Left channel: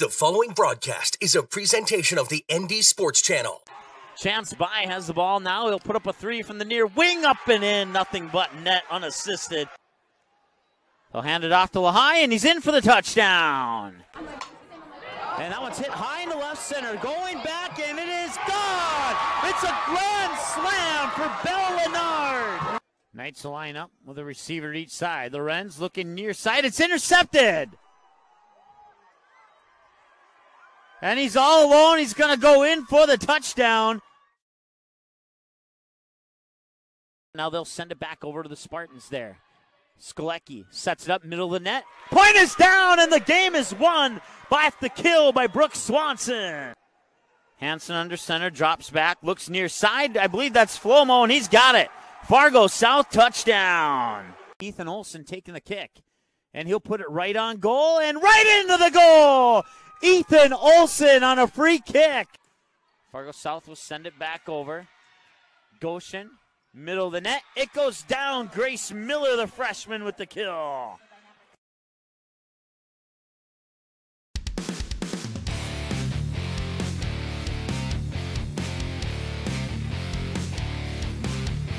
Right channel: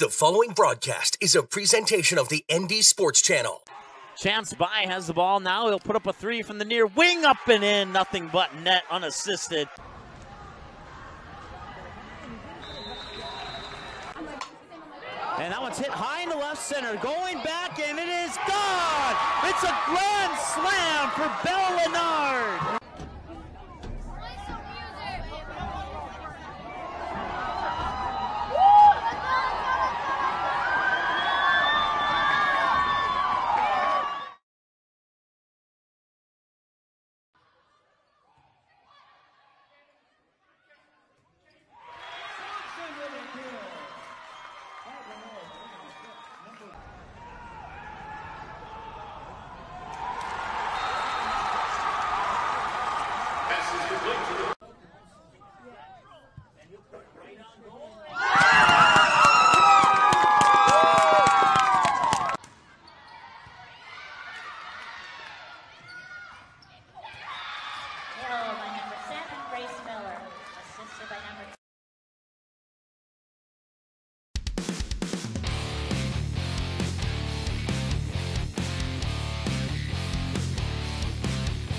The following broadcast is a presentation of the ND Sports Channel. Chance By has the ball now. He'll put up a three from the near wing, up and in. Nothing but net, unassisted. They'll hand it off to Lehigh, and he's in for the touchdown. And that one's hit high in the left center. Going back, and it is gone. It's a grand slam for Bell Leonard. Knights line up with a receiver each side. Lorenz looking near side. It's intercepted. And he's all alone. He's going to go in for the touchdown. Now they'll send it back over to the Spartans there. Skolecki sets it up middle of the net. Point is down, and the game is won by the kill by Brooks Swanson. Hansen under center, drops back, looks near side. I believe that's Flomo, and he's got it. Fargo South touchdown. Ethan Olson taking the kick. And he'll put it right on goal and right into the goal! Ethan Olson on a free kick. Fargo South will send it back over. Goshen, middle of the net. It goes down. Grace Miller, the freshman, with the kill. All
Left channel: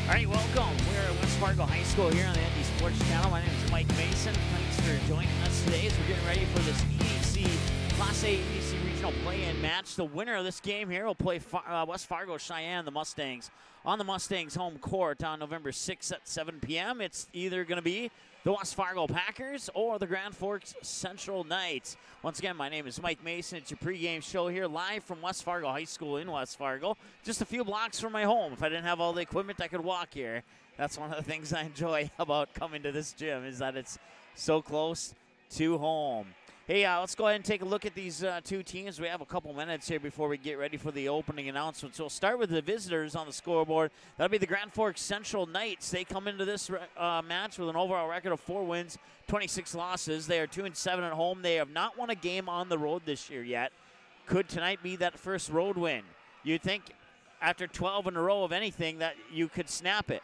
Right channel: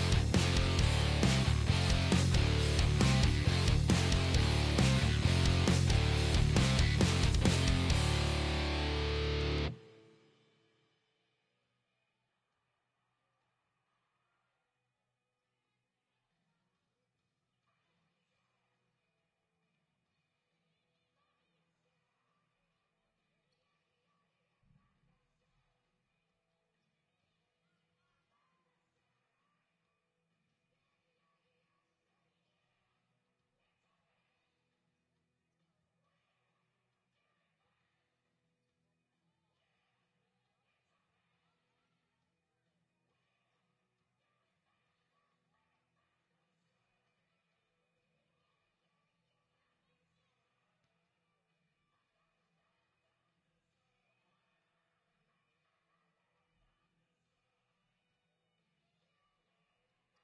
right, welcome. We're at West Fargo High School here on the ND Sports Channel. My name is Mike Mason. Joining us today as we're getting ready for this EDC Class A EDC Regional Play-In match. The winner of this game here will play West Fargo Cheyenne, the Mustangs, on the Mustangs home court on November 6th at 7 p.m. It's either going to be the West Fargo Packers or the Grand Forks Central Knights. Once again, my name is Mike Mason. It's your pregame show here live from West Fargo High School in West Fargo. Just a few blocks from my home. If I didn't have all the equipment, I could walk here. That's one of the things I enjoy about coming to this gym, is that it's so close to home. Hey, let's go ahead and take a look at these two teams. We have a couple minutes here before we get ready for the opening announcements. So we'll start with the visitors on the scoreboard. That'll be the Grand Forks Central Knights. They come into this match with an overall record of 4 wins, 26 losses. They are 2-7 at home. They have not won a game on the road this year yet. Could tonight be that first road win? You'd think after 12 in a row of anything that you could snap it.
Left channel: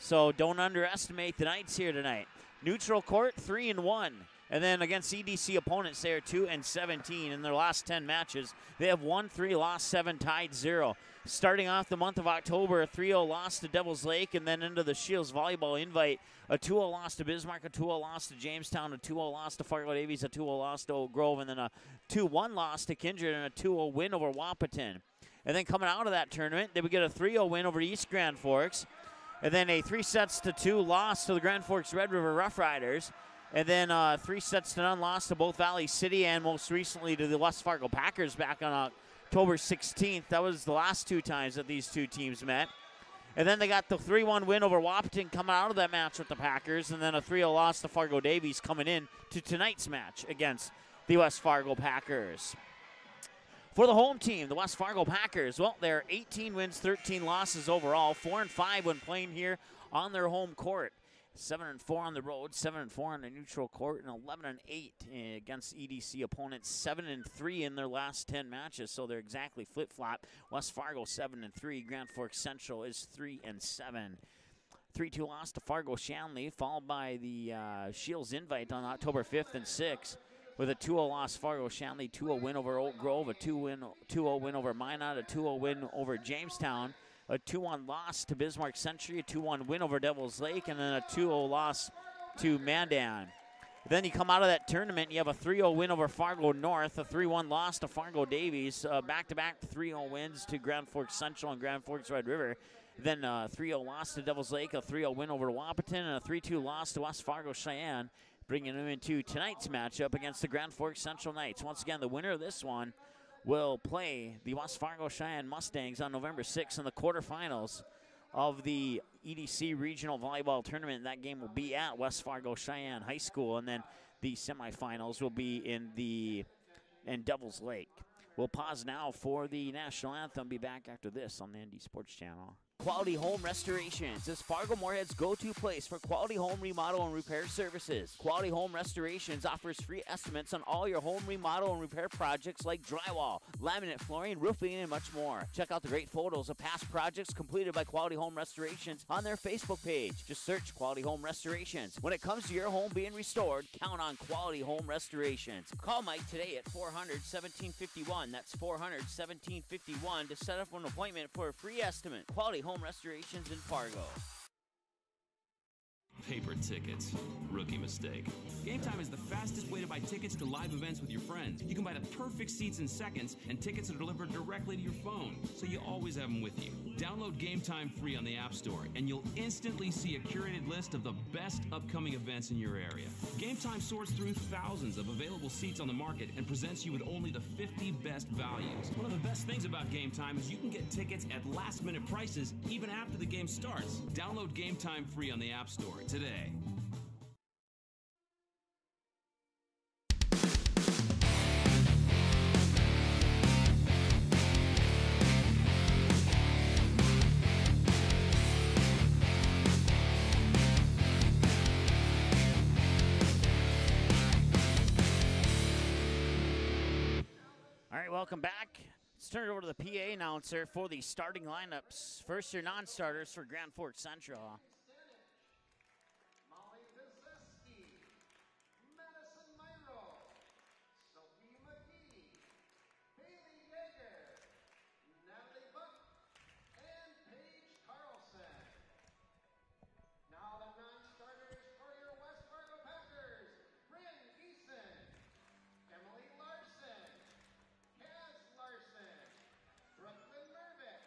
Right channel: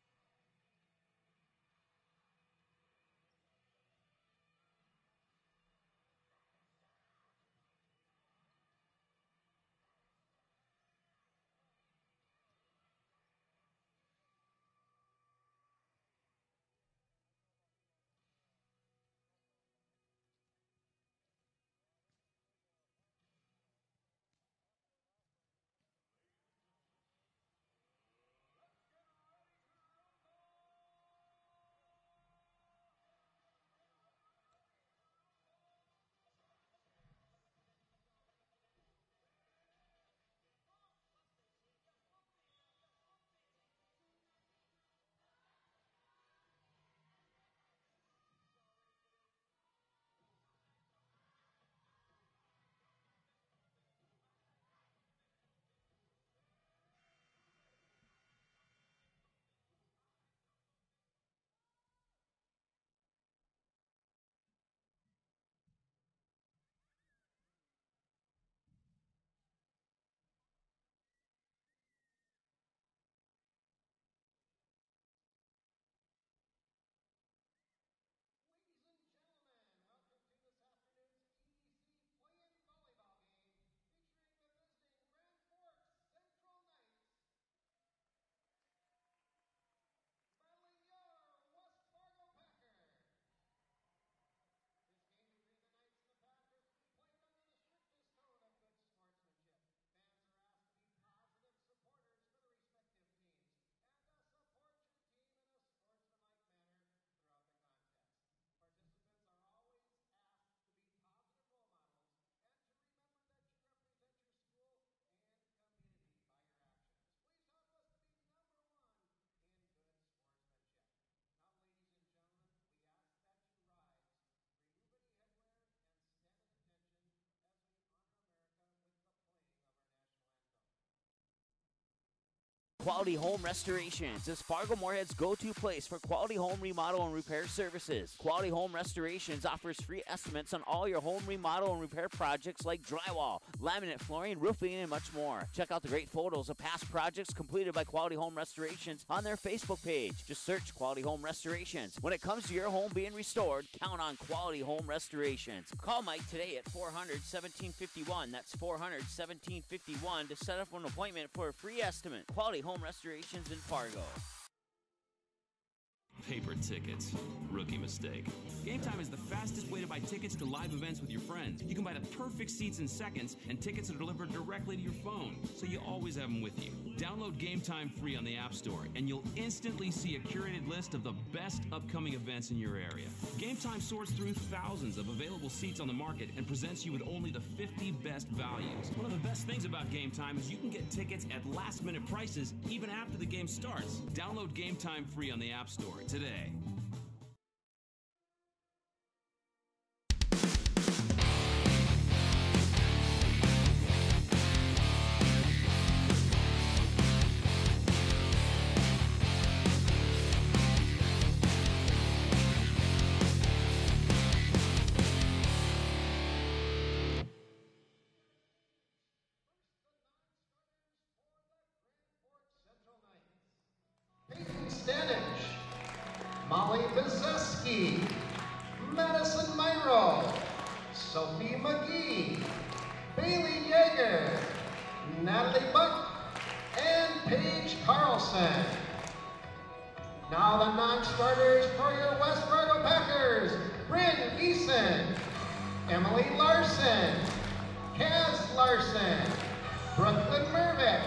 So don't underestimate the Knights here tonight. Neutral court, 3-1. And then against EDC opponents, they are 2-17 in their last 10 matches. They have won 3, lost 7, tied 0. Starting off the month of October, a 3-0 loss to Devils Lake, and then into the Shields Volleyball Invite, a 2-0 loss to Bismarck, a 2-0 loss to Jamestown, a 2-0 loss to Fargo Davies, a 2-0 loss to Oak Grove, and then a 2-1 loss to Kindred, and a 2-0 win over Wahpeton. And then coming out of that tournament, they would get a 3-0 win over East Grand Forks, and then a 3-2 loss to the Grand Forks Red River Rough Riders. And then 3-0 loss to both Valley City and most recently to the West Fargo Packers back on October 16th. That was the last 2 times that these two teams met. And then they got the 3-1 win over Wahpeton coming out of that match with the Packers. And then a 3-0 loss to Fargo Davies coming in to tonight's match against the West Fargo Packers. For the home team, the West Fargo Packers, well, they're 18 wins, 13 losses overall. 4-5 when playing here on their home court. 7-4 on the road, 7-4 on the neutral court, and 11-8 against EDC opponents. 7-3 in their last 10 matches, so they're exactly flip-flop. West Fargo 7-3, Grand Forks Central is 3-7. 3-2 loss to Fargo Shanley, followed by the Shields Invite on October 5th and 6th. With a 2-0 loss, Fargo Shanley, 2-0 win over Oak Grove, a 2-0 win over Minot, a 2-0 win over Jamestown. A 2-1 loss to Bismarck Century, a 2-1 win over Devils Lake, and then a 2-0 loss to Mandan. Then you come out of that tournament, you have a 3-0 win over Fargo North, a 3-1 loss to Fargo Davies, back-to-back 3-0 wins to Grand Forks Central and Grand Forks Red River. Then a 3-0 loss to Devils Lake, a 3-0 win over Wahpeton, and a 3-2 loss to West Fargo Cheyenne, bringing them into tonight's matchup against the Grand Forks Central Knights. Once again, the winner of this one will play the West Fargo Cheyenne Mustangs on November 6th in the quarterfinals of the EDC Regional Volleyball Tournament. That game will be at West Fargo Cheyenne High School, and then the semifinals will be in Devils Lake. We'll pause now for the national anthem. Be back after this on the ND Sports Channel. Quality Home Restorations is Fargo Moorhead's go-to place for quality home remodel and repair services. Quality Home Restorations offers free estimates on all your home remodel and repair projects like drywall, laminate flooring, roofing, and much more. Check out the great photos of past projects completed by Quality Home Restorations on their Facebook page. Just search Quality Home Restorations. When it comes to your home being restored, count on Quality Home Restorations. Call Mike today at 400-1751. That's 400-1751 to set up an appointment for a free estimate. Quality Home Restorations in Fargo. Paper tickets. Rookie mistake. Game Time is the fastest way to buy tickets to live events with your friends. You can buy the perfect seats in seconds, and tickets are delivered directly to your phone, so you always have them with you. Download Game Time free on the App Store, and you'll instantly see a curated list of the best upcoming events in your area. Game Time sorts through thousands of available seats on the market and presents you with only the 50 best values. One of the best things about Game Time is you can get tickets at last-minute prices even after the game starts. Download Game Time free on the App Store today. All right, welcome back. Let's turn it over to the PA announcer for the starting lineups. First, your non-starters for Grand Forks Central. Stanich, Molly Bizeski, Madison Myro, Sophie McGee, Bailey Yeager, Natalie Buck, and Paige Carlson. Now the non-starters for your West Fargo Packers: Bryn Eason, Emily Larson, Kaz Larson, Brooklyn Mervick,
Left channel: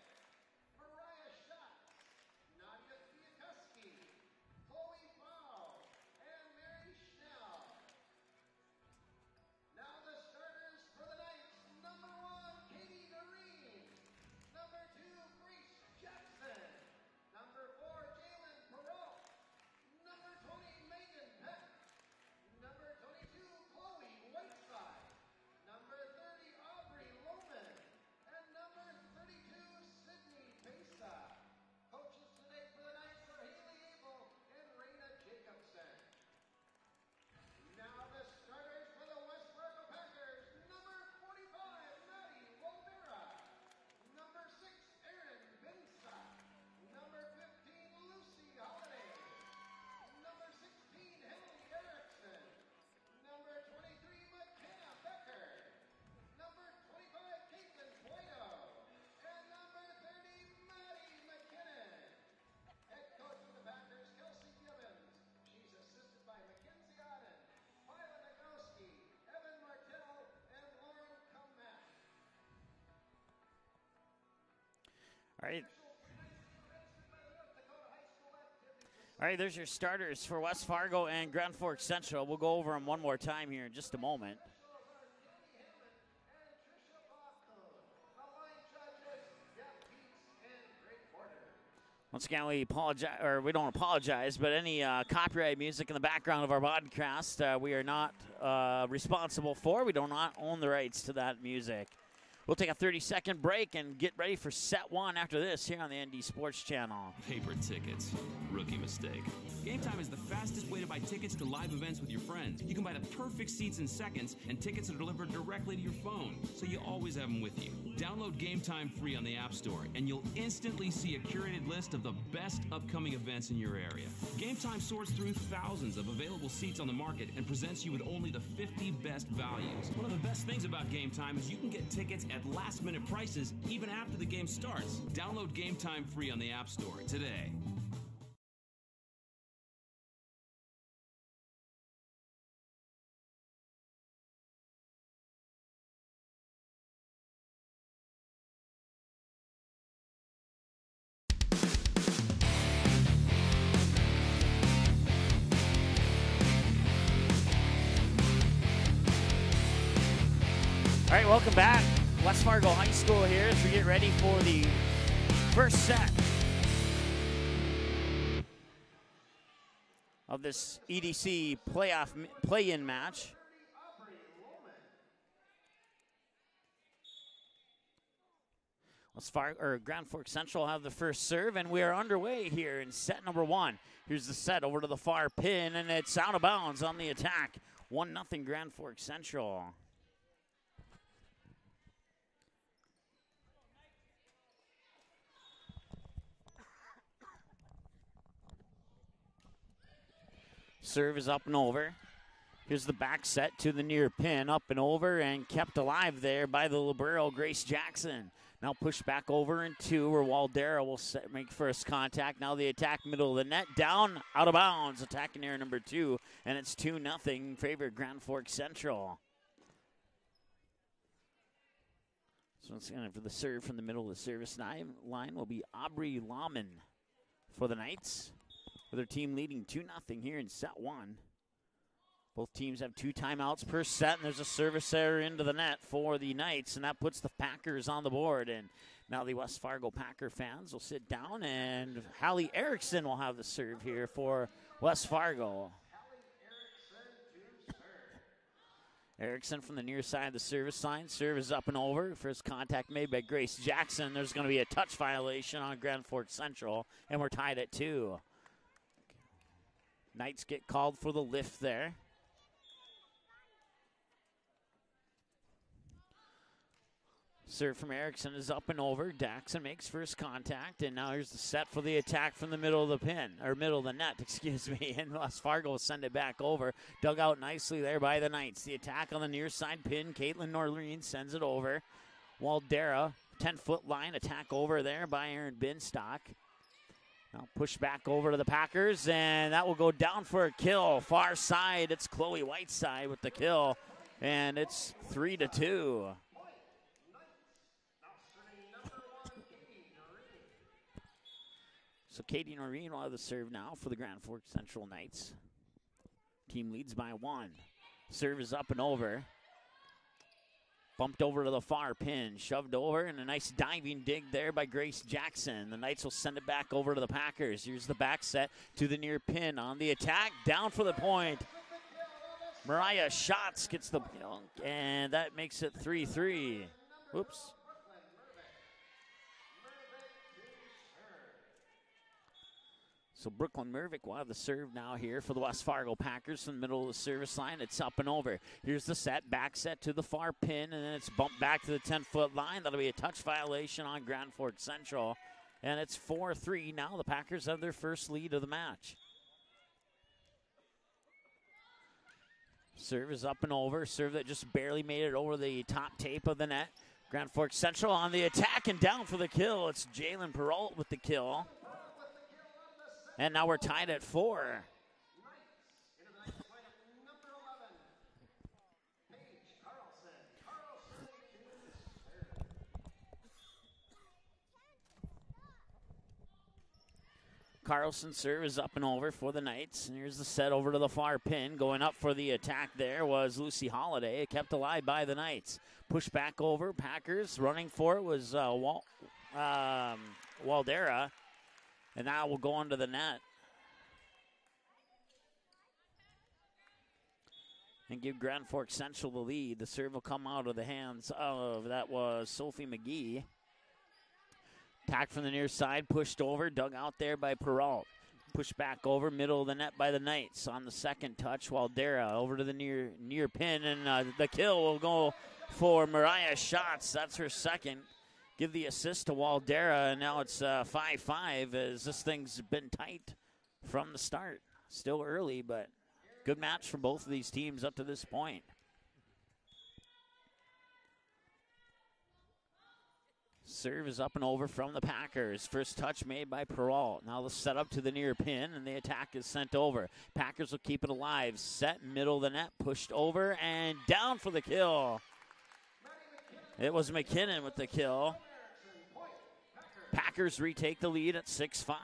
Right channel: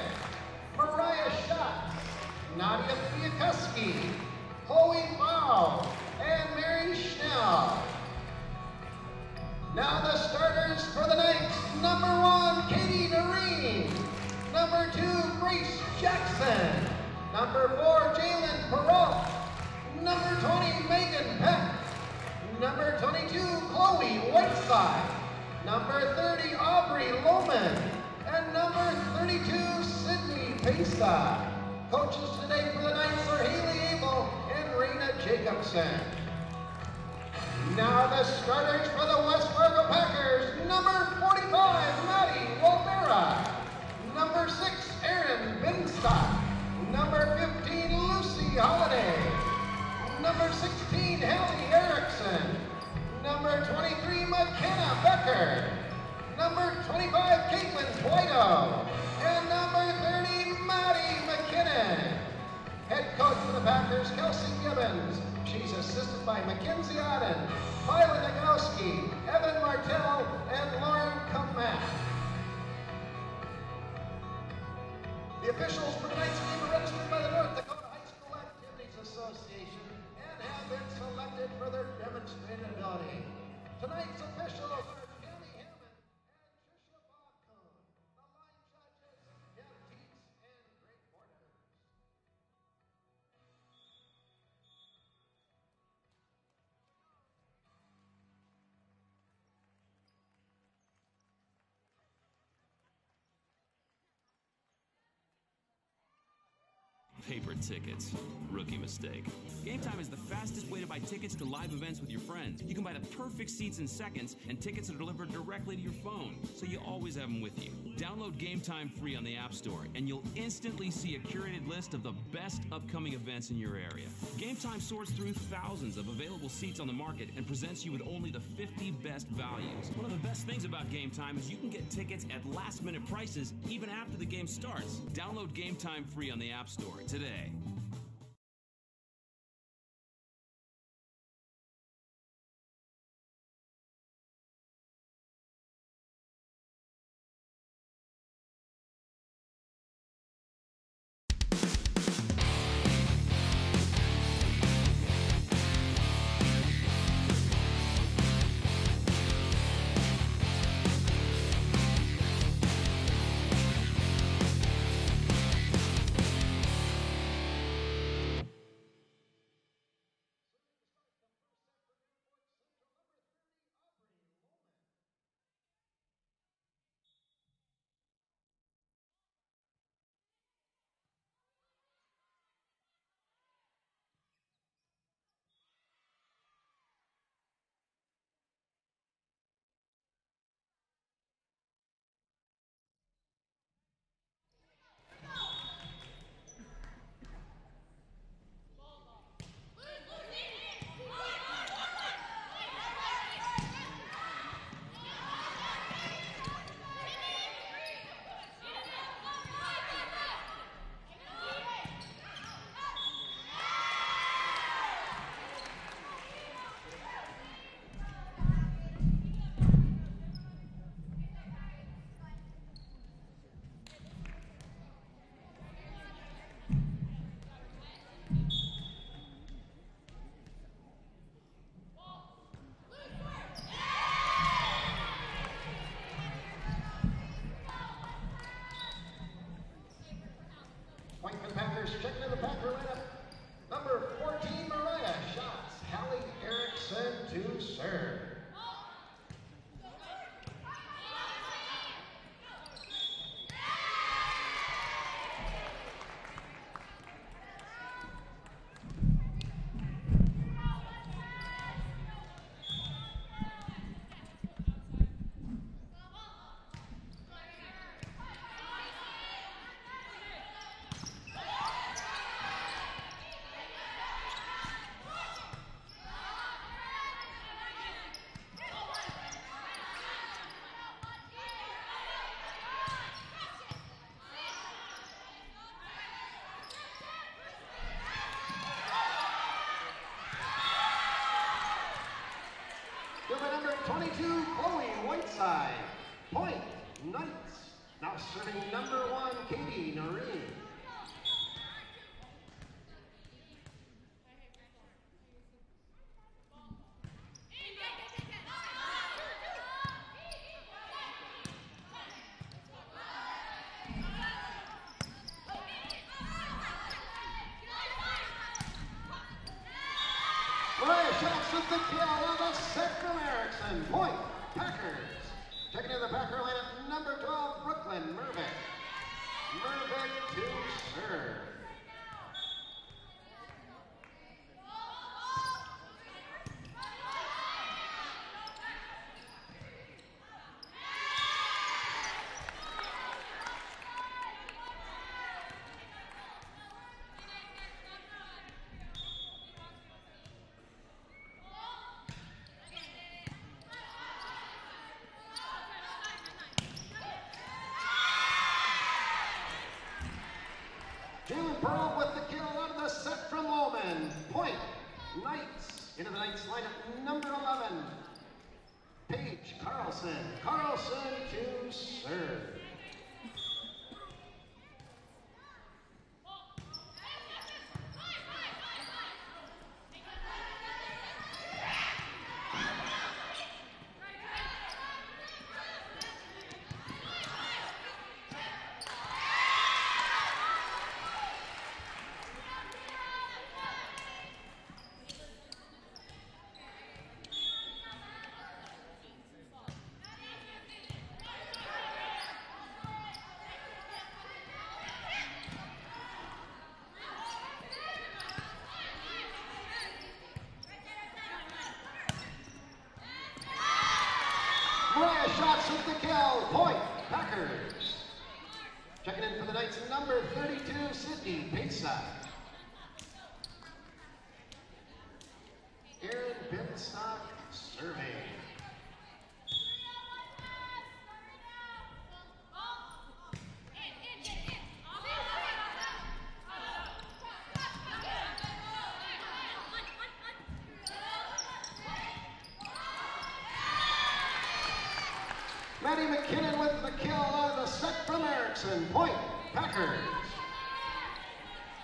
Mariah Schatz, Nadia Fiakuski, Chloe Mao, and Mary Schnell. Now the starters for the night: number 1, Katie Noreen; number 2, Grace Jackson; number 4, Jalen Perrault; number 20, Megan Peck; number 22, Chloe Whiteside; number 30, Aubrey Lohman; and number 32, Sydney Pesa. Coaches today for the Knights are Haley Abel and Raina Jacobson. Now the starters for the West Fargo Packers: number 45, Maddie Wolvera; number 6, Erin Binstock; number 15, Lucy Holiday; number 16, Hallie Erickson; number 23, McKenna Becker; number 25, Caitlin Twido; and number 30, Maddie McKinnon. Head coach for the Packers, Kelsey Gibbons. She's assisted by Mackenzie Odden, Violet Nagowski, Evan Martell, and Lauren Kamak. The officials for tonight's game are registered by the North Dakota High School Activities Association. All right, there's your starters for West Fargo and Grand Forks Central. We'll go over them one more time here in just a moment. Once again, we apologize, or we don't apologize, but any copyright music in the background of our podcast, we are not responsible for. We do not own the rights to that music. We'll take a 30-second break and get ready for set one after this here on the ND Sports Channel. Paper tickets. Rookie mistake. Game Time is the fastest way to buy tickets to live events with your friends. You can buy the perfect seats in seconds, and tickets are delivered directly to your phone, so you always have them with you. Download Game Time free on the App Store, and you'll instantly see a curated list of the best upcoming events in your area. Game Time sorts through thousands of available seats on the market and presents you with only the 50 best values. One of the best things about Game Time is you can get tickets at last-minute prices even after the game starts. Download Game Time free on the App Store today. All right, welcome back. West Fargo High School here as we get ready for the first set of this EDC play-in match. Well, Grand Forks Central have the first serve, and we are underway here in set number 1. Here's the set over to the far pin, and it's out of bounds on the attack. 1-0 Grand Forks Central. Serve is up and over. Here's the back set to the near pin, up and over, and kept alive there by the libero, Grace Jackson. Now push back over into where Waldera will make first contact. Now the attack, middle of the net, down, out of bounds. Attacking here number 2, and it's 2-0 in favor of Grand Forks Central. So once again, for the serve from the middle of the service line will be Aubrey Lahman for the Knights, with their team leading 2-0 here in set 1. Both teams have 2 timeouts per set. There's a service error into the net for the Knights, and that puts the Packers on the board. And now the West Fargo Packer fans will sit down, and Hallie Erickson will have the serve here for West Fargo. Hallie Erickson to serve. Erickson from the near side of the service line. Serve is up and over. First contact made by Grace Jackson. There's going to be a touch violation on Grand Forks Central, and we're tied at 2. Knights get called for the lift there. Serve from Erickson is up and over. Jackson makes first contact, and now here's the set for the attack from the middle of the pin, or middle of the net, excuse me, and West Fargo will send it back over. Dug out nicely there by the Knights. The attack on the near side pin, Caitlin Noreen sends it over. Waldera, 10-foot line, attack over there by Aaron Binstock. Now push back over to the Packers, and that will go down for a kill. Far side, it's Chloe Whiteside with the kill, and it's 3-2. Point, Knights. Now serving number 1, Katie Noreen. So Katie Noreen will have the serve now for the Grand Forks Central Knights. Team leads by 1. Serve is up and over. Bumped over to the far pin, shoved over, and a nice diving dig there by Grace Jackson. The Knights will send it back over to the Packers. Here's the back set to the near pin on the attack, down for the point. Mariah Schatz gets the point, and that makes it 3-3. Number 12, Brooklyn Mervick. Mervick to serve. So Brooklyn Mervick will have the serve now here for the West Fargo Packers in the middle of the service line. It's up and over. Here's the set, back set to the far pin, and then it's bumped back to the 10-foot line. That'll be a touch violation on Grand Forks Central. And it's 4-3. Now the Packers have their first lead of the match. Serve is up and over. Serve that just barely made it over the top tape of the net. Grand Forks Central on the attack and down for the kill. It's Jalen Perrault with the kill. And now we're tied at 4. Knights into the Knights lineup, number 11, Paige Carlson. Carlson to serve. Carlson serve is up and over for the Knights. And here's the set over to the far pin. Going up for the attack there was Lucy Holiday, kept alive by the Knights. Push back over, Packers running for it was Waldera. And now we'll go into the net. And give Grand Forks Central the lead. The serve will come out of the hands of, that was Sophie McGee. Attack from the near side, pushed over, dug out there by Perrault. Pushed back over, middle of the net by the Knights. On the second touch, Waldera over to the near pin, and the kill will go for Mariah Schatz. That's her second. Give the assist to Waldera, and now it's 5-5 as this thing's been tight from the start. Still early, but good match for both of these teams up to this point. Serve is up and over from the Packers. First touch made by Perrault. Now the set up to the near pin, and the attack is sent over. Packers will keep it alive. Set middle of the net, pushed over, and down for the kill. It was McKinnon with the kill. From Erickson, point, Packers. Packers retake the lead at 6-5.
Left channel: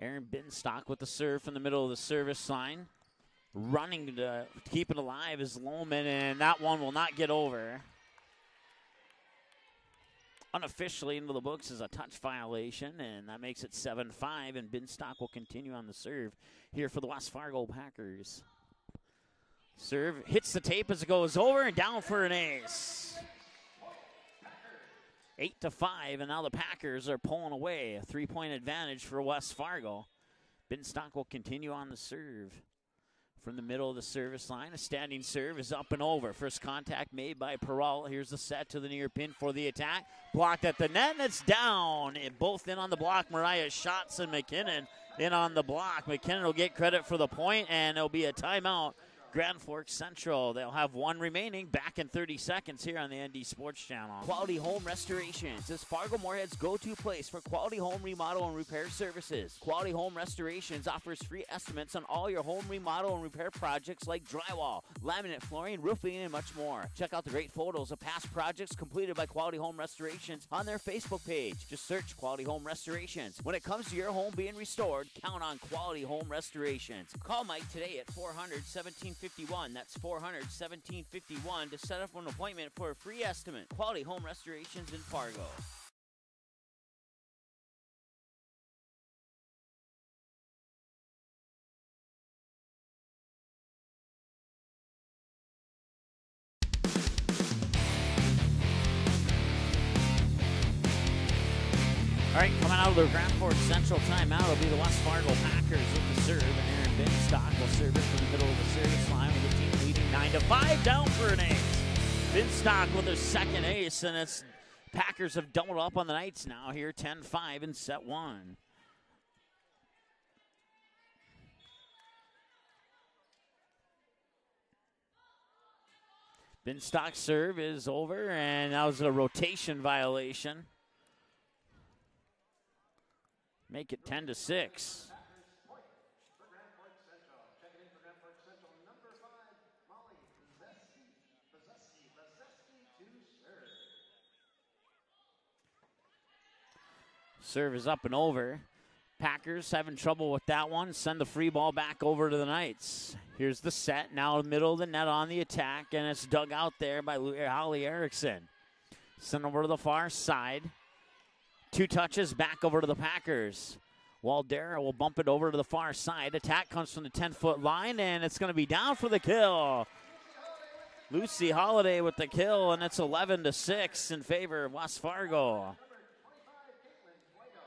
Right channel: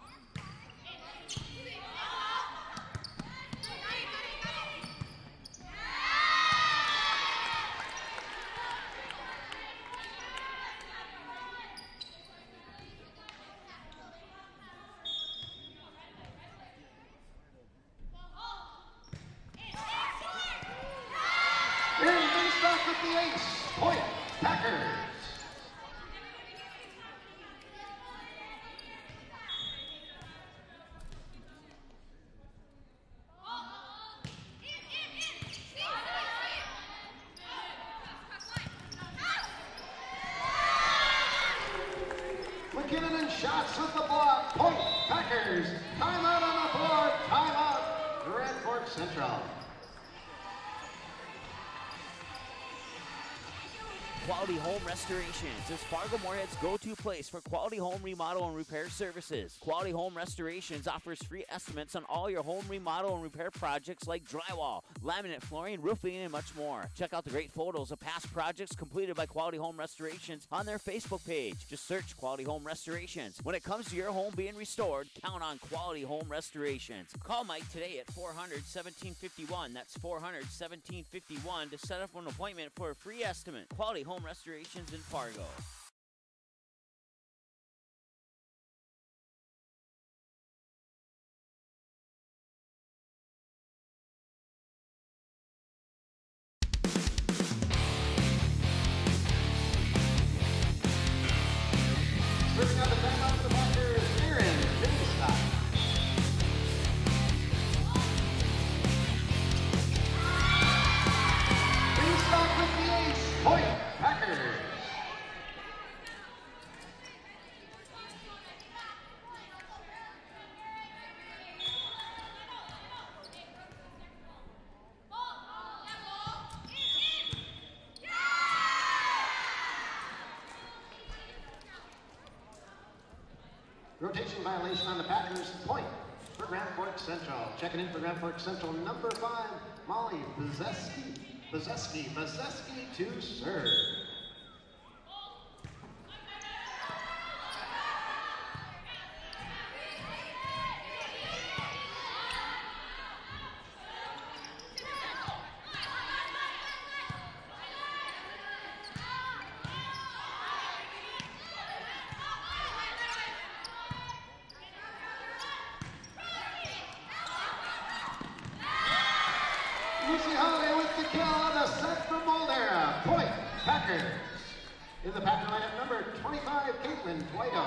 Aaron Binstock with the serve from the middle of the service line. Running to keep it alive is Lohman, and that one will not get over. Unofficially into the books is a touch violation, and that makes it 7-5, and Binstock will continue on the serve here for the West Fargo Packers. Serve hits the tape as it goes over and down for an ace. Point, Packers. 8-5, and now the Packers are pulling away. A 3-point advantage for West Fargo. Binstock will continue on the serve. From the middle of the service line, a standing serve is up and over. First contact made by Peral. Here's the set to the near pin for the attack. Blocked at the net, and it's down. And both in on the block. Mariah Shops and McKinnon in on the block. McKinnon will get credit for the point, and it'll be a timeout. Grand Forks Central. They'll have one remaining. Back in 30 seconds here on the ND Sports Channel. Quality Home Restorations is Fargo Moorhead's go-to place for quality home remodel and repair services. Quality Home Restorations offers free estimates on all your home remodel and repair projects like drywall, laminate flooring, roofing, and much more. Check out the great photos of past projects completed by Quality Home Restorations on their Facebook page. Just search Quality Home Restorations. When it comes to your home being restored, count on Quality Home Restorations. Call Mike today at 400-1751. That's 400-1751 to set up an appointment for a free estimate. Quality Home Restorations in Fargo. Coming out of the Grand Forks Central timeout will be the West Fargo Packers in the serve. And Binstock will serve in the middle of the service line with the team leading 9-5 down for an ace. Binstock with a second ace, and the Packers have doubled up on the Knights now here, 10-5 in set one. Binstock's serve is over, and that was a rotation violation. Make it 10-6. On the Packers point for Grand Forks Central. Checking in for Grand Forks Central, number 5, Molly Bazeski to serve. Serve is up and over. Packers having trouble with that one. Send the free ball back over to the Knights. Here's the set, now middle of the net on the attack, and it's dug out there by Holly Erickson. Send over to the far side. 2 touches back over to the Packers. Waldera will bump it over to the far side. Attack comes from the 10-foot line, and it's going to be down for the kill. Lucy Holiday with the kill, and it's 11-6 in favor of West Fargo. Number 25, Caitlin Twido.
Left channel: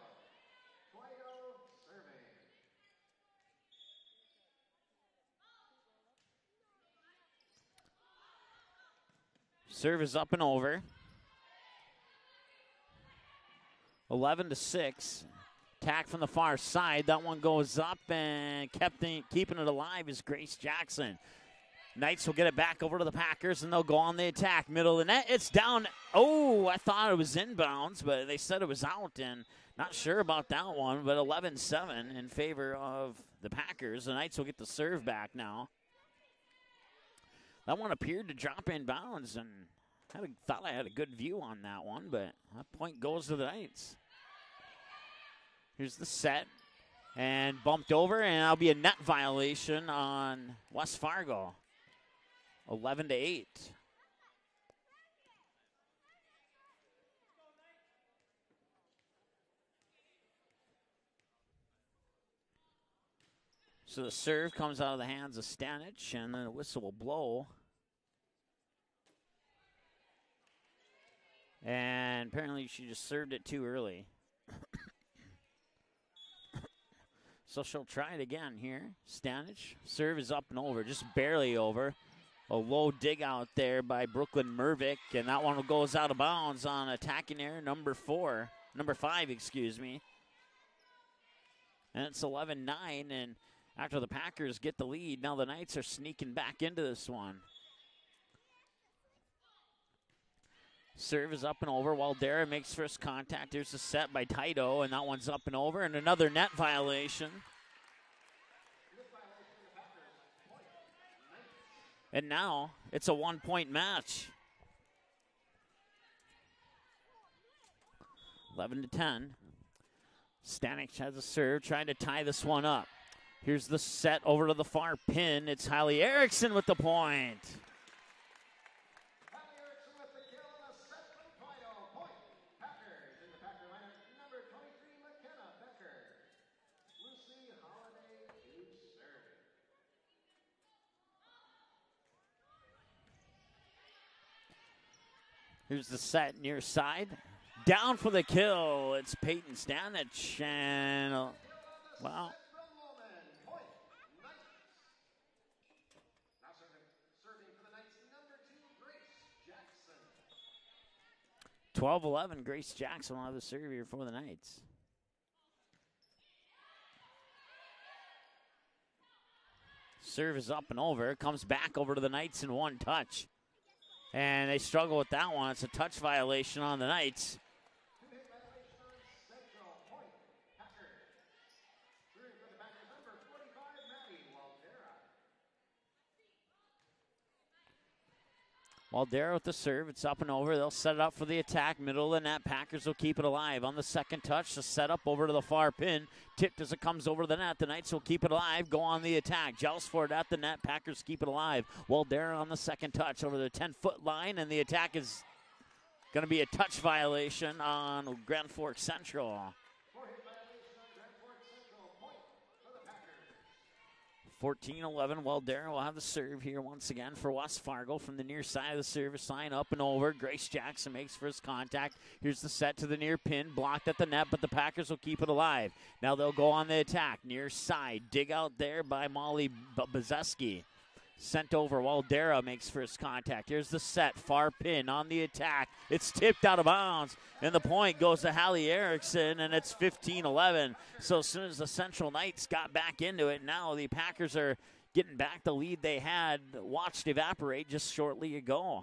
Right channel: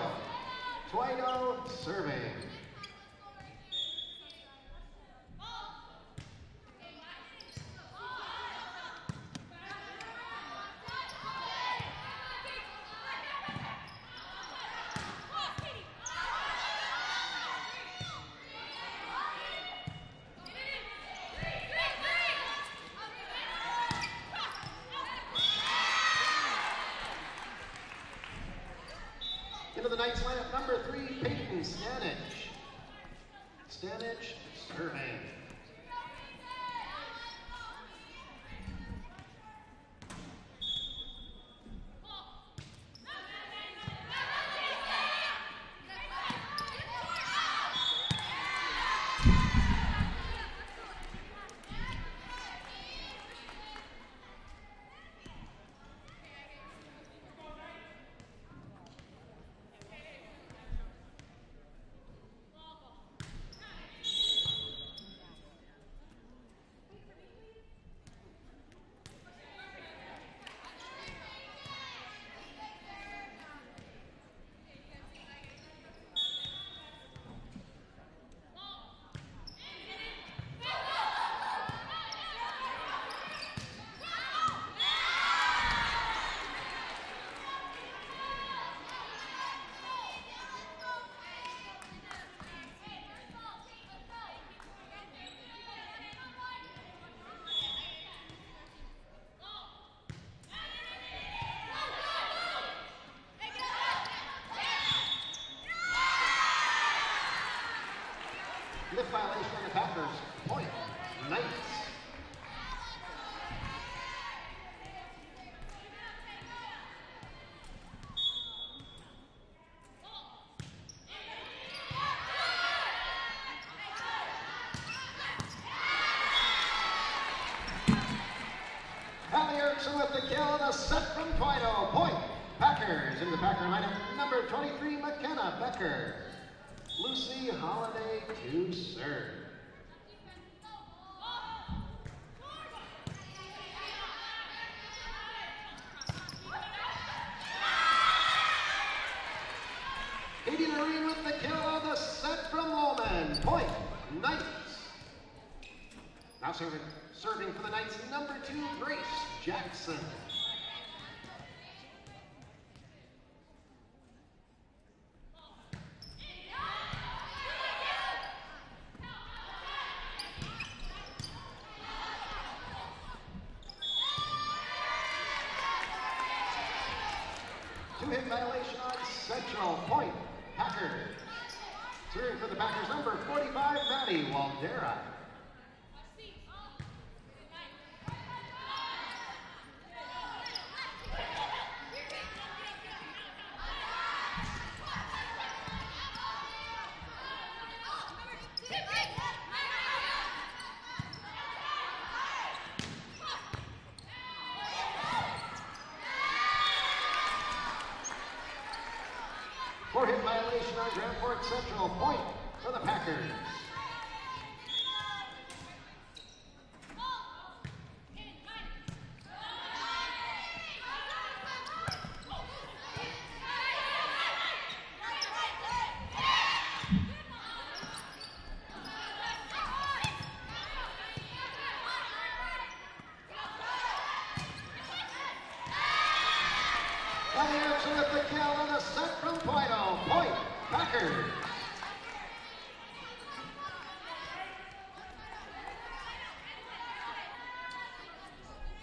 Twido serving. Serve is up and over. 11-6. Attack from the far side. That one goes up, and keeping it alive is Grace Jackson. Knights will get it back over to the Packers, and they'll go on the attack. Middle of the net. It's down. Oh, I thought it was inbounds, but they said it was out, and not sure about that one. But 11-7 in favor of the Packers. The Knights will get the serve back now. That one appeared to drop in bounds, and I thought I had a good view on that one, but that point goes to the Knights. Here's the set, and bumped over, and that'll be a net violation on West Fargo. 11-8. So the serve comes out of the hands of Stanich, and then the whistle will blow. And apparently she just served it too early. So she'll try it again here. Stanich, serve is up and over, just barely over. A low dig out there by Brooklyn Mervick, and that one goes out of bounds on attacking error number 5, excuse me. And it's 11-9, and after the Packers get the lead, now the Knights are sneaking back into this one. Serve is up and over. Waldera makes first contact. There's a set by Taito, and that one's up and over, and another net violation. Net violation on the Packers. Point. Knights. And now it's a 1-point match. 11-10. Stanich has a serve, trying to tie this one up. Here's the set over to the far pin. It's Hallie Erickson with the point. Hallie Erickson with the kill, and a set from Twido. Point. Packers in the Packer lineup. Number 23, McKenna Becker. Lucy Holiday to serve. Here's the set near side. Down for the kill. It's Peyton Stanich. With the kill on the set from Woolman. Point, Knights. Now serving for the Knights, number 2, Grace Jackson. 12-11, Grace Jackson will have the serve here for the Knights. Serve is up and over. Comes back over to the Knights in one touch. And they struggle with that one. It's a touch violation on the Knights. 2-hit violation on Central. Point, Packers. Serving for the Packers, number 45, Maddie Waldera. Waldera with the serve. It's up and over. They'll set it up for the attack. Middle of the net. Packers will keep it alive. On the second touch, the setup over to the far pin. Tipped as it comes over the net. The Knights will keep it alive. Go on the attack. Joust for it at the net. Packers keep it alive. Waldera on the second touch over the 10-foot line. And the attack is going to be a touch violation on Grand Forks Central. 4-hit violation on Grand Forks Central. Point for the Packers. 14-11, Waldera will have the serve here once again for West Fargo from the near side of the service line, up and over. Grace Jackson makes first contact. Here's the set to the near pin, blocked at the net, but the Packers will keep it alive. Now they'll go on the attack, near side, dig out there by Molly Brzeski. Sent over, Waldera makes first contact. Here's the set, far pin on the attack. It's tipped out of bounds, and the point goes to Hallie Erickson, and it's 15-11. So as soon as the Central Knights got back into it, now the Packers are getting back the lead they had watched evaporate just shortly ago.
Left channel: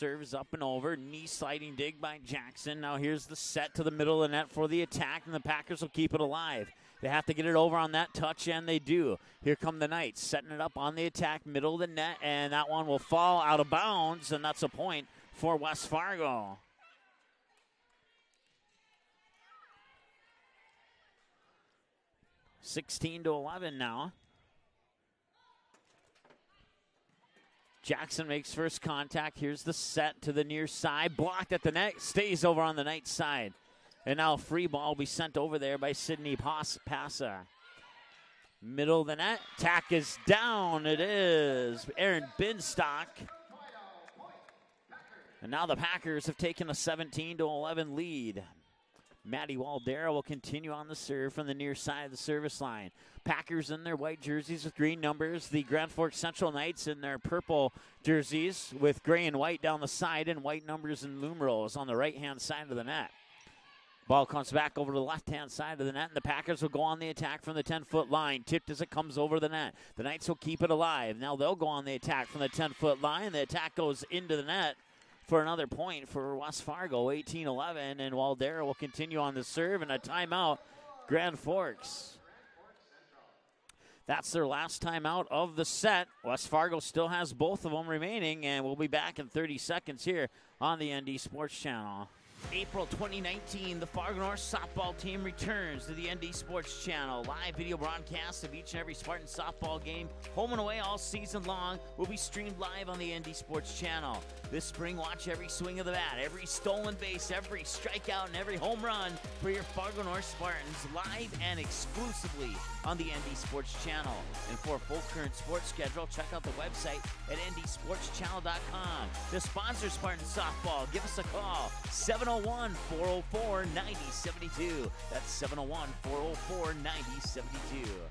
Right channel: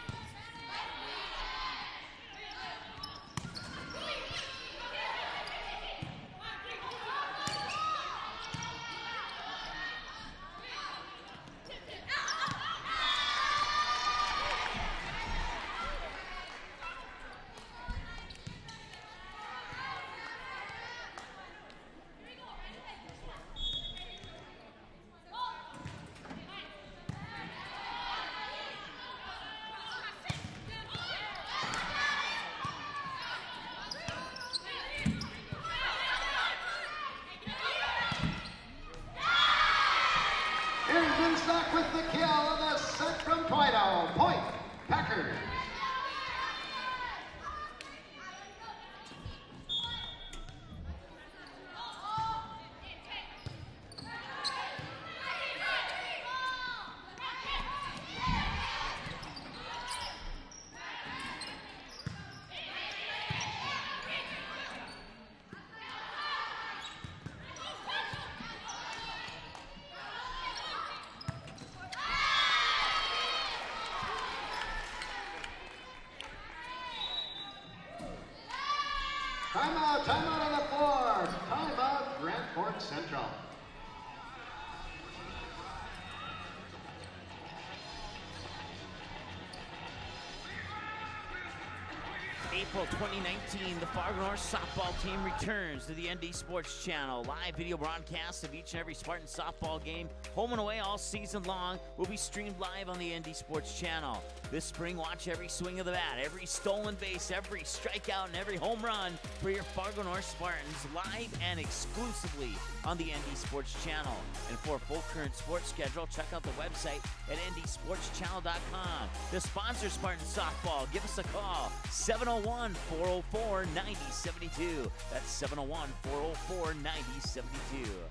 Serves up and over, knee sliding dig by Jackson. Now here's the set to the middle of the net for the attack, and the Packers will keep it alive. They have to get it over on that touch, and they do. Here come the Knights, setting it up on the attack, middle of the net, and that one will fall out of bounds, and that's a point for West Fargo. (16-11) now. Jackson makes first contact. Here's the set to the near side. Blocked at the net. Stays over on the Knights side. And now a free ball will be sent over there by Sydney Passa. Middle of the net. Tack is down. It is Aaron Binstock. From Twido. Point, Packers. Now the Packers have taken a 17-11 lead. Maddie Waldera will continue on the serve from the near side of the service line. Packers in their white jerseys with green numbers. The Grand Forks Central Knights in their purple jerseys with gray and white down the side and white numbers and numerals on the right-hand side of the net. Ball comes back over to the left-hand side of the net. The Packers will go on the attack from the 10-foot line. Tipped as it comes over the net. The Knights will keep it alive. Now they'll go on the attack from the 10-foot line. The attack goes into the net for another point for West Fargo, 18-11, and Waldera will continue on the serve and a timeout, Grand Forks. Grand Forks Central. That's their last timeout of the set. West Fargo still has both of them remaining, and we'll be back in 30 seconds here on the ND Sports Channel. April 2019, the Fargo North softball team returns to the ND Sports Channel. Live video broadcasts of each and every Spartan softball game, home and away all season long, will be streamed live on the ND Sports Channel. This spring, watch every swing of the bat, every stolen base, every strikeout, and every home run for your Fargo North Spartans live and exclusively on the ND Sports Channel. And for a full current sports schedule, check out the website at ndsportschannel.com. To sponsor Spartan softball, give us a call, 701-404-9072. That's 701-404-9072.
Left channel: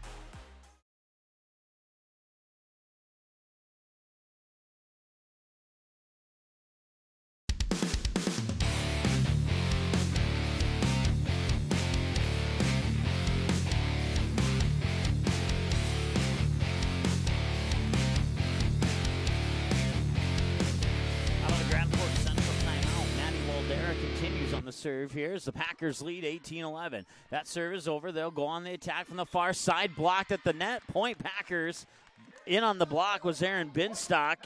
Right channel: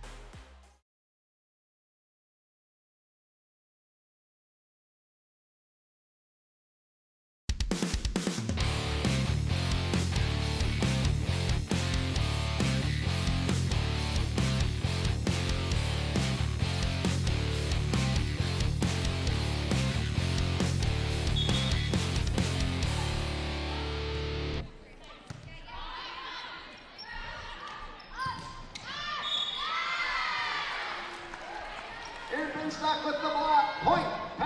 Serve here as the Packers lead 18-11. That serve is over. They'll go on the attack from the far side. Blocked at the net. Point Packers. In on the block was Aaron Binstock.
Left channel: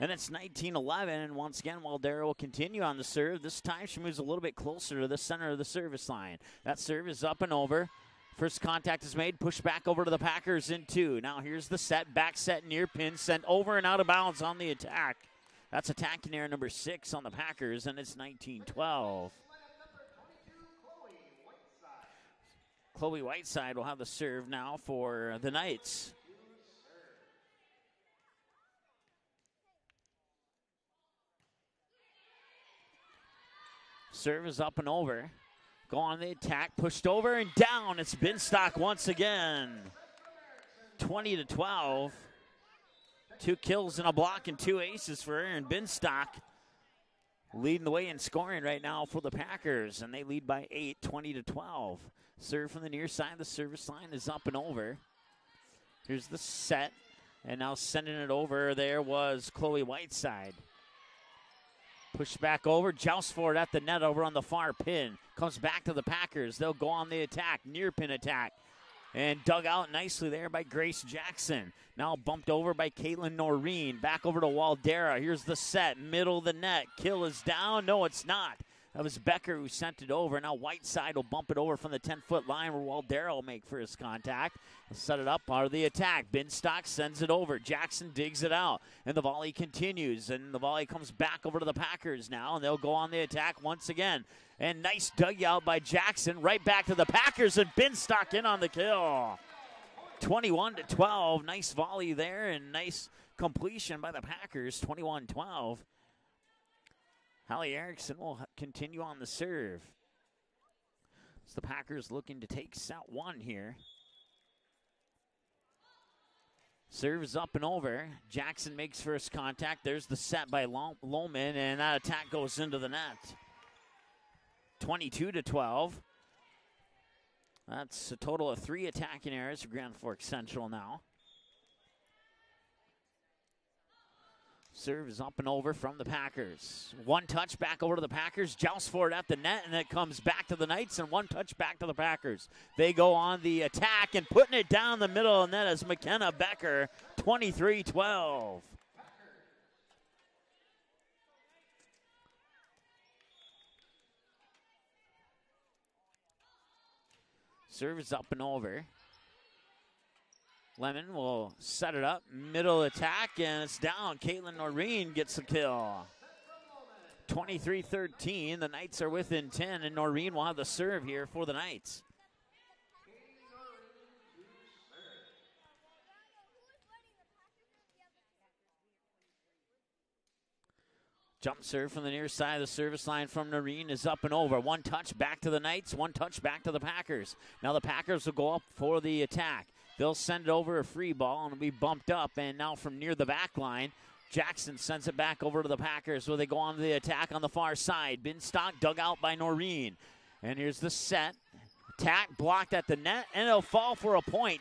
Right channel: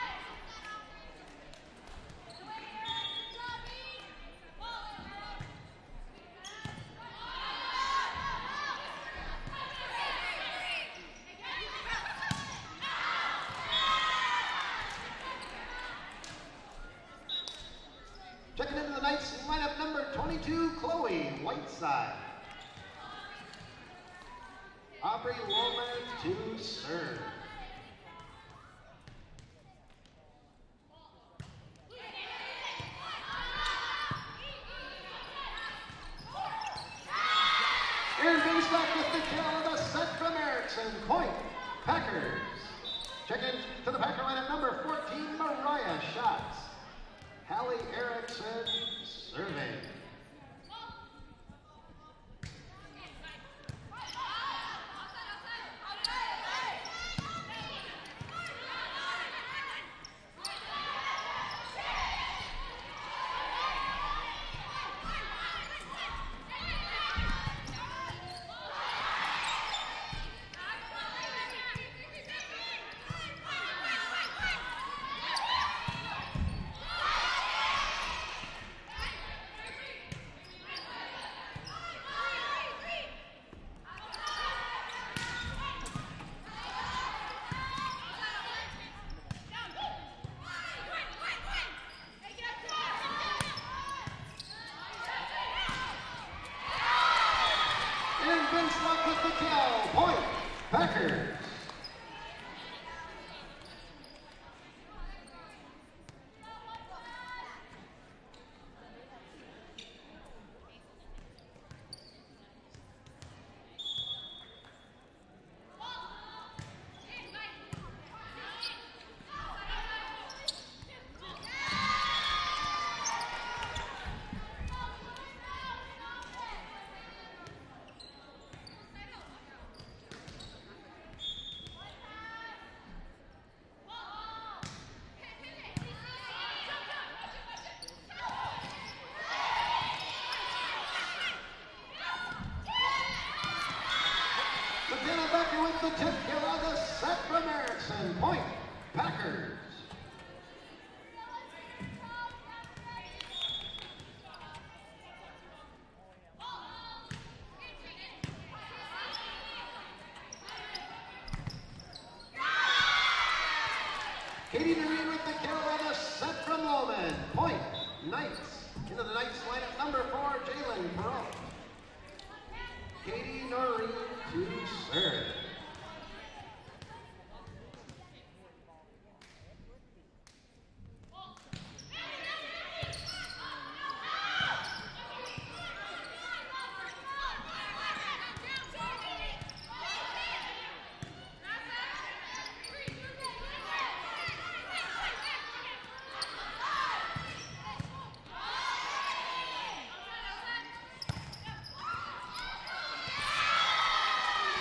And it's 19-11. And once again, Waldera will continue on the serve. This time she moves a little bit closer to the center of the service line. That serve is up and over. First contact is made. Pushed back over to the Packers in two. Now here's the set. Back set near pin. Sent over and out of bounds on the attack. That's attack near number 6 on the Packers, and it's 19-12. Checking in the Knights lineup number 22, Chloe Whiteside. Chloe Whiteside will have the serve now for the Knights. To serve. Serve is up and over. Go on the attack, pushed over and down. It's Binstock once again. 20-12. 2 kills and a block and 2 aces for Aaron Binstock. Leading the way in scoring right now for the Packers, and they lead by 8, 20-12. Serve from the near side, the service line is up and over. Here's the set, and now sending it over there was Coley Whiteside. Push back over, joust for it at the net over on the far pin. Comes back to the Packers. They'll go on the attack, near pin attack. And dug out nicely there by Grace Jackson. Now bumped over by Caitlin Noreen. Back over to Waldera. Here's the set, middle of the net. Kill is down. No, it's not. That was Becker who sent it over. Now Whiteside will bump it over from the 10-foot line where Waldera will make first contact. Set it up, part of the attack. Binstock sends it over. Jackson digs it out. And the volley continues. And the volley comes back over to the Packers now. And they'll go on the attack once again. And nice dugout by Jackson. Right back to the Packers. And Binstock in on the kill. 21-12. Nice volley there. And nice completion by the Packers. 21-12. Hallie Erickson will continue on the serve. As the Packers looking to take set 1 here. Serve is up and over. Jackson makes first contact. There's the set by Lohman, and that attack goes into the net. 22-12. That's a total of 3 attacking errors for Grand Forks Central now. Serve is up and over from the Packers. 1 touch back over to the Packers. Joust for it at the net, and it comes back to the Knights, and 1 touch back to the Packers. They go on the attack and putting it down the middle of the net is McKenna Becker. 23-12. Packers. Serve is up and over. Lemon will set it up, middle attack, and it's down. Caitlin Noreen gets the kill. 23-13, the Knights are within 10, and Noreen will have the serve here for the Knights. Katie Noreen to serve. Jump serve from the near side of the service line from Noreen is up and over. 1 touch back to the Knights, 1 touch back to the Packers. Now the Packers will go up for the attack. They'll send it over a free ball and it'll be bumped up, and now from near the back line, Jackson sends it back over to the Packers where they go on to the attack on the far side. Binstock dug out by Noreen. And here's the set. Attack blocked at the net, and it'll fall for a point.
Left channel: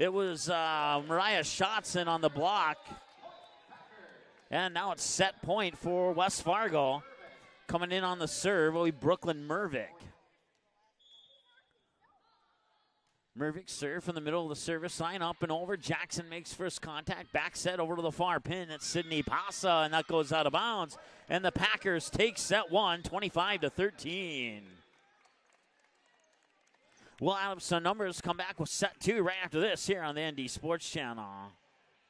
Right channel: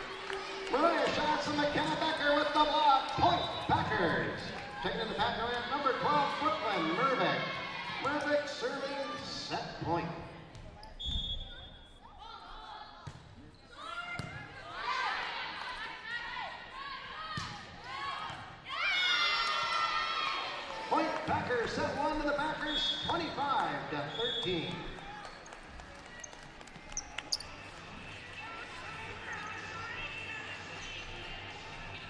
It was Mariah Shotson on the block. And now it's set point for West Fargo. Coming in on the serve will be Brooklyn Mervick. Mervick serve from the middle of the service line, up and over. Jackson makes first contact, back set over to the far pin. It's Sydney Pasa, and that goes out of bounds. And the Packers take set 1, 25-13. We'll have some numbers come back with set 2 right after this here on the ND Sports Channel.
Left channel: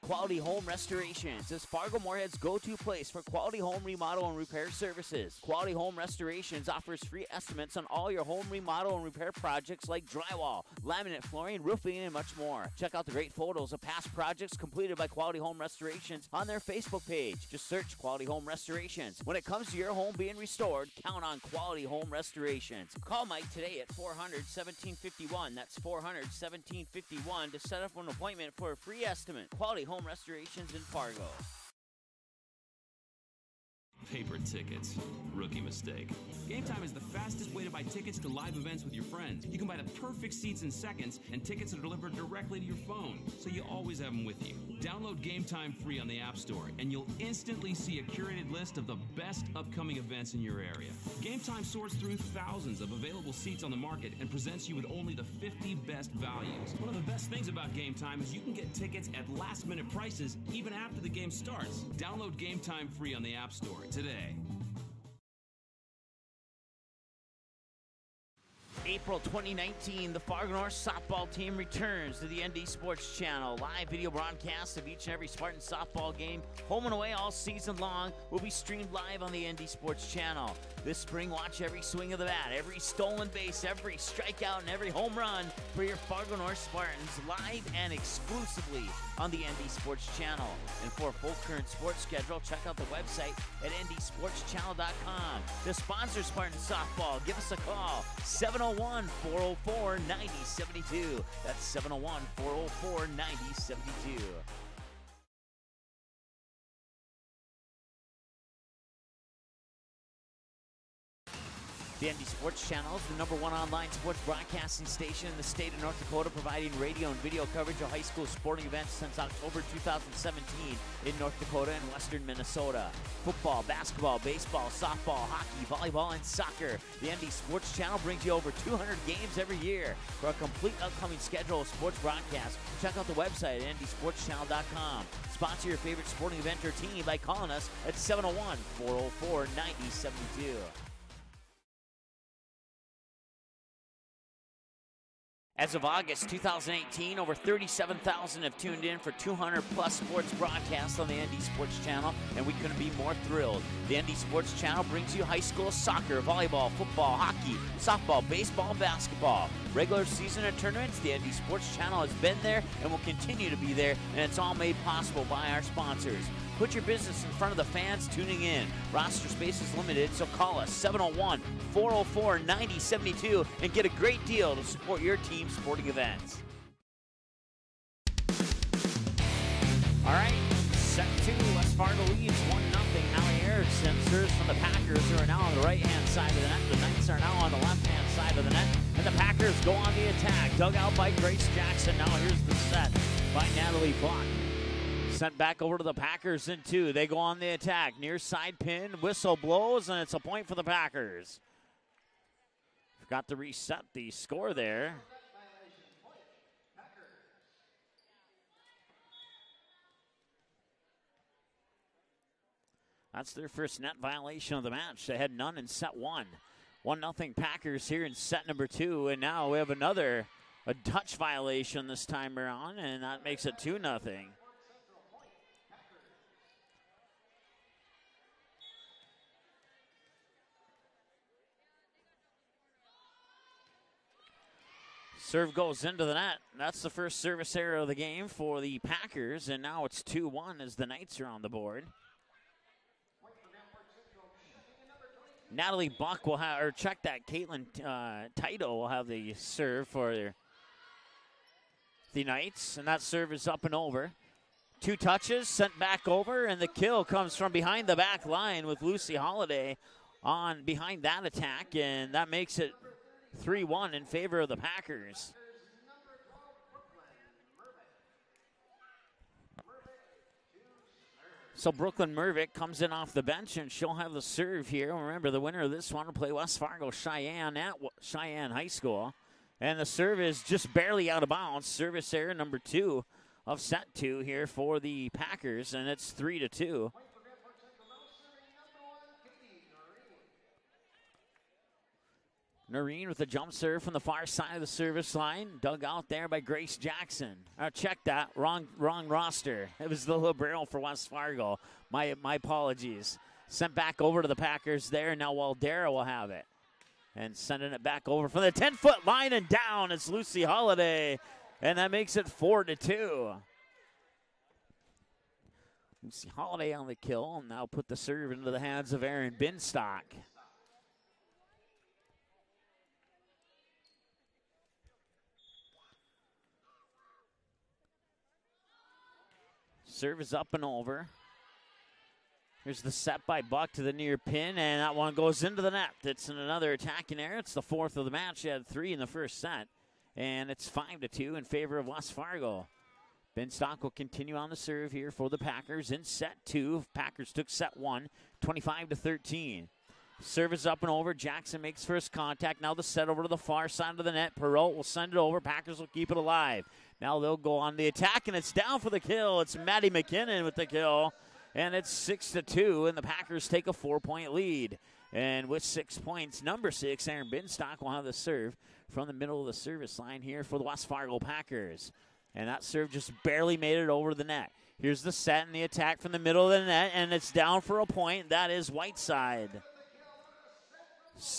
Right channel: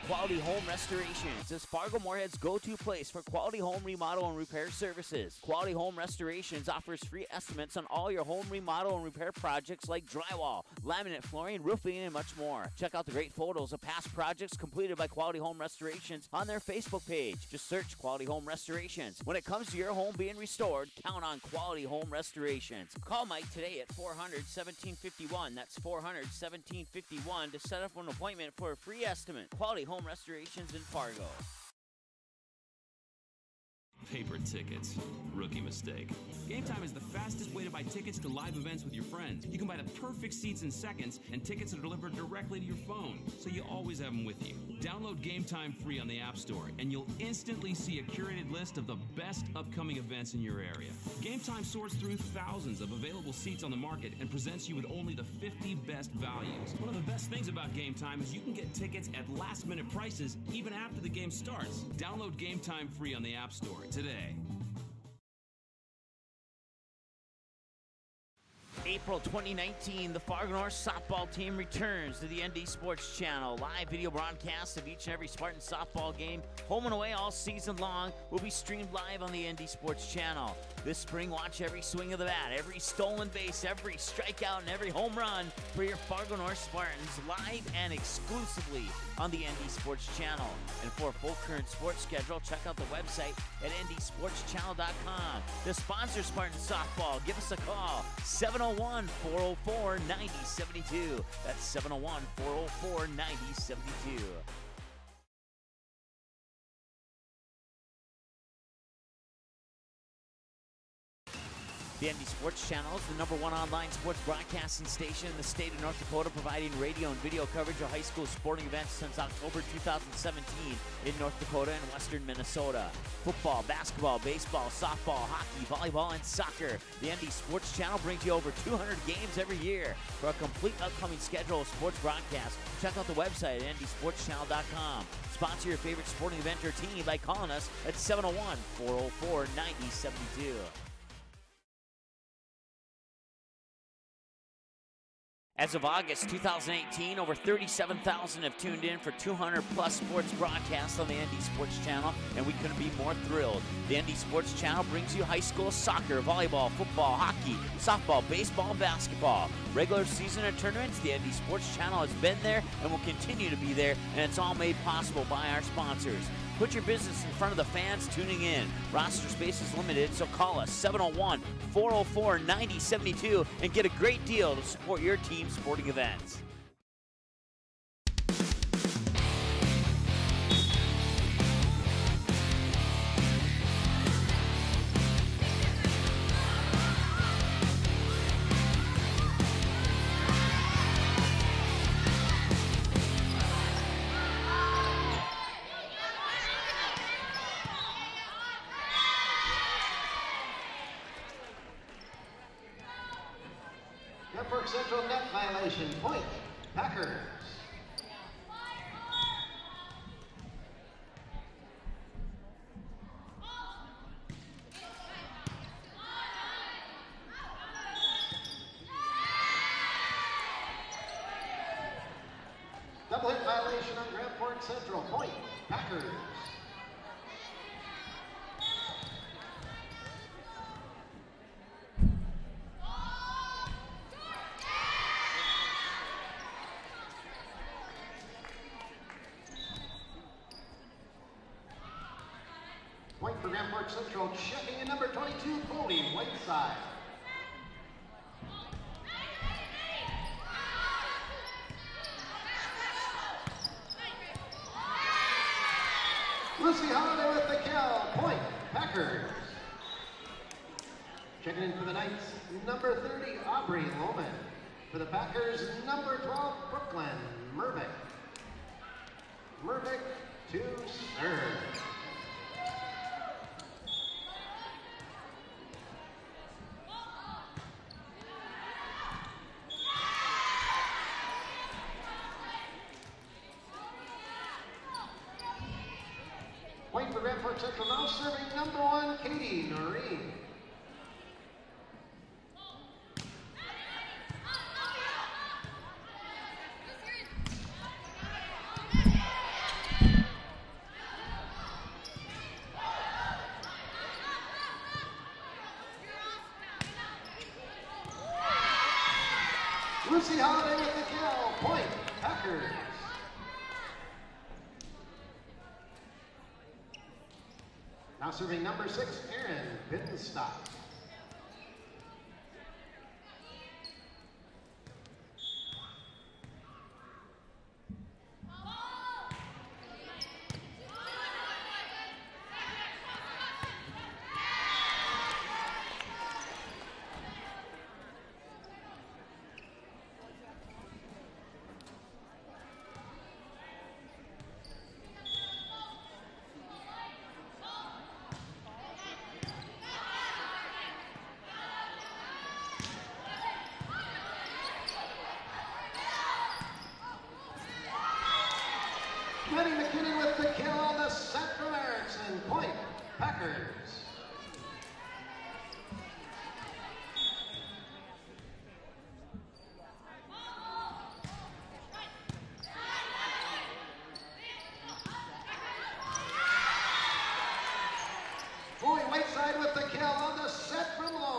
Quality Home Restorations is Fargo Moorhead's go-to place for quality home remodel and repair services. Quality Home Restorations offers free estimates on all your home remodel and repair projects like drywall, laminate flooring, roofing, and much more. Check out the great photos of past projects completed by Quality Home Restorations on their Facebook page. Just search Quality Home Restorations. When it comes to your home being restored, count on Quality Home Restorations. Call Mike today at 400-1751. That's 400-1751 to set up an appointment for a free estimate. Quality Home Restorations in Fargo. Paper tickets. Rookie mistake. Game Time is the fastest way to buy tickets to live events with your friends. You can buy the perfect seats in seconds, and tickets are delivered directly to your phone, so you always have them with you. Download Game Time free on the App Store, and you'll instantly see a curated list of the best upcoming events in your area. Game Time sorts through thousands of available seats on the market and presents you with only the 50 best values. One of the best things about Game Time is you can get tickets at last-minute prices even after the game starts. Download Game Time free on the App Store today. April 2019, the Fargo North softball team returns to the ND Sports Channel. Live video broadcasts of each and every Spartan softball game, home and away all season long, will be streamed live on the ND Sports Channel. This spring, watch every swing of the bat, every stolen base, every strikeout, and every home run for your Fargo North Spartans live and exclusively on the ND Sports Channel. And for a full current sports schedule, check out the website at ndsportschannel.com. To sponsor Spartan softball, give us a call, 701-404-9072. That's 701-404-9072. The ND Sports Channel is the #1 online sports broadcasting station in the state of North Dakota, providing radio and video coverage of high school sporting events since October 2017 in North Dakota and western Minnesota. Football, basketball, baseball, softball, hockey, volleyball, and soccer. The ND Sports Channel brings you over 200 games every year. For a complete upcoming schedule of sports broadcasts, check out the website at ndsportschannel.com. Sponsor your favorite sporting event or team by calling us at 701-404-9072. As of August 2018, over 37,000 have tuned in for 200-plus sports broadcasts on the ND Sports Channel, and we couldn't be more thrilled. The ND Sports Channel brings you high school soccer, volleyball, football, hockey, softball, baseball, and basketball. Regular season and tournaments, the ND Sports Channel has been there and will continue to be there, and it's all made possible by our sponsors. Put your business in front of the fans tuning in. Roster space is limited, so call us 701-404-9072 and get a great deal to support your team's sporting events. All right, set two. West Fargo leads 1-0. Now Harrison serves for the Packers, who are now on the right-hand side of the net. The Knights are now on the left-hand side of the net, and the Packers go on the attack. Dug out by Grace Jackson. Now here's the set by Natalie Black. Sent back over to the Packers in two. They go on the attack. Near side pin, whistle blows, and it's a point for the Packers. Got to reset the score there. Central net violation, point, Packers. That's their first net violation of the match. They had none in set one. 1-0 Packers here in set number two, and now we have a touch violation this time around, and that makes it 2-0. Central, point, Packers. Serve goes into the net. That's the first service error of the game for the Packers, and now it's 2-1 as the Knights are on the board. Point for Rampart Central, checking in number 22. Natalie Bonk will have, or check that, Caitlin Tito will have the serve for the Knights, and that serve is up and over. 2 touches, sent back over, and the kill comes from behind the back line with Lucy Holiday on behind that attack, and that makes it 3-1 in favor of the Packers. For the Packers, number 12, Brooklyn Mervick. Mervick to serve. So Brooklyn Mervick comes in off the bench, and she'll have the serve here. Remember, the winner of this one will play West Fargo Cheyenne at Cheyenne High School. And the serve is just barely out of bounds. Service error number 2 of set 2 here for the Packers, and it's 3-2. Point for Rampart Central, now serving number 1, Katie Noreen. Noreen with a jump serve from the far side of the service line, dug out there by Grace Jackson. Check that, wrong roster. It is the little barrel for West Fargo. My apologies. Sent back over to the Packers there. Now Waldera will have it. And sending it back over from the 10-foot line and down. It's Lucy Holiday. And that makes it 4-2. Lucy Holiday on the kill. Now put the serve into the hands of Erin Binstock. Serve is up and over. Here's the set by Buck to the near pin, and that one goes into the net. It's another attacking error. It's the 4th of the match. She had 3 in the first set, and it's 5-2 in favor of West Fargo. Binstock will continue on the serve here for the Packers in set 2. Packers took set 1, 25-13. Serve is up and over. Jackson makes first contact. Now the set over to the far side of the net. Perot will send it over. Packers will keep it alive. Now they'll go on the attack, and it's down for the kill. It's Maddie McKinnon with the kill, and it's 6-2, and the Packers take a 4-point lead. And with 6 points, number 6, Erin Binstock will have the serve from the middle of the service line here for the West Fargo Packers. And that serve just barely made it over the net. Here's the set and the attack from the middle of the net, and it's down for a point. That is Whiteside.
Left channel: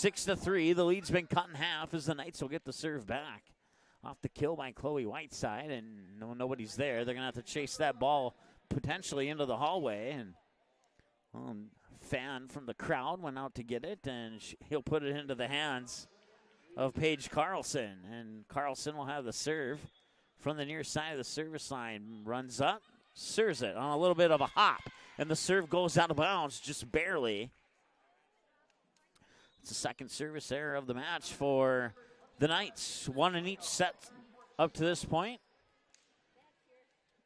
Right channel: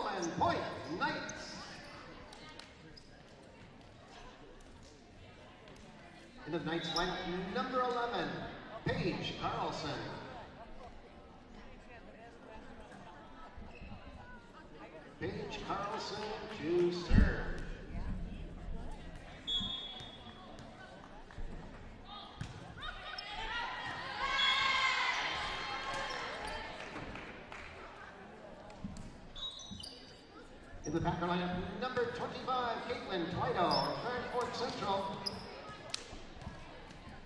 6-3, the lead's been cut in half as the Knights will get the serve back. Off the kill by Chloe Whiteside, and nobody's there. They're gonna have to chase that ball potentially into the hallway. And fan from the crowd went out to get it, and he'll put it into the hands of Paige Carlson. And Carlson will have the serve from the near side of the service line. Runs up, serves it on a little bit of a hop, and the serve goes out of bounds just barely. It's the second service error of the match for the Knights. One in each set up to this point.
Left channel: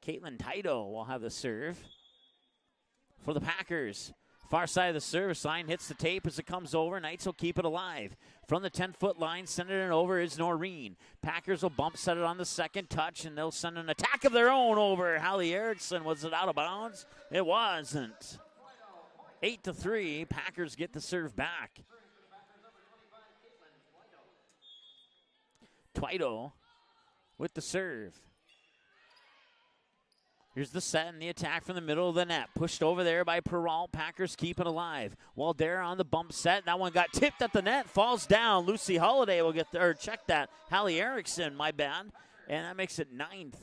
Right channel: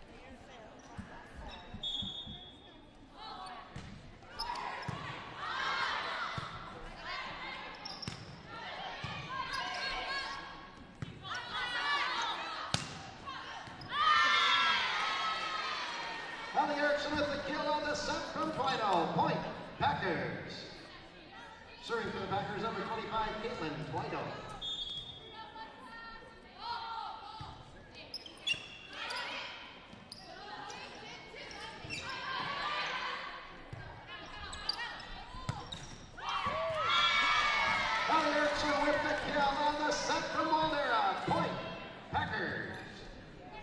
Caitlin Tito will have the serve for the Packers. Far side of the service line, hits the tape as it comes over. Knights will keep it alive. From the 10-foot line, sending it over is Noreen. Packers will bump set it on the second touch, and they'll send an attack of their own over. Hallie Erickson, was it out of bounds? It was. 8-3, Packers get the serve back. Serving for the Packers, number 25, Caitlin Twito. Twito with the serve. Here's the set and the attack from the middle of the net. Pushed over there by Peralt. Packers keep it alive. Waldera on the bump set. That one got tipped at the net. Falls down. Lucy Holiday will get there. Check that. Hallie Erickson, my bad. And that makes it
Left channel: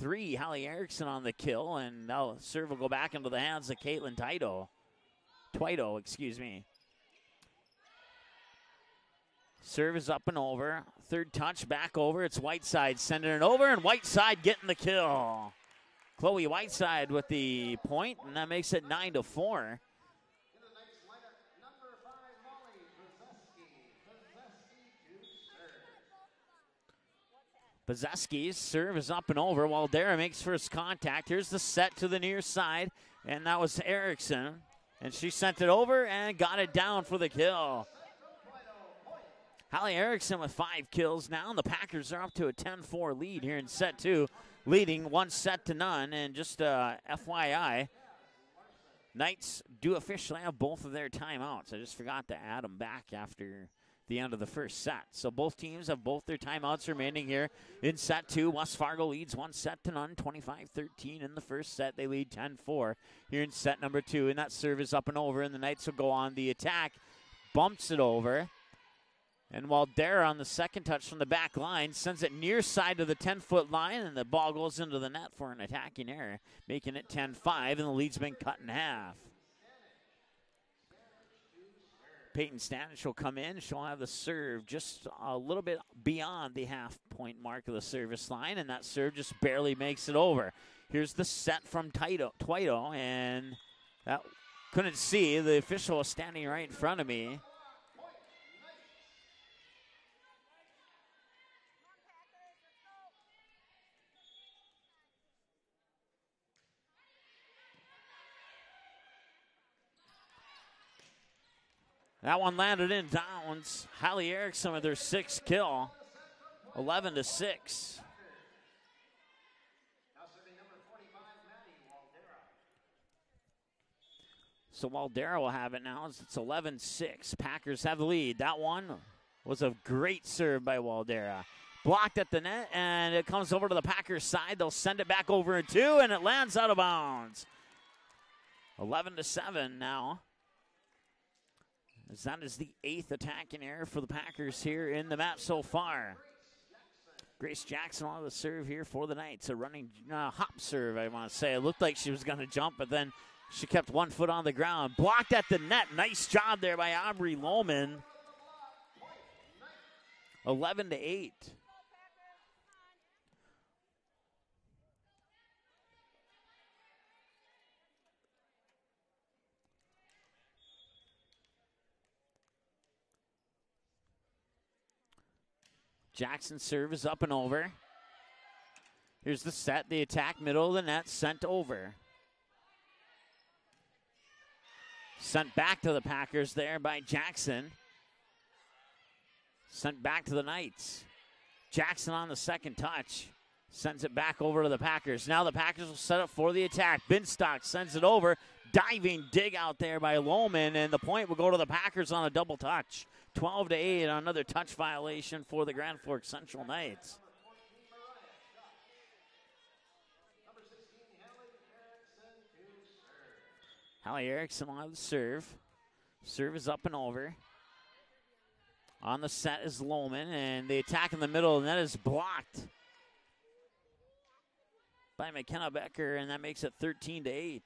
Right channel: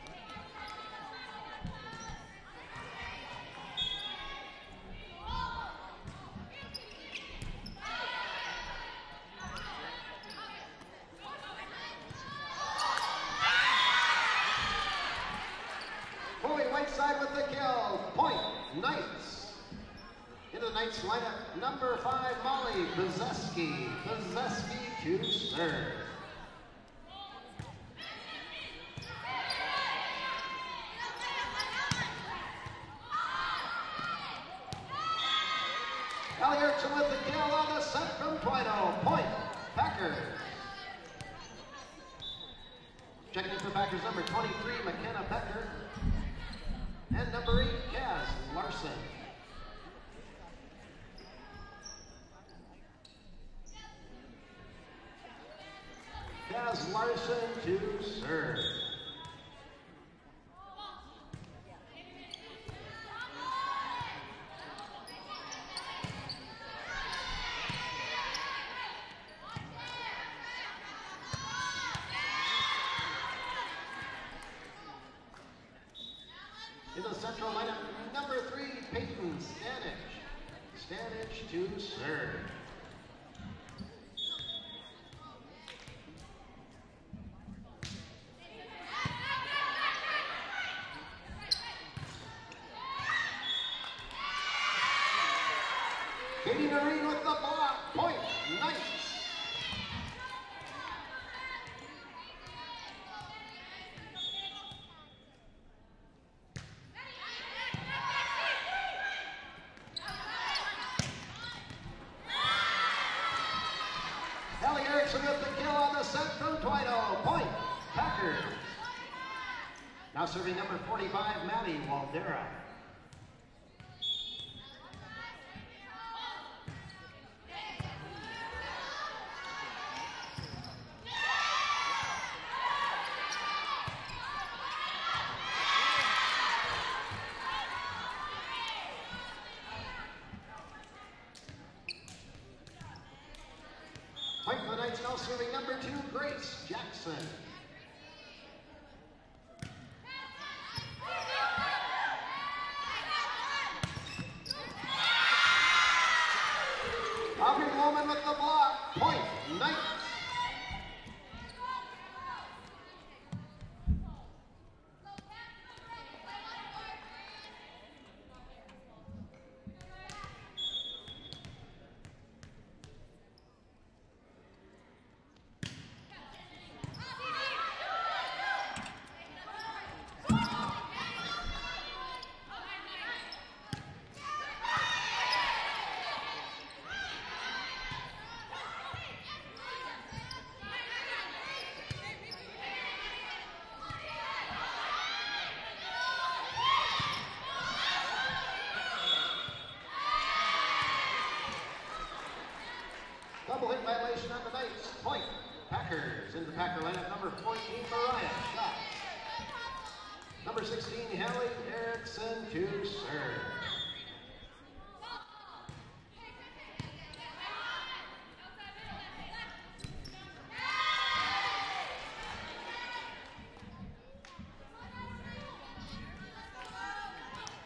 9-3. Hallie Erickson on the kill. And now serve will go back into the hands of Caitlin Twito, excuse me. Serve is up and over. Third touch back over. It's Whiteside sending it over, and Whiteside getting the kill. Chloe Whiteside with the point, and that makes it 9-4. In the Knights lineup, number 5, Molly Bazeski. Bazeski to serve. Bazeski's serve is up and over. Waldera makes first contact. Here's the set to the near side, and that was Erickson. And she sent it over and got it down for the kill. Hallie Erickson with 5 kills now, and the Packers are up to a 10-4 lead here in set 2, leading 1-0. And just FYI, Knights do officially have both of their timeouts. I just forgot to add them back after the end of the first set. So both teams have both their timeouts remaining here in set 2. West Fargo leads 1-0, 25-13 in the first set. They lead 10-4 here in set number 2, and that serve is up and over, and the Knights will go on the attack. Bumps it over. And Waldera on the second touch from the back line sends it near side to the 10-foot line, and the ball goes into the net for an attacking error, making it 10-5, and the lead's been cut in half. Peyton Stanich will come in. She'll have the serve just a little bit beyond the half-point mark of the service line, and that serve just barely makes it over. Here's the set from Twito, and that couldn't see. The official is standing right in front of me. That one landed in downs. Hallie Erickson with her 6th kill. 11-6. Now serving number 45, Maddie Waldera. So Waldera will have it now. It's 11-6. Packers have the lead. That one was a great serve by Waldera. Blocked at the net, and it comes over to the Packers side. They'll send it back over in 2, and it lands out of bounds. 11-7 now. That is the 8th attacking error for the Packers here in the match so far. Grace Jackson on the serve here for the Knights. A running hop serve, I want to say. It looked like she was going to jump, but then she kept 1 foot on the ground. Blocked at the net. Nice job there by Aubrey Lohman. 11-8. Jackson's serve is up and over. Here's the set, the attack, middle of the net, sent over. Sent back to the Packers there by Jackson. Sent back to the Knights. Jackson on the second touch. Sends it back over to the Packers. Now the Packers are set up for the attack. Binstock sends it over. Diving dig out there by Lohman, and the point will go to the Packers on a double touch. 12-8 on another touch violation for the Grand Forks Central Knights. Number 14, Mariah shot. Number 16, Hallie Erickson to serve. Hallie Erickson on the serve. Serve is up and over. On the set is Lohman, and the attack in the middle of the net is blocked by McKenna Becker, and that makes it 13-8.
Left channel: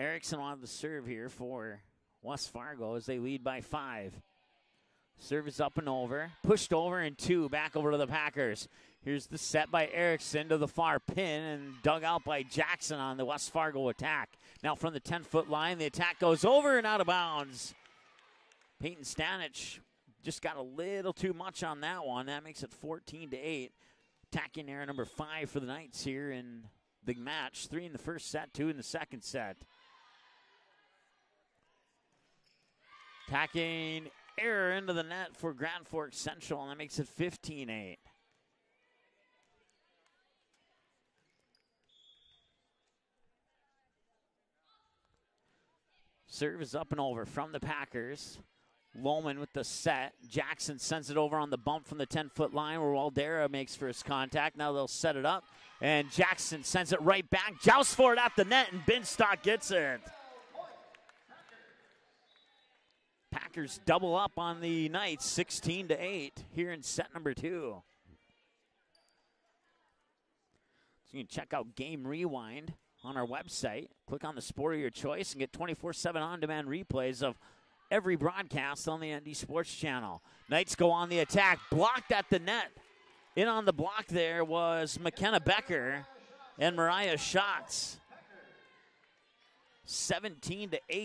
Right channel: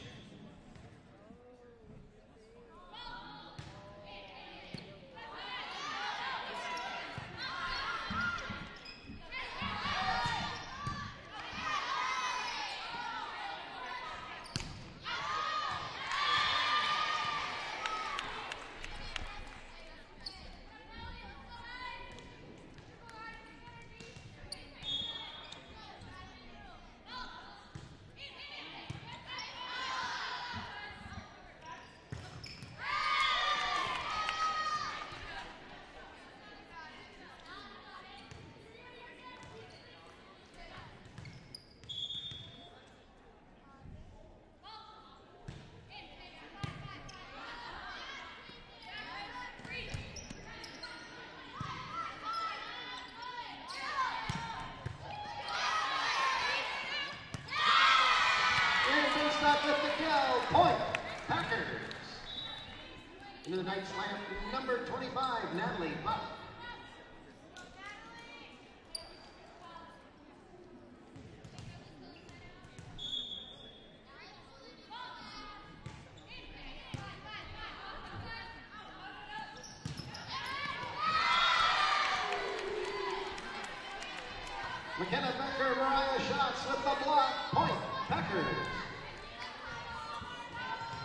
Erickson on the serve here for West Fargo as they lead by 5. Serve is up and over, pushed over and 2, back over to the Packers. Here's the set by Erickson to the far pin and dug out by Jackson on the West Fargo attack. Now from the 10-foot line, the attack goes over and out of bounds. Peyton Stanich just got a little too much on that one. That makes it 14-8. Attacking error number 5 for the Knights here in the match. 3 in the first set, 2 in the second set. Attacking error into the net for Grand Forks Central, and that makes it 15-8. Serve is up and over from the Packers. Lohman with the set. Jackson sends it over on the bump from the 10-foot line where Waldera makes first contact. Now they'll set it up, and Jackson sends it right back. Joust for it at the net, and Binstock gets there. Packers double up on the Knights, 16-8 here in set number 2. So you can check out Game Rewind on our website. Click on the sport of your choice and get 24/7 on-demand replays of every broadcast on the ND Sports Channel. Knights go on the attack, blocked at the net. In on the block there was McKenna Becker and Mariah Schatz. 17-8.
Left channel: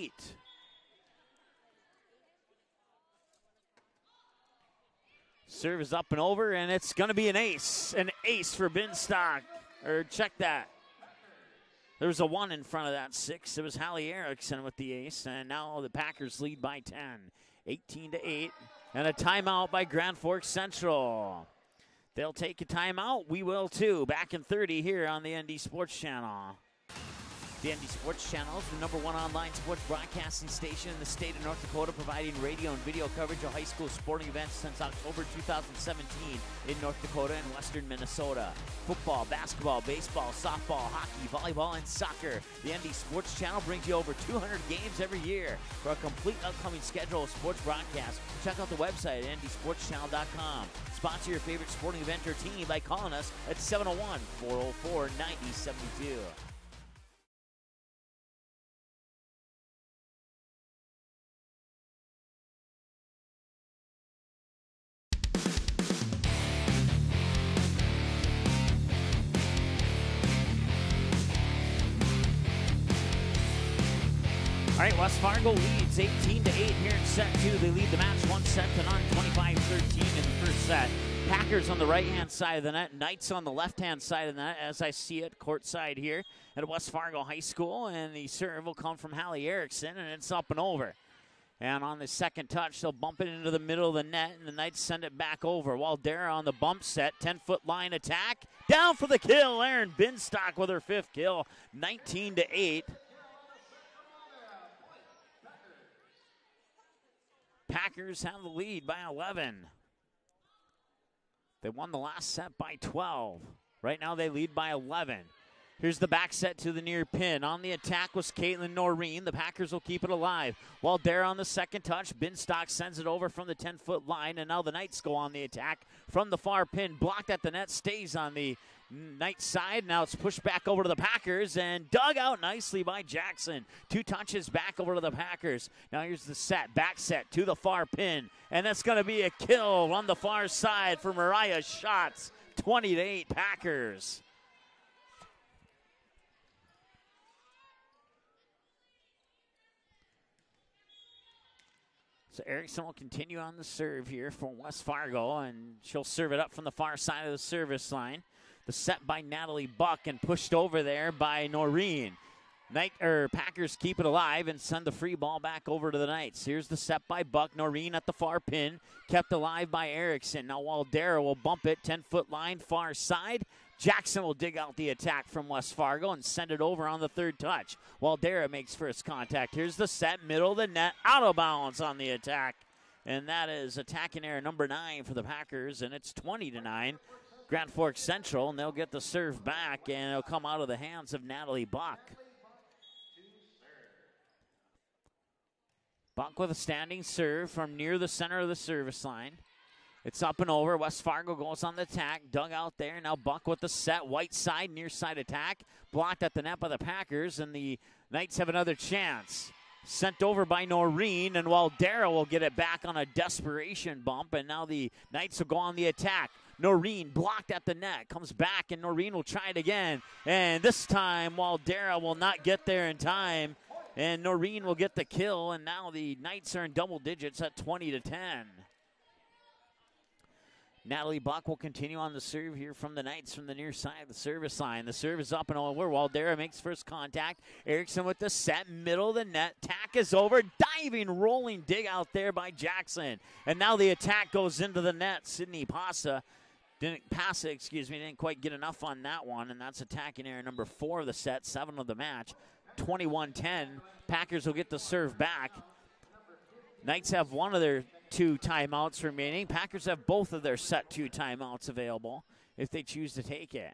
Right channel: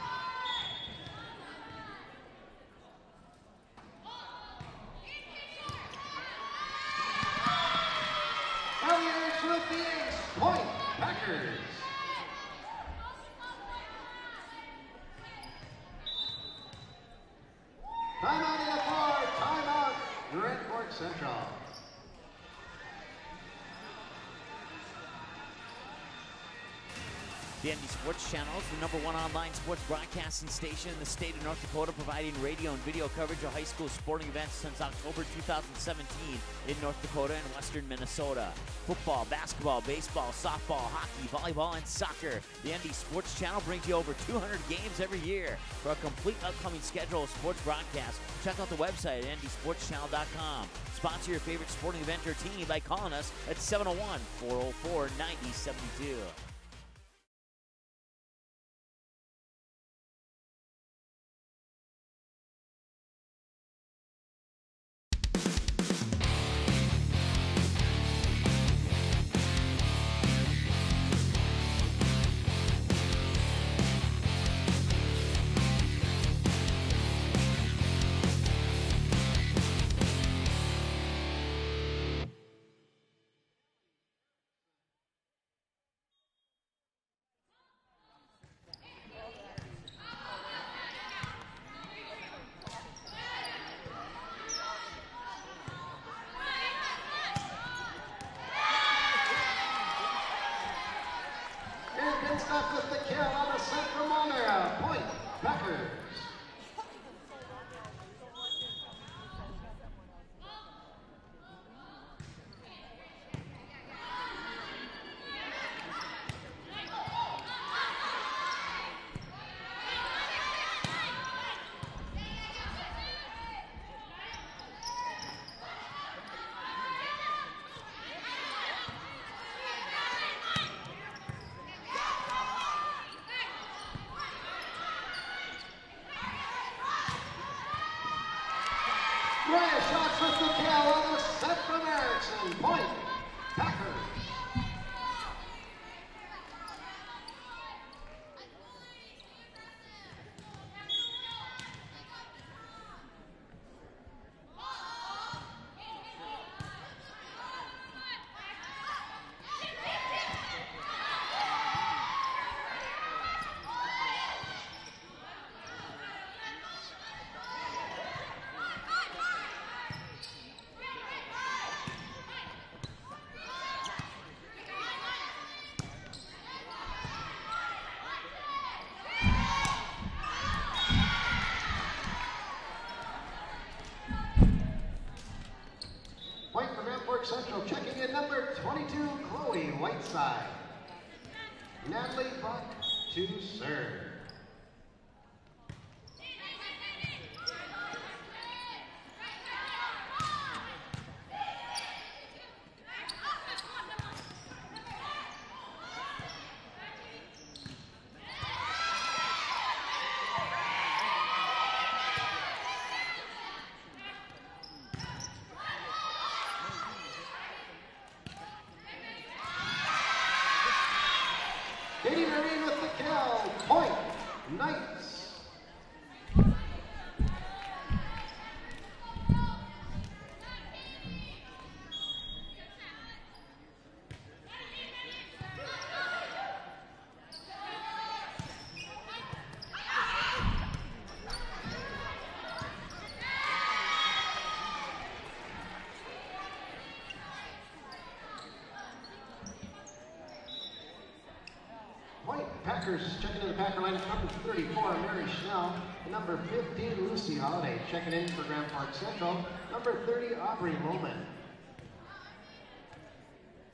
Serve is up and over, and it's going to be an ace. An ace for Binstock. Check that. There was a 1 in front of that 6. It was Hallie Erickson with the ace, and now the Packers lead by 10. 18-8, and a timeout by Grand Forks Central. They'll take a timeout. We will too. Back in 30 here on the ND Sports Channel. The ND Sports Channel is the #1 online sports broadcasting station in the state of North Dakota, providing radio and video coverage of high school sporting events since October 2017 in North Dakota and western Minnesota. Football, basketball, baseball, softball, hockey, volleyball, and soccer. The ND Sports Channel brings you over 200 games every year. For a complete upcoming schedule of sports broadcasts, check out the website at ndsportschannel.com. Sponsor your favorite sporting event or team by calling us at 701-404-9072. West Fargo leads 18-8 here in set 2. They lead the match 1 set to none, 25-13 in the first set. Packers on the right-hand side of the net, Knights on the left-hand side of the net, as I see it courtside here at West Fargo High School. And the serve will come from Hallie Erickson, and it's up and over. And on the second touch, they'll bump it into the middle of the net, and the Knights send it back over. Waldera on the bump set, 10-foot line attack. Down for the kill, Erin Binstock with her 5th kill. 19-8. Packers have the lead by 11. They won the last set by 12. Right now they lead by 11. Here's the back set to the near pin. On the attack was Caitlin Noreen. The Packers will keep it alive. While there on the second touch, Binstock sends it over from the 10-foot line, and now the Knights go on the attack from the far pin. Blocked at the net, stays on the Knights side. Now it's pushed back over to the Packers and dug out nicely by Jackson. 2 touches back over to the Packers. Now here's the set, back set to the far pin, and that's going to be a kill on the far side for Mariah Schatz. 20-8 Packers. So Erickson will continue on the serve here for West Fargo, and she'll serve it up from the far side of the service line. The set by Natalie Buck and pushed over there by Noreen. Packers keep it alive and send the free ball back over to the Knights. Here's the set by Buck. Noreen at the far pin, kept alive by Erickson. Now Waldera will bump it, 10-foot line, far side. Jackson will dig out the attack from West Fargo and send it over on the third touch. Waldera makes first contact. Here's the set, middle of the net, out of bounds on the attack. And that is attacking error number 9 for the Packers, and it's 20-9. Grand Forks Central, and they'll get the serve back, and it'll come out of the hands of Natalie Buck. Natalie Buck to serve. Buck with a standing serve from near the center of the service line. It's up and over. West Fargo goes on the attack. Dug out there. Now Buck with the set. White side, near side attack. Blocked at the net by the Packers, and the Knights have another chance. Sent over by Noreen, and Waldera will get it back on a desperation bump, and now the Knights will go on the attack. Noreen blocked at the net. Comes back, and Noreen will try it again. And this time, Waldera will not get there in time, and Noreen will get the kill, and now the Knights are in double digits at 20-10. Natalie Buck will continue on the serve here from the Knights from the near side of the service line. The serve is up and over. Waldera makes first contact. Erickson with the set, middle of the net. Tack is over. Diving, rolling dig out there by Jackson. And now the attack goes into the net. Sydney didn't quite get enough on that one, and that's attacking error number 4 of the set, 7 of the match. 21-10. Packers will get the serve back. Knights have one of their 2 timeouts remaining. Packers have both of their set 2 timeouts available if they choose to take it.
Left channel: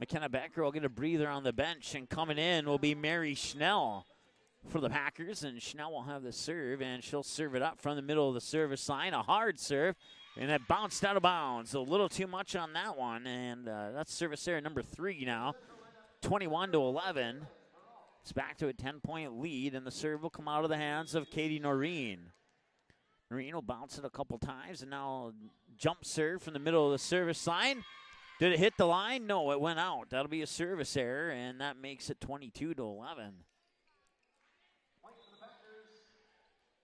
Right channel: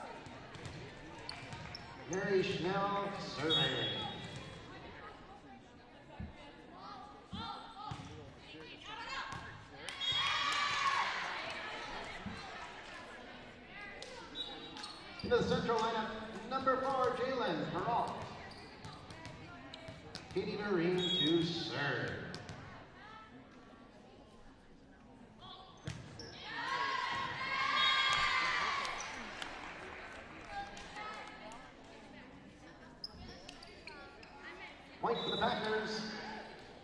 McKenna Becker will get a breather on the bench, and coming in will be Mary Schnell for the Packers, and Schnell will have the serve, and she'll serve it up from the middle of the service line. A hard serve, and it bounced out of bounds. A little too much on that one, and that's service error number 3 now. 21-11. It's back to a 10-point lead, and the serve will come out of the hands of Katie Noreen. Noreen will bounce it a couple times, and now jump serve from the middle of the service line. Did it hit the line? No, it went out. That'll be a service error, and that makes it 22-11. Point for the Packers.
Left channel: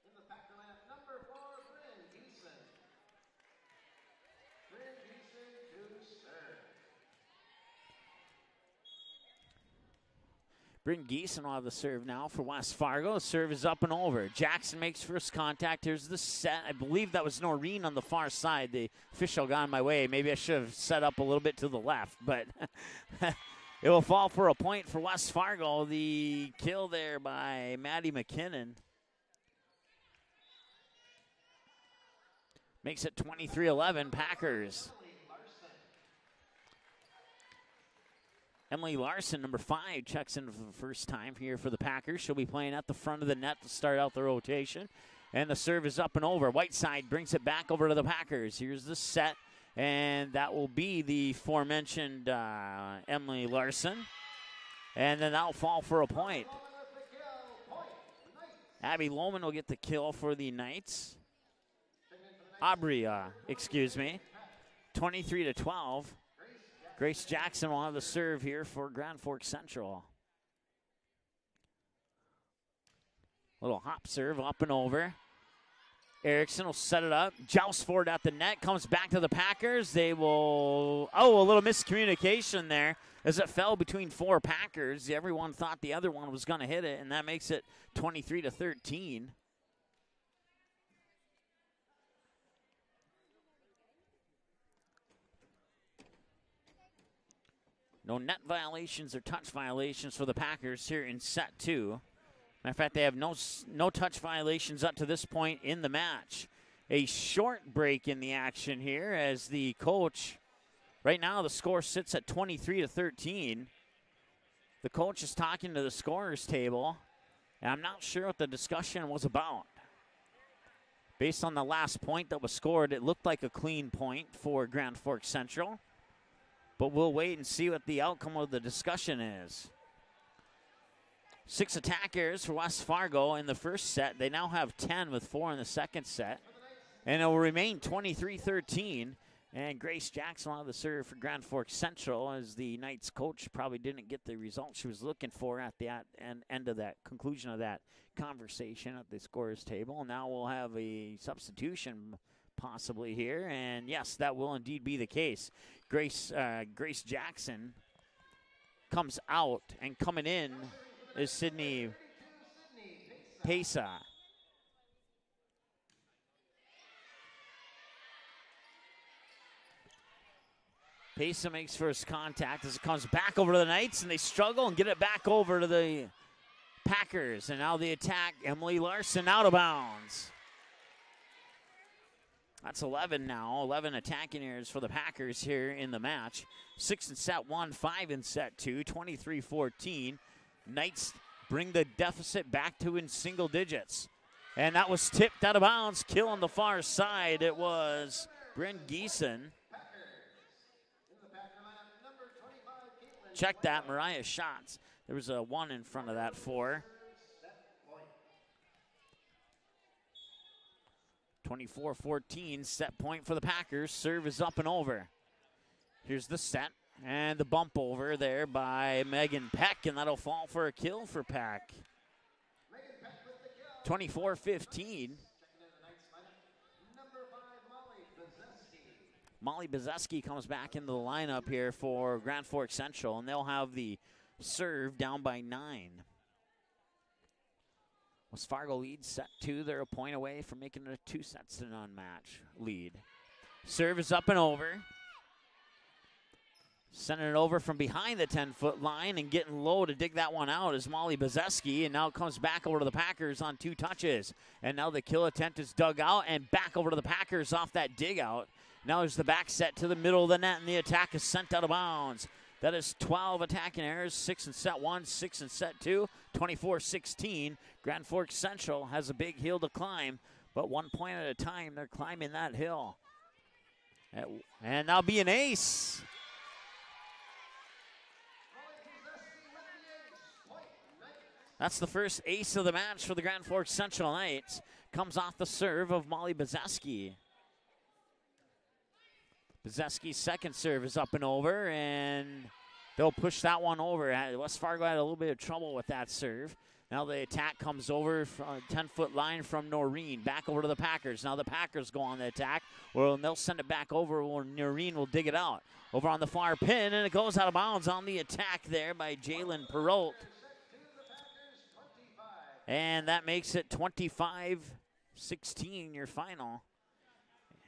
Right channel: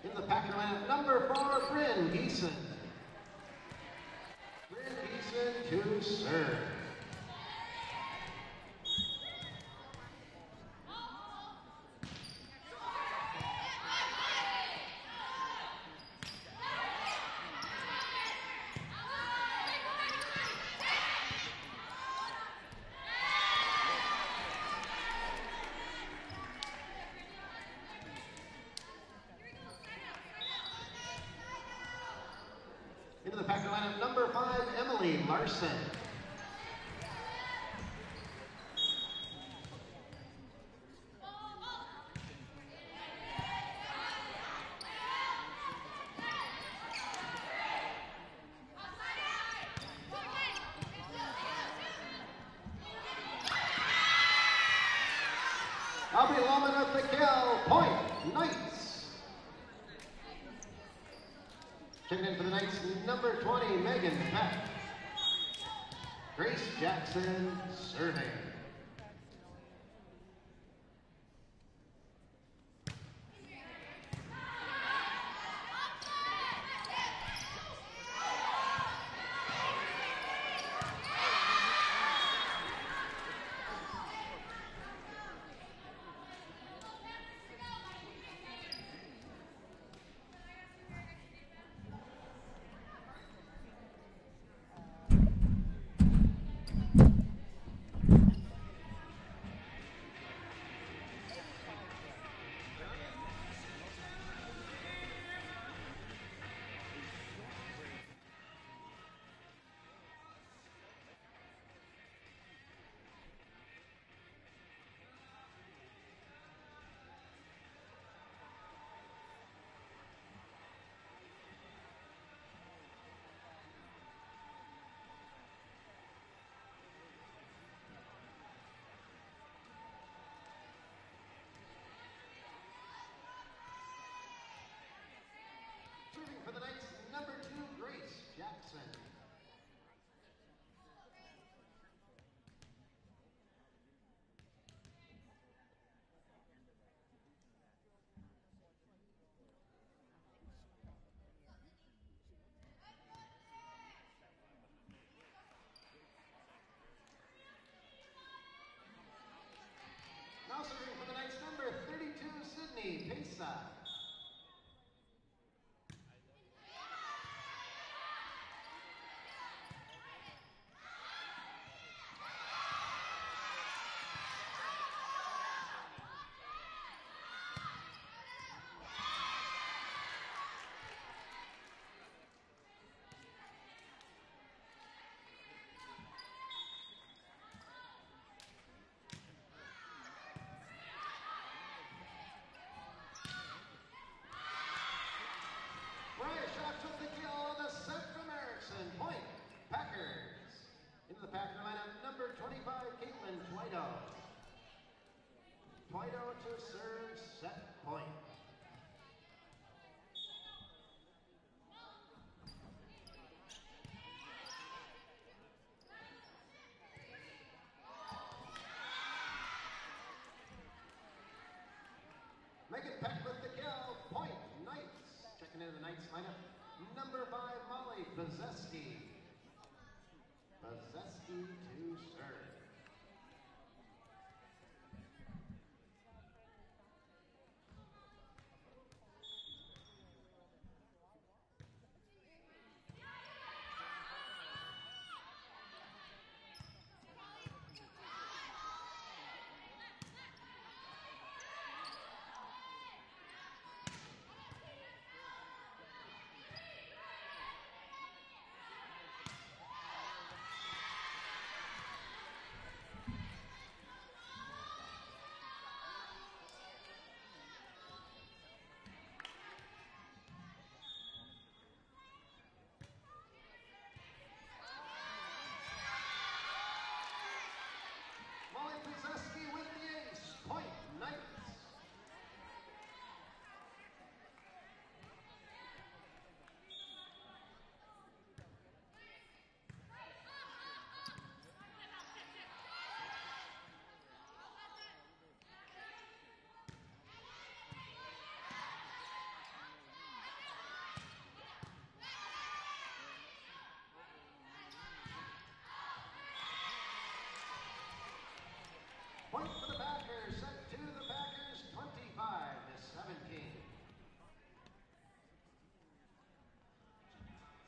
In the Packer lineup, number 4, Bryn Geeson. Bryn Geeson to serve. Bryn Geeson will have the serve now for West Fargo. The serve is up and over. Jackson makes first contact. Here's the set. I believe that was Noreen on the far side. The official got in my way. Maybe I should have set up a little bit to the left, but it will fall for a point for West Fargo. The kill there by Maddie McKinnon makes it 23-11 Packers. Emily Larson. Emily Larson, number 5, checks in for the first time here for the Packers. She'll be playing at the front of the net to start out the rotation. And the serve is up and over. Whiteside brings it back over to the Packers. Here's the set, and that will be the aforementioned Emily Larson. And then that'll fall for a point. Abby Lohman at the kill. Point, Knights. Abby Lohman will get the kill for the Knights. Checking in for the Knights, Aubrey, number 20, excuse me. Megan Peck. 23-12. Grace Jackson will have the serve here for Grand Forks Central. Little hop serve up and over. Erickson will set it up. Joust forward at the net. Comes back to the Packers. They will, a little miscommunication there as it fell between 4 Packers. Everyone thought the other one was going to hit it, and that makes it 23-13. No net violations or touch violations for the Packers here in set 2. Matter of fact, they have no touch violations up to this point in the match. A short break in the action here as the coach, right now the score sits at 23-13. The coach is talking to the scorer's table, and I'm not sure what the discussion was about. Based on the last point that was scored, it looked like a clean point for Grand Forks Central. But we'll wait and see what the outcome of the discussion is. 6 attack errors for West Fargo in the first set. They now have 10 with 4 in the second set. And it will remain 23-13. And Grace Jackson will have the serve for Grand Forks Central as the Knights coach probably didn't get the result she was looking for at the end of that conclusion of that conversation at the scorer's table. Now we'll have a substitution possibly here. And yes, that will indeed be the case. Grace Jackson comes out, and coming in is Sydney Pesa. Payson makes first contact as it comes back over to the Knights, and they struggle and get it back over to the Packers. And now the attack, Emily Larson out of bounds. That's 11 now, 11 attacking errors for the Packers here in the match. 6 in set 1, 5 in set 2, 23-14. Knights bring the deficit back to in single digits. And that was tipped out of bounds. Kill on the far side. It was Bryn Geeson. Check that, Mariah Schatz. There was a 1 in front of that 4. 24-14, set point for the Packers. Serve is up and over. Here's the set and the bump over there by Megan Peck, and that'll fall for a kill for Peck. 24-15. Checking into the Knights lineup, number 5, Molly Bezeski. Molly Bezeski comes back into the lineup here for Grand Forks Central, and they'll have the serve down by 9. West Fargo leads set 2. They're a point away from making it a 2-0 match lead. Serve is up and over. Sending it over from behind the 10-foot line and getting low to dig that one out is Molly Bezeski, and now it comes back over to the Packers on 2 touches. And now the kill attempt is dug out and back over to the Packers off that dig out. Now there's the back set to the middle of the net, and the attack is sent out of bounds. That is 12 attacking errors, 6 in set 1, 6 in set 2, 24-16. Grand Forks Central has a big hill to climb, but 1 point at a time, they're climbing that hill. And now be an ace. That's the first ace of the match for the Grand Forks Central Knights. Comes off the serve of Molly Bezeski. Bezeski's second serve is up and over, and they'll push that one over. West Fargo had a little bit of trouble with that serve. Now the attack comes over from a 10-foot line from Noreen. Back over to the Packers. Now the Packers go on the attack. Well, they'll send it back over where Noreen will dig it out. Over on the far pin, and it goes out of bounds on the attack there by Jalen Perot. And that makes it 25-16, your final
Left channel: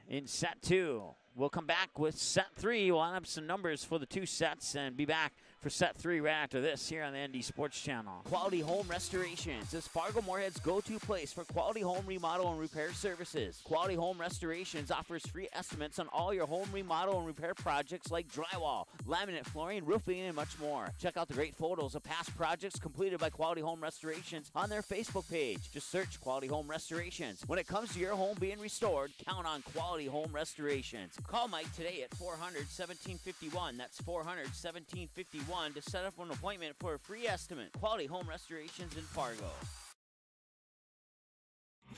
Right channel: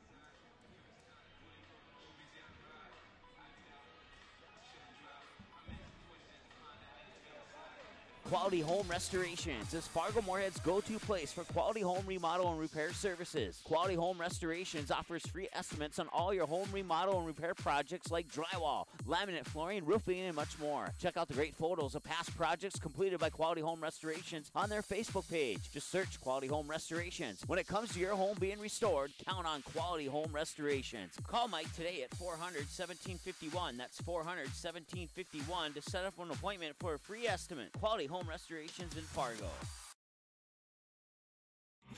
in set 2. We'll come back with set 3. We'll have some numbers for the 2 sets and be back for set 3 right after this here on the ND Sports Channel. Quality Home Restorations is Fargo Moorhead's go-to place for quality home remodel and repair services. Quality Home Restorations offers free estimates on all your home remodel and repair projects like drywall, laminate flooring, roofing, and much more. Check out the great photos of past projects completed by Quality Home Restorations on their Facebook page. Just search Quality Home Restorations. When it comes to your home being restored, count on Quality Home Restorations. Call Mike today at 400-1751. That's 400-1751. To set up an appointment for a free estimate. Quality Home Restorations in Fargo.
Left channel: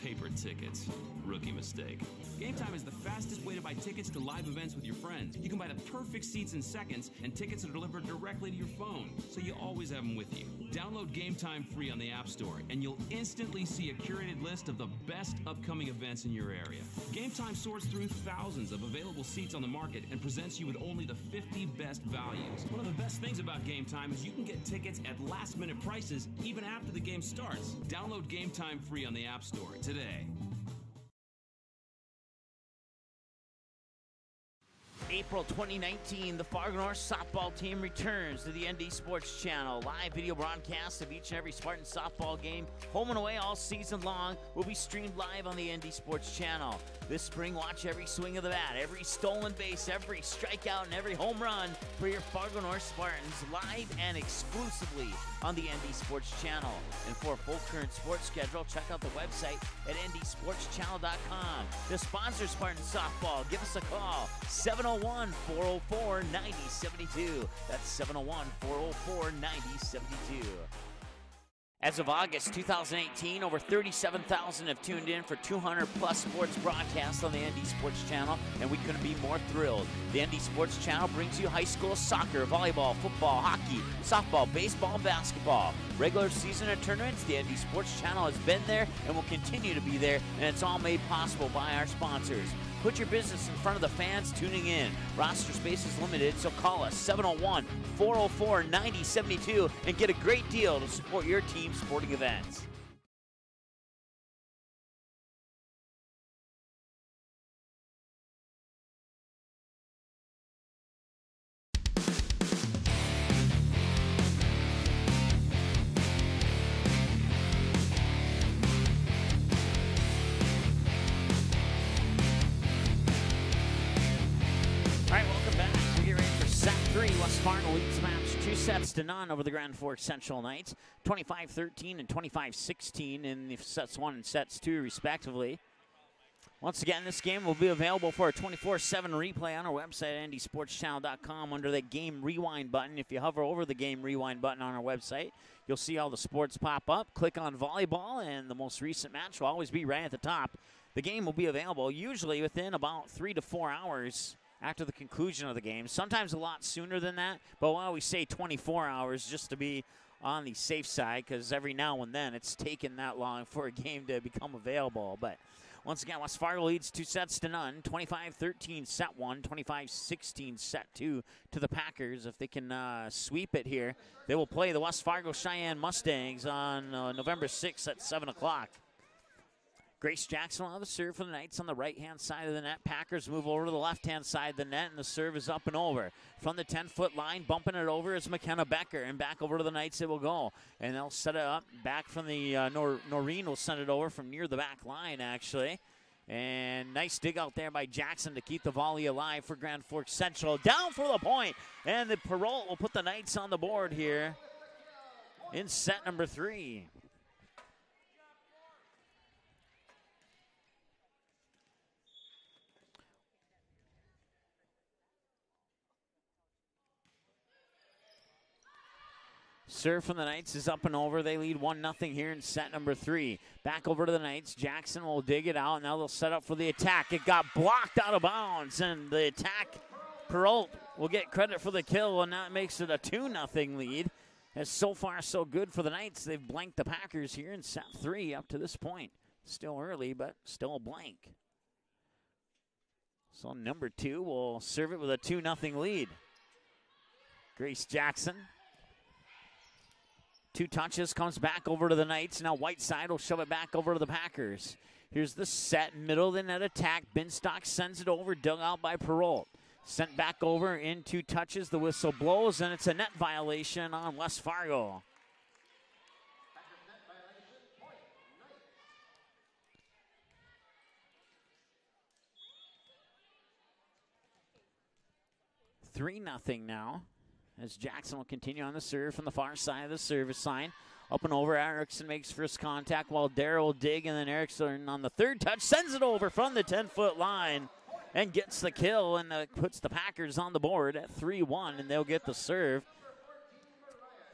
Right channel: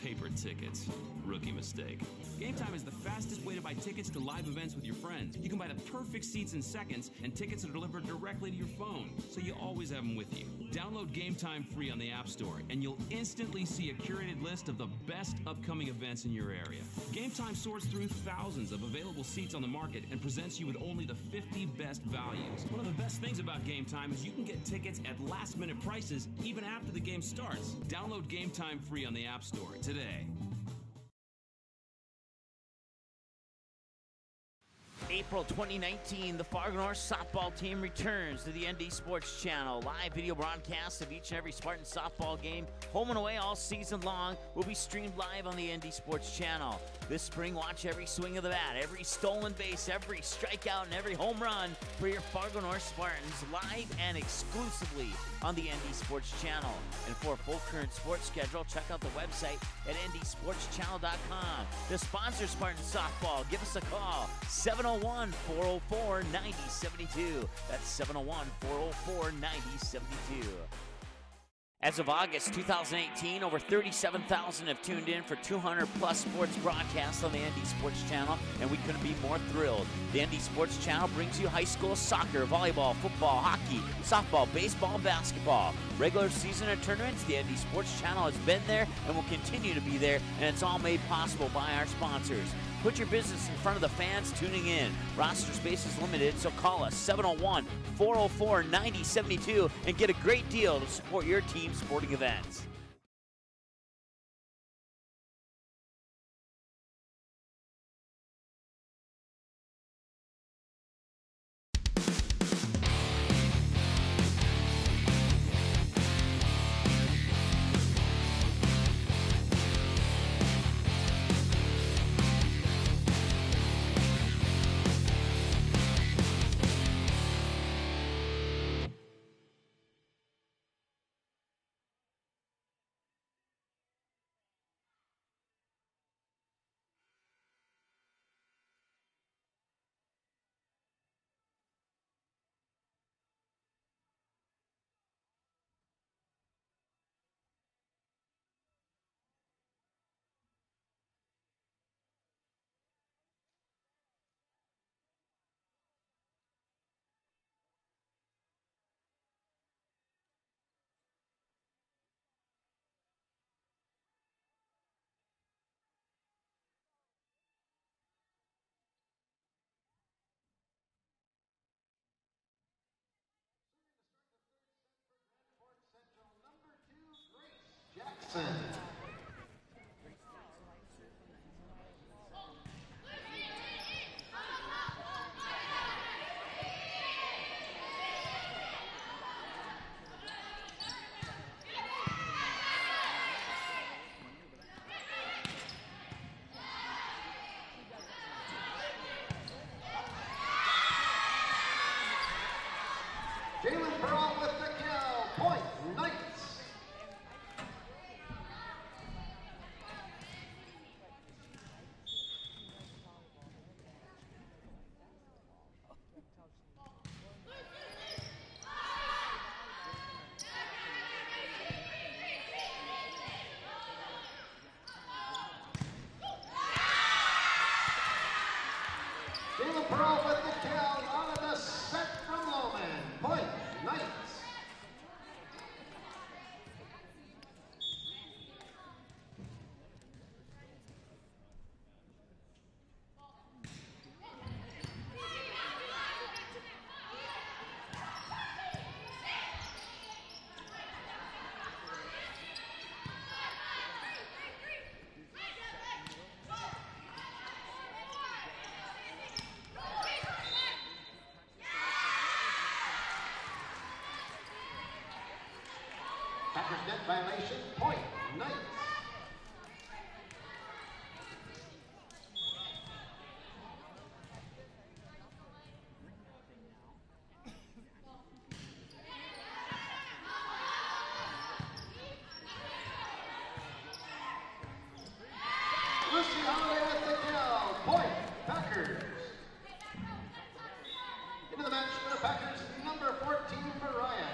Paper tickets. Rookie mistake. Game Time is the fastest way to buy tickets to live events with your friends. You can buy the perfect seats in seconds, and tickets are delivered directly to your phone, so you always have them with you. Download Game Time free on the App Store, and you'll instantly see a curated list of the best upcoming events in your area. Game Time sorts through thousands of available seats on the market and presents you with only the 50 best values. One of the best things about Game Time is you can get tickets at last-minute prices even after the game starts. Download Game Time free on the App Store today. April 2019, the Fargo North softball team returns to the ND Sports Channel. Live video broadcasts of each and every Spartan softball game, home and away all season long, will be streamed live on the ND Sports Channel. This spring, watch every swing of the bat, every stolen base, every strikeout, and every home run for your Fargo North Spartans live and exclusively on the ND Sports Channel. And for a full current sports schedule, check out the website at ndsportschannel.com. To sponsor Spartan softball, give us a call, 701-404-9072. That's 701-404-9072. As of August 2018, over 37,000 have tuned in for 200-plus sports broadcasts on the ND Sports Channel, and we couldn't be more thrilled. The ND Sports Channel brings you high school soccer, volleyball, football, hockey, softball, baseball, and basketball. Regular season and tournaments, the ND Sports Channel has been there and will continue to be there, and it's all made possible by our sponsors. Put your business in front of the fans tuning in. Roster space is limited, so call us 701-404-9072 and get a great deal to support your team's sporting events. sets to none over the Grand Forks Central Knights. 25-13 and 25-16 in the sets 1 and sets 2, respectively. Once again, this game will be available for a 24/7 replay on our website at ndsportschannel.com under the Game Rewind button. If you hover over the Game Rewind button on our website, you'll see all the sports pop up. Click on volleyball, and the most recent match will always be right at the top. The game will be available usually within about 3 to 4 hours after the conclusion of the game. Sometimes a lot sooner than that, but we'll always say 24 hours just to be on the safe side, because every now and then it's taken that long for a game to become available. But once again, West Fargo leads 2 sets to none, 25-13 set 1, 25-16 set 2 to the Packers. If they can sweep it here, they will play the West Fargo Cheyenne Mustangs on November 6th at 7 o'clock. Grace Jackson will have the serve for the Knights on the right-hand side of the net. Packers move over to the left-hand side of the net, and the serve is up and over. From the 10-foot line, bumping it over is McKenna Becker, and back over to the Knights it will go. And they'll set it up. Back from the Noreen will send it over from near the back line, actually. And nice dig out there by Jackson to keep the volley alive for Grand Forks Central. Down for the point, and the Perrault will put the Knights on the board here in set number 3. Serve from the Knights is up and over. They lead 1-0 here in set number 3. Back over to the Knights. Jackson will dig it out. Now they'll set up for the attack. It got blocked out of bounds, and the attack, Perrault will get credit for the kill, and that makes it a 2-0 lead. And so far, so good for the Knights. They've blanked the Packers here in set 3 up to this point. Still early, but still a blank. So number 2 will serve it with a 2-0 lead. Grace Jackson. 2 touches, comes back over to the Knights. Now Whiteside will shove it back over to the Packers. Here's the set, middle of the net attack. Binstock sends it over, dug out by Perrault. Sent back over in 2 touches. The whistle blows, and it's a net violation on West Fargo. Packers net violation, point, Knights. Three 3-0 now, as Jackson will continue on the serve from the far side of the service line. Up and over, Erickson makes first contact while Darrow will dig, and then Erickson on the 3rd touch sends it over from the 10-foot line and gets the kill, and puts the Packers on the board at 3-1, and they'll get the serve.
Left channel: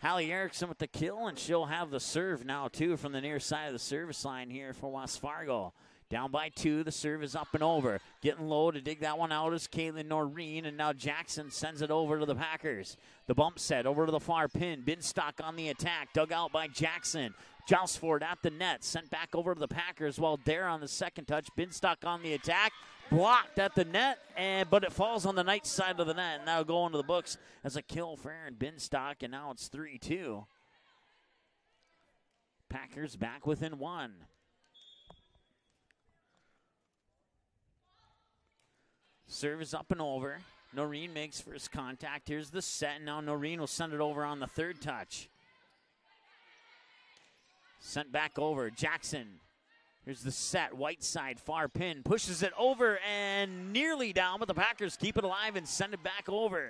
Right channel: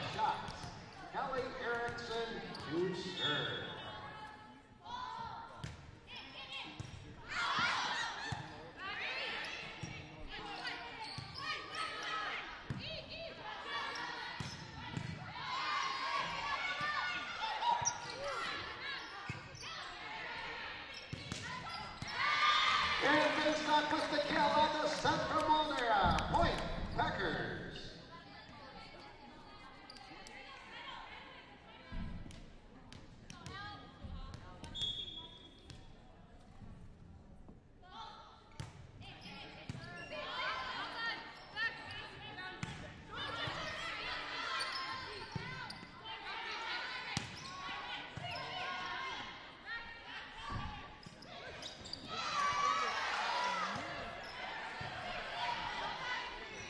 Hallie Erickson with the kill, and she'll have the serve now too from the near side of the service line here for West Fargo. Down by 2, the serve is up and over. Getting low to dig that one out is Caitlin Noreen, and now Jackson sends it over to the Packers. The bump set over to the far pin. Binstock on the attack, dug out by Jackson. Jousford at the net, sent back over to the Packers while Dare on the 2nd touch. Binstock on the attack, blocked at the net, but it falls on the Knights side of the net. Now going to the books as a kill for Aaron Binstock, and now it's 3-2. Packers back within 1. Serve is up and over. Noreen makes first contact. Here's the set. Now Noreen will send it over on the 3rd touch. Sent back over. Jackson. Here's the set. Whiteside, far pin. Pushes it over and nearly down, but the Packers keep it alive and send it back over.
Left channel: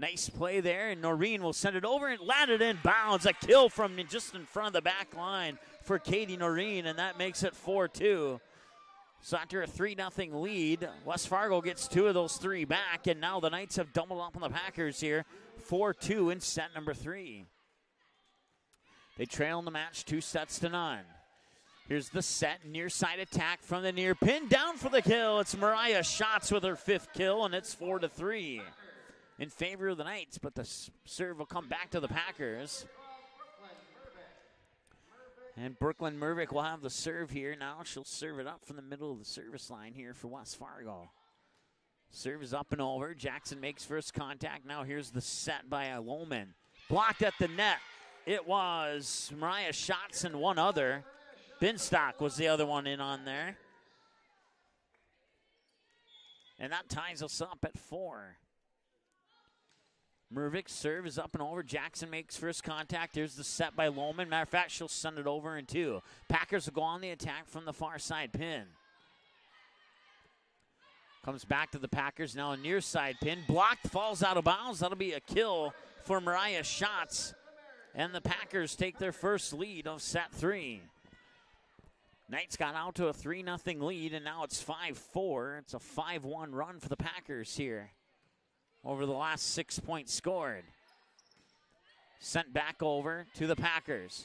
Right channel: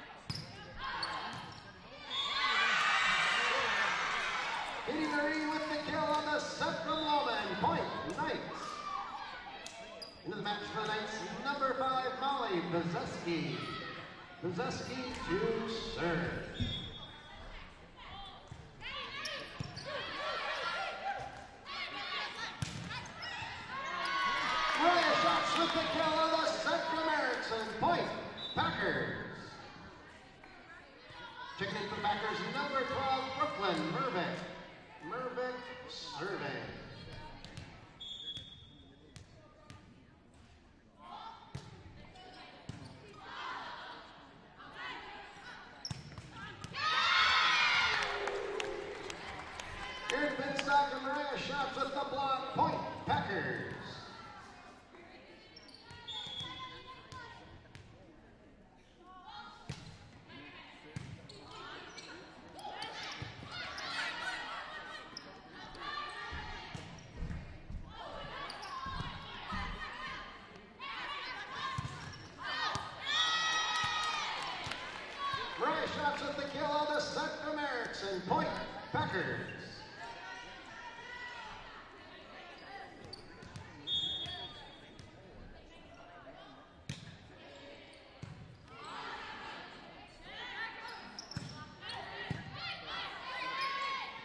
Nice play there, and Noreen will send it over and landed in bounds. A kill from just in front of the back line for Katie Noreen, and that makes it 4-2. So after a 3-0 lead, West Fargo gets 2 of those 3 back, and now the Knights have doubled up on the Packers here. 4-2 in set number 3. They trail in the match 2 sets to none. Here's the set, near side attack from the near pin, down for the kill. It's Mariah Schatz with her 5th kill, and it's 4-3 in favor of the Knights, but the serve will come back to the Packers. And Brooklyn Mervick will have the serve here. Now she'll serve it up from the middle of the service line here for West Fargo. Serve is up and over. Jackson makes first contact. Now here's the set by a Woolman. Blocked at the net. It was Mariah Schatz and one other. Binstock was the other one in on there. And that ties us up at 4. Mervick's serve is up and over. Jackson makes first contact. Here's the set by Lohman. Matter of fact, she'll send it over in 2. Packers will go on the attack from the far side pin. Comes back to the Packers, now a near side pin. Blocked, falls out of bounds. That'll be a kill for Mariah Schatz. And the Packers take their first lead of set 3. Knights got out to a 3-0 lead, and now it's 5-4. It's a 5-1 run for the Packers here over the last 6 points scored. Sent back over to the Packers.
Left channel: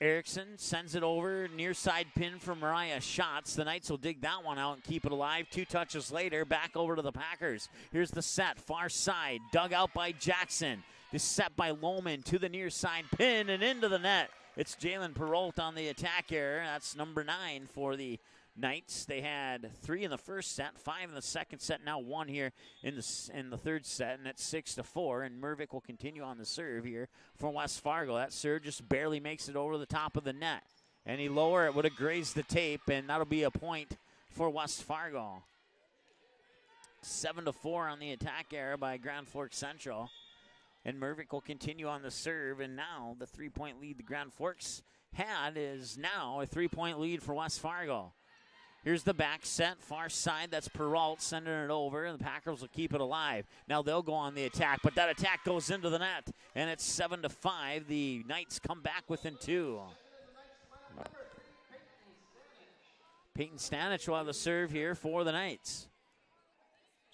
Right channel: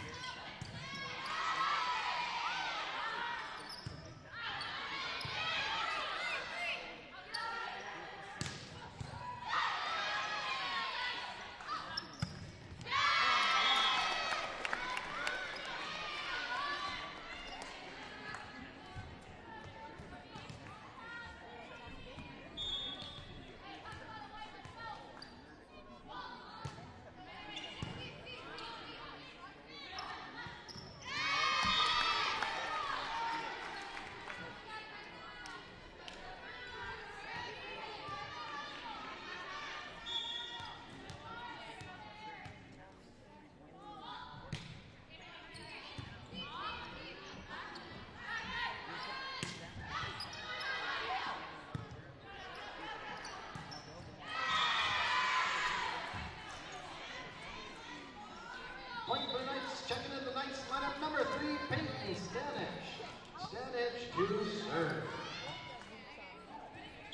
Erickson sends it over, near side pin from Mariah Schatz. The Knights will dig that one out and keep it alive. 2 touches later, back over to the Packers. Here's the set, far side, dug out by Jackson. The set by Lohman to the near side pin and into the net. It's Jalen Perrault on the attack error. That's number 9 for the Knights. They had 3 in the first set, 5 in the second set, now 1 here in the third set, and it's 6-4. And Mervick will continue on the serve here for West Fargo. That serve just barely makes it over the top of the net. Any lower, it would have grazed the tape, and that'll be a point for West Fargo. 7-4 on the attack error by Grand Forks Central. And Mervick will continue on the serve, and now the 3-point lead the Grand Forks had is now a 3-point lead for West Fargo. Here's the back set, far side, that's Perrault sending it over, and the Packers will keep it alive. Now they'll go on the attack, but that attack goes into the net, and it's 7-5. The Knights come back within 2. Checking in the Knights lineup, number 3, Peyton Stanich. Peyton Stanich will have the serve here for the Knights.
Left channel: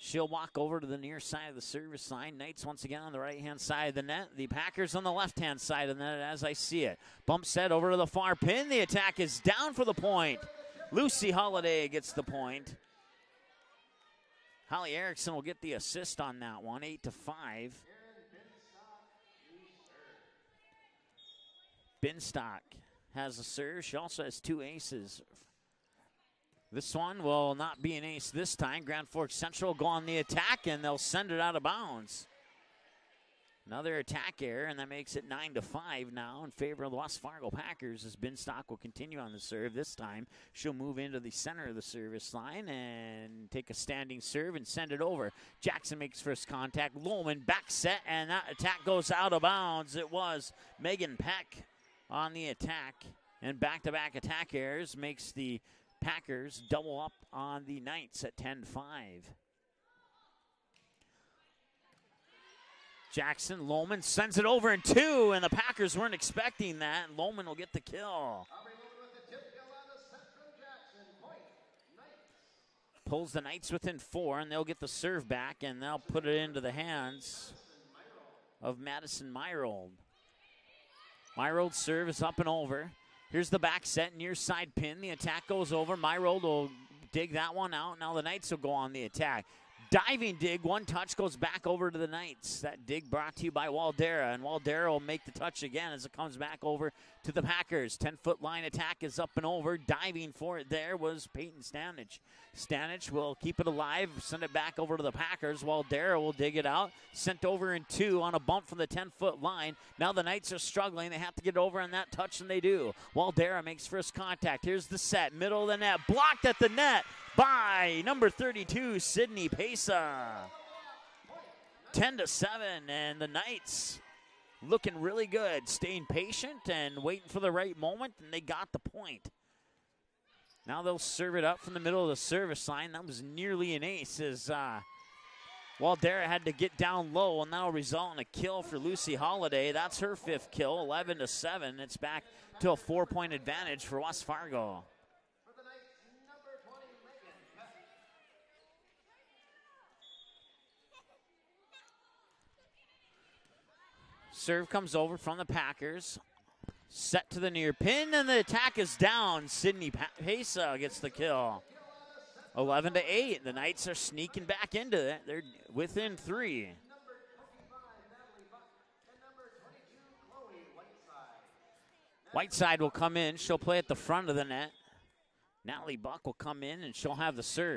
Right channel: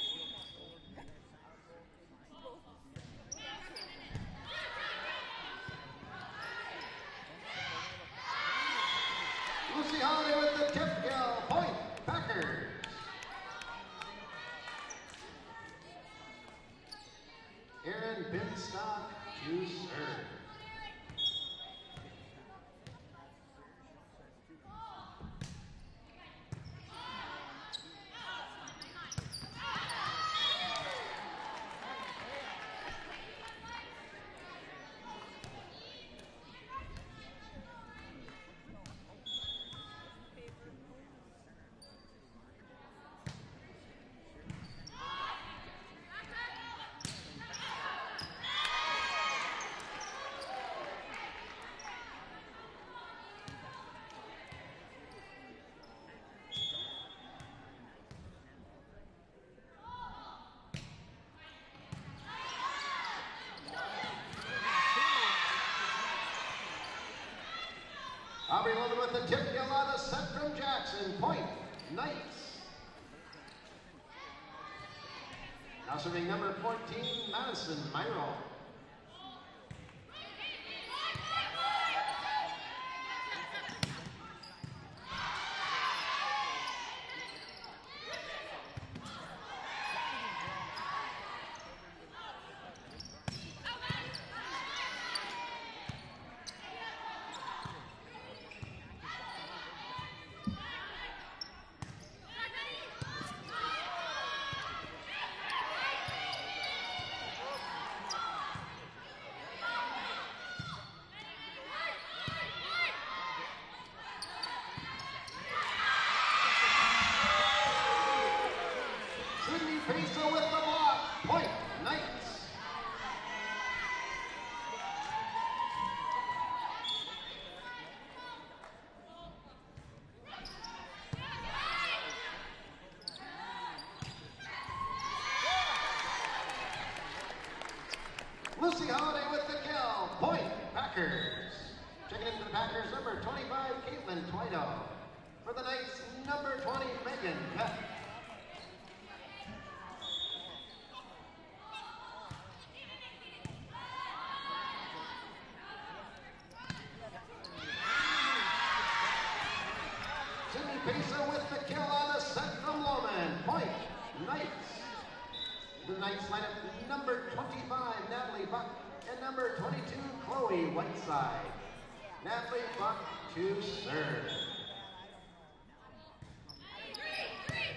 She'll walk over to the near side of the service line. Knights once again on the right-hand side of the net. The Packers on the left-hand side of the net as I see it. Bump set over to the far pin. The attack is down for the point. Lucy Holiday gets the point. Holly Erickson will get the assist on that one, 8-5. Aaron Binstock to serve. Binstock has a serve. She also has 2 aces. This one will not be an ace this time. Grand Forks Central will go on the attack, and they'll send it out of bounds. Another attack error, and that makes it 9-5 now in favor of the West Fargo Packers as Binstock will continue on the serve. This time, she'll move into the center of the service line and take a standing serve and send it over. Jackson makes first contact. Lohman back set, and that attack goes out of bounds. It was Megan Peck on the attack, and back-to-back attack errors makes the Packers double up on the Knights at 10-5. Jackson, Lohman sends it over in 2, and the Packers weren't expecting that. Lohman will get the kill. Aubrey Lohman with the tip kill on the set from Jackson. Point, Knights. Pulls the Knights within 4, and they'll get the serve back, and they'll put it into the hands of Madison Myrold. Myrold's serve is up and over. Here's the back set, near side pin. The attack goes over. Myrold will dig that one out. Now the Knights will go on the attack. Diving dig, 1 touch goes back over to the Knights. That dig brought to you by Waldera, and Waldera will make the touch again as it comes back over to the Packers. 10-foot line attack is up and over. Diving for it there was Peyton Stanich. Stanich will keep it alive, send it back over to the Packers. Waldera will dig it out. Sent over in 2 on a bump from the 10-foot line. Now the Knights are struggling. They have to get over on that touch, and they do. Waldera makes first contact. Here's the set, middle of the net. Blocked at the net by number 32, Sydney Pesa. 10-7, and the Knights looking really good, staying patient and waiting for the right moment, and they got the point. Now they'll serve it up from the middle of the service line. That was nearly an ace as Waldera had to get down low, and that'll result in a kill for Lucy Holiday. That's her 5th kill, 11-7. It's back to a 4-point advantage for West Fargo. For the Knights, number 20, Megan Peck. Serve comes over from the Packers. Set to the near pin, and the attack is down. Sydney Pesa gets the kill. 11-8. The Knights are sneaking back into it. They're within 3. Number 25, Natalie Buck, and number 22, Chloe Whiteside. Whiteside will come in. She'll play at the front of the net. Natalie Buck will come in, and she'll have the serve.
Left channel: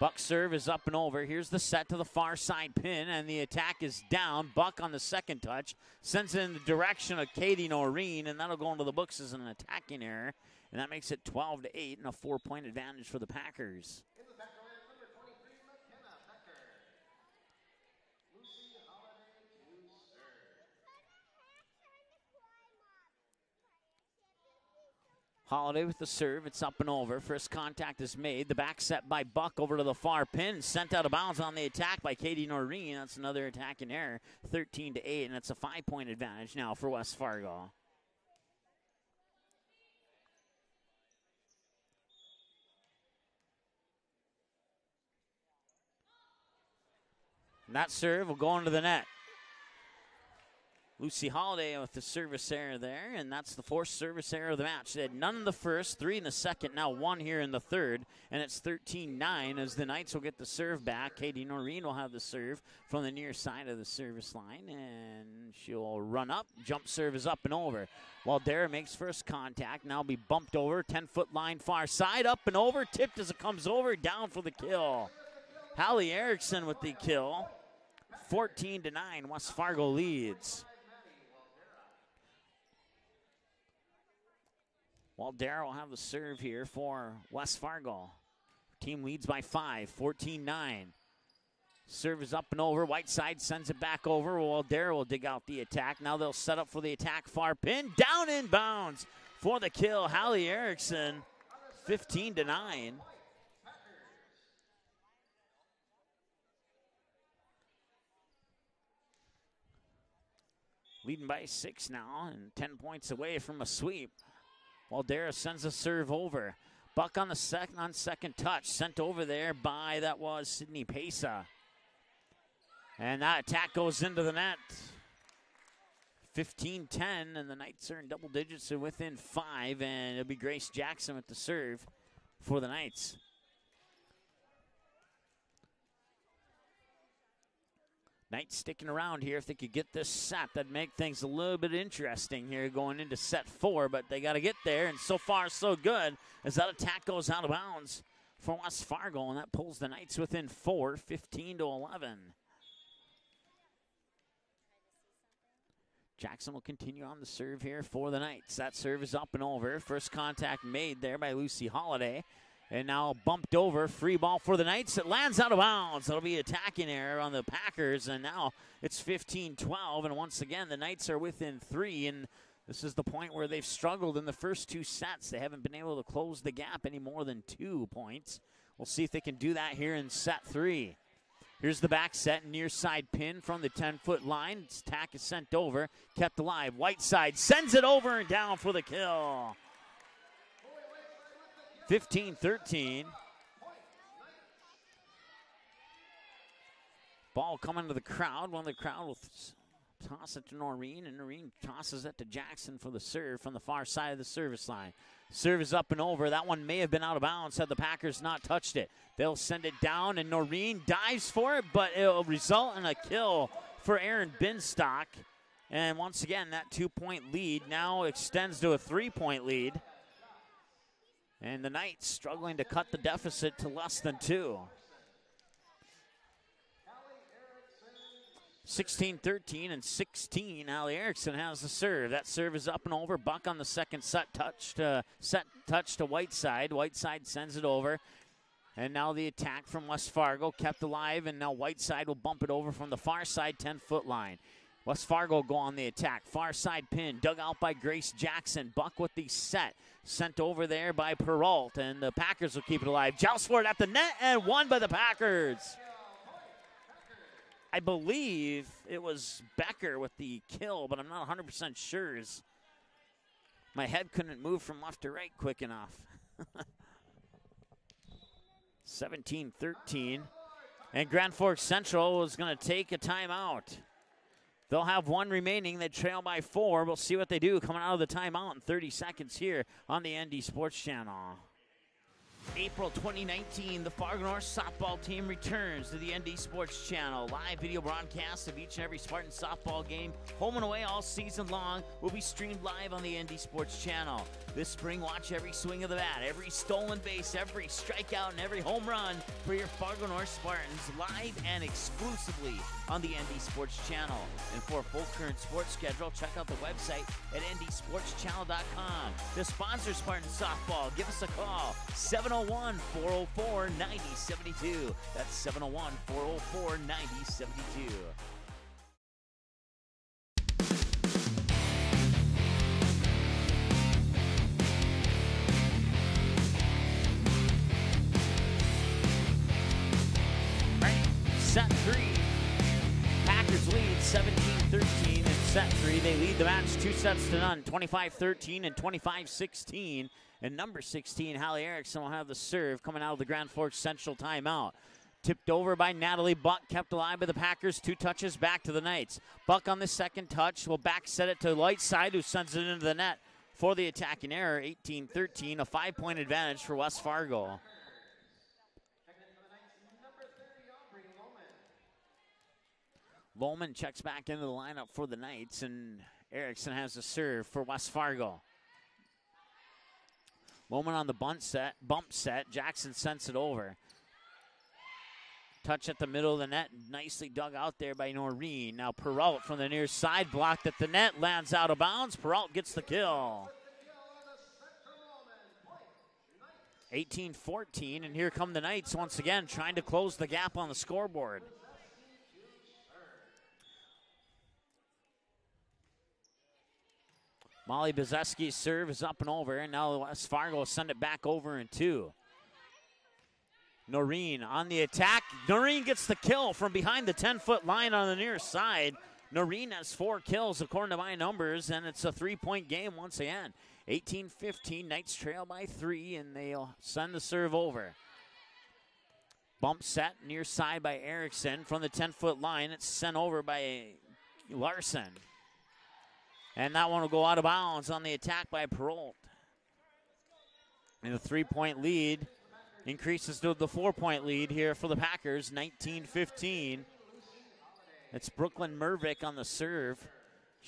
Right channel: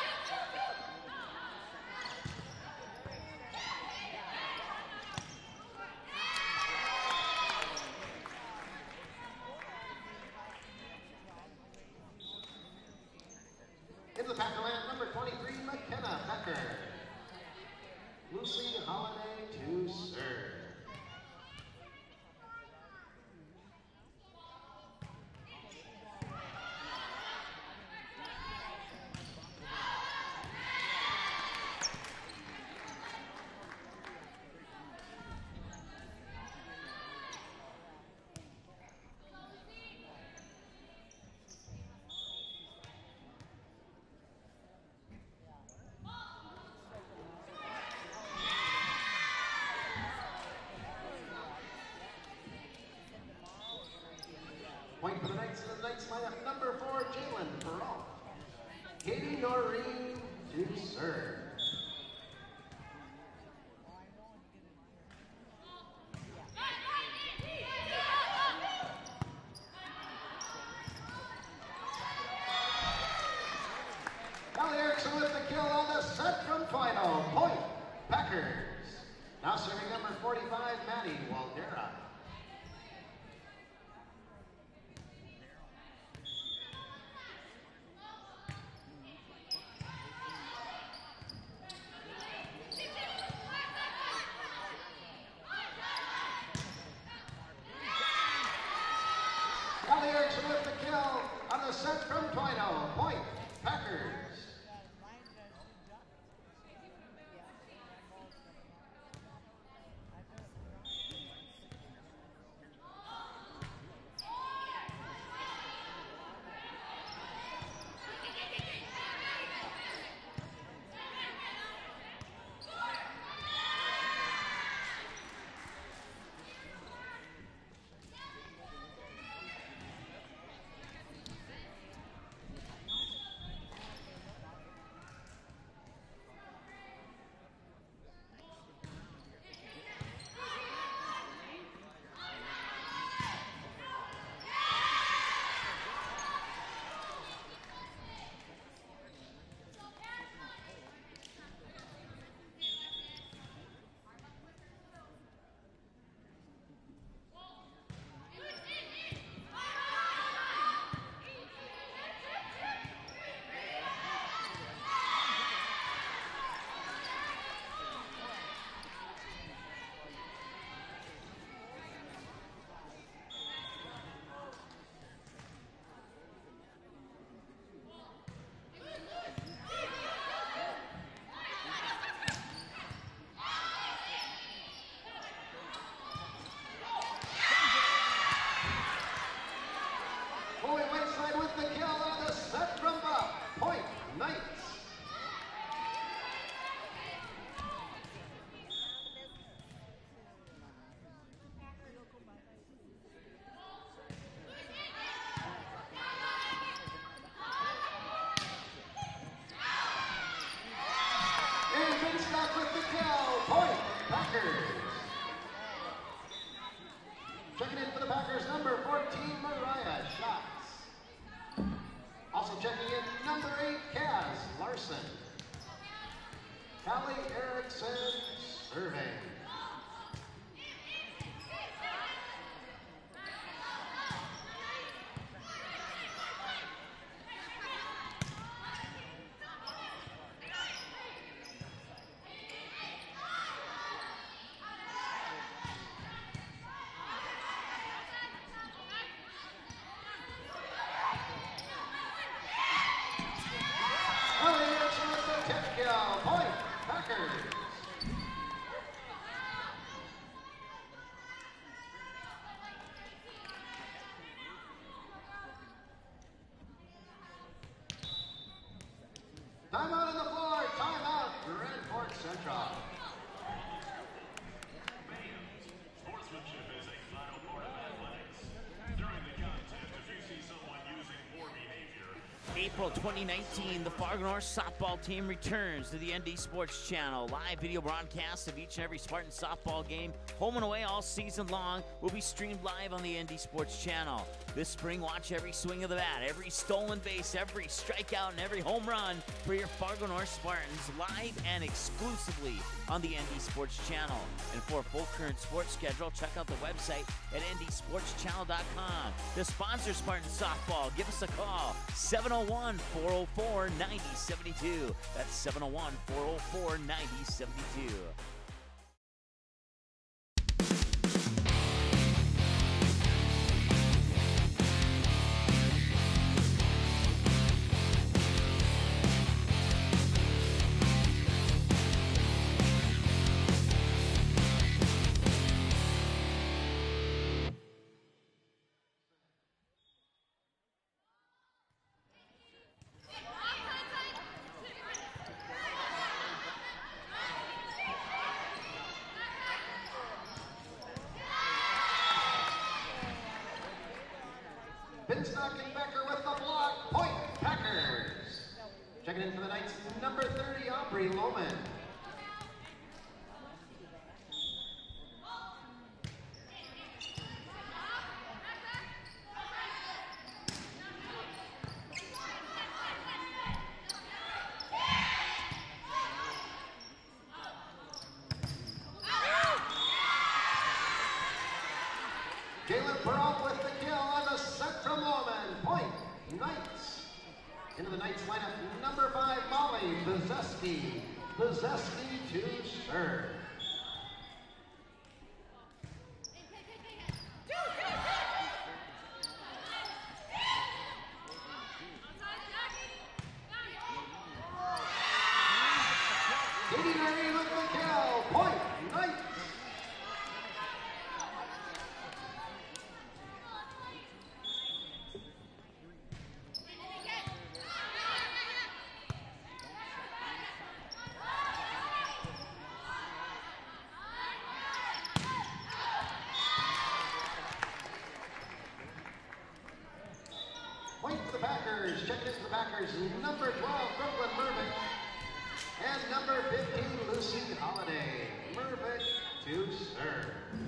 Buck's serve is up and over. Here's the set to the far side pin, and the attack is down. Buck on the second touch sends it in the direction of Katie Noreen, and that'll go into the books as an attacking error. And that makes it 12-8 and a 4-point advantage for the Packers. In the Packer land, number 23, McKenna Becker. Lucy Holiday to serve. Holiday with the serve. It's up and over. First contact is made. The back set by Buck over to the far pin. Sent out of bounds on the attack by Katie Noreen. That's another attacking error. 13-8, and it's a 5-point advantage now for West Fargo. And that serve will go into the net. Lucy Holiday with the service error there, and that's the fourth service error of the match. They had none in the first, 3 in the second, now 1 here in the third, and it's 13-9 as the Knights will get the serve back. Katie Noreen will have the serve from the near side of the service line, and she'll run up. Jump serve is up and over. Waldera makes first contact, now be bumped over. 10-foot line far side, up and over, tipped as it comes over, down for the kill. Hallie Erickson with the kill. 14-9, West Fargo leads. Waldera will have the serve here for West Fargo. Team leads by 5, 14-9. Serve is up and over. Whiteside sends it back over. Waldera will dig out the attack. Now they'll set up for the attack. Far pin, down in bounds for the kill. Hallie Erickson, 15-9. Leading by 6 now and 10 points away from a sweep. Waldera sends a serve over. Buck on the second touch. Sent over there by, that was Sydney Pesa. And that attack goes into the net. 15-10, and the Knights are in double digits. They're within 5, and it'll be Grace Jackson with the serve for the Knights. Knights sticking around here. If they could get this set, that'd make things a little bit interesting here going into set 4, but they got to get there, and so far so good as that attack goes out of bounds for West Fargo, and that pulls the Knights within 4, 15-11. Jackson will continue on the serve here for the Knights. That serve is up and over. First contact made there by Lucy Holiday. And now bumped over, free ball for the Knights. It lands out of bounds. It'll be attacking error on the Packers, and now it's 15-12, and once again the Knights are within 3, and this is the point where they've struggled in the first 2 sets. They haven't been able to close the gap any more than 2 points. We'll see if they can do that here in set 3. Here's the back set, near side pin from the 10-foot line. This attack is sent over, kept alive. Whiteside sends it over and down for the kill. 15-13. Ball coming to the crowd. One of the crowd will toss it to Noreen, and Noreen tosses it to Jackson for the serve from the far side of the service line. Serve is up and over. That one may have been out of bounds had the Packers not touched it. They'll send it down, and Noreen dives for it, but it will result in a kill for Erin Binstock. And once again, that 2-point lead now extends to a 3-point lead. And the Knights struggling to cut the deficit to less than 2. 16-13 and 16. Hallie Erickson has the serve. That serve is up and over. Buck on the second touch to Whiteside. Whiteside sends it over. And now the attack from West Fargo kept alive, and now Whiteside will bump it over from the far side 10-foot line. West Fargo go on the attack. Far side pin dug out by Grace Jackson. Buck with the set. Sent over there by Perrault, and the Packers will keep it alive. Joust for it at the net, and won by the Packers. I believe it was Becker with the kill, but I'm not 100% sure. My head couldn't move from left to right quick enough. 17-13, and Grand Forks Central is going to take a timeout. They'll have 1 remaining. They trail by 4. We'll see what they do coming out of the timeout in 30 seconds here on the ND Sports Channel. April 2019, the Fargo North softball team returns to the ND Sports Channel. Live video broadcasts of each and every Spartan softball game, home and away all season long, will be streamed live on the ND Sports Channel. This spring, watch every swing of the bat, every stolen base, every strikeout, and every home run for your Fargo North Spartans live and exclusively on the ND Sports Channel. And for a full current sports schedule, check out the website at ndsportschannel.com. To sponsor Spartan softball, give us a call, 701-404-9072. That's 701-404-9072. the match 2-0, 25-13 and 25-16. And number 16, Hallie Erickson, will have the serve coming out of the Grand Forks Central timeout. Tipped over by Natalie Buck, kept alive by the Packers. 2 touches back to the Knights. Buck on the second touch will back set it to the right side, who sends it into the net for the attacking error. 18-13, a 5-point advantage for West Fargo. Checking in for the Knights, number 30, Aubrey Lohman. Bowman checks back into the lineup for the Knights, and Erickson has the serve for West Fargo. Bowman on the bump set. Jackson sends it over. Touch at the middle of the net, nicely dug out there by Noreen. Now Perrault from the near side, blocked at the net, lands out of bounds. Perrault gets the kill. Perrault with the kill on the set from Lohman. Point, Knights. 18-14, and here come the Knights once again, trying to close the gap on the scoreboard. Bezeski to serve. Molly Bezeski's serve is up and over, and now West Fargo will send it back over in 2. Noreen on the attack. Noreen gets the kill from behind the 10-foot line on the near side. Noreen has 4 kills according to my numbers, and it's a 3-point game once again. 18-15, Knights trail by 3, and they'll send the serve over. Bump set near side by Erickson from the 10-foot line. It's sent over by Larson. And that one will go out of bounds on the attack by Perrault. And a 3-point lead increases to a 4-point lead here for the Packers, 19-15. It's Brooklyn Mervick on the serve.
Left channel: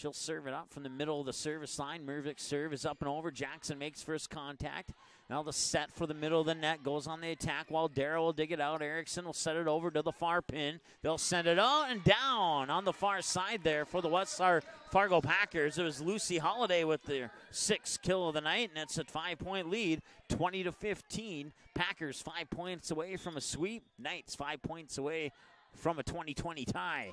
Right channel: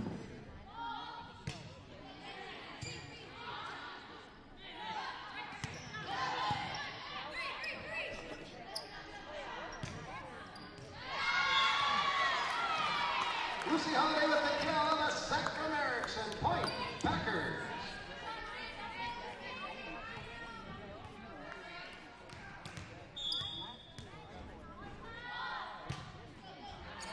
She'll serve it up from the middle of the service line. Mervick's serve is up and over. Jackson makes first contact. Now the set for the middle of the net goes on the attack while Darrow will dig it out. Erickson will set it over to the far pin. They'll send it on and down on the far side there for the West Fargo Packers. There's Lucy Holiday with the 6th kill of the night, and it's a 5-point lead, 20-15. Packers 5 points away from a sweep. Knights 5 points away from a 20-20 tie.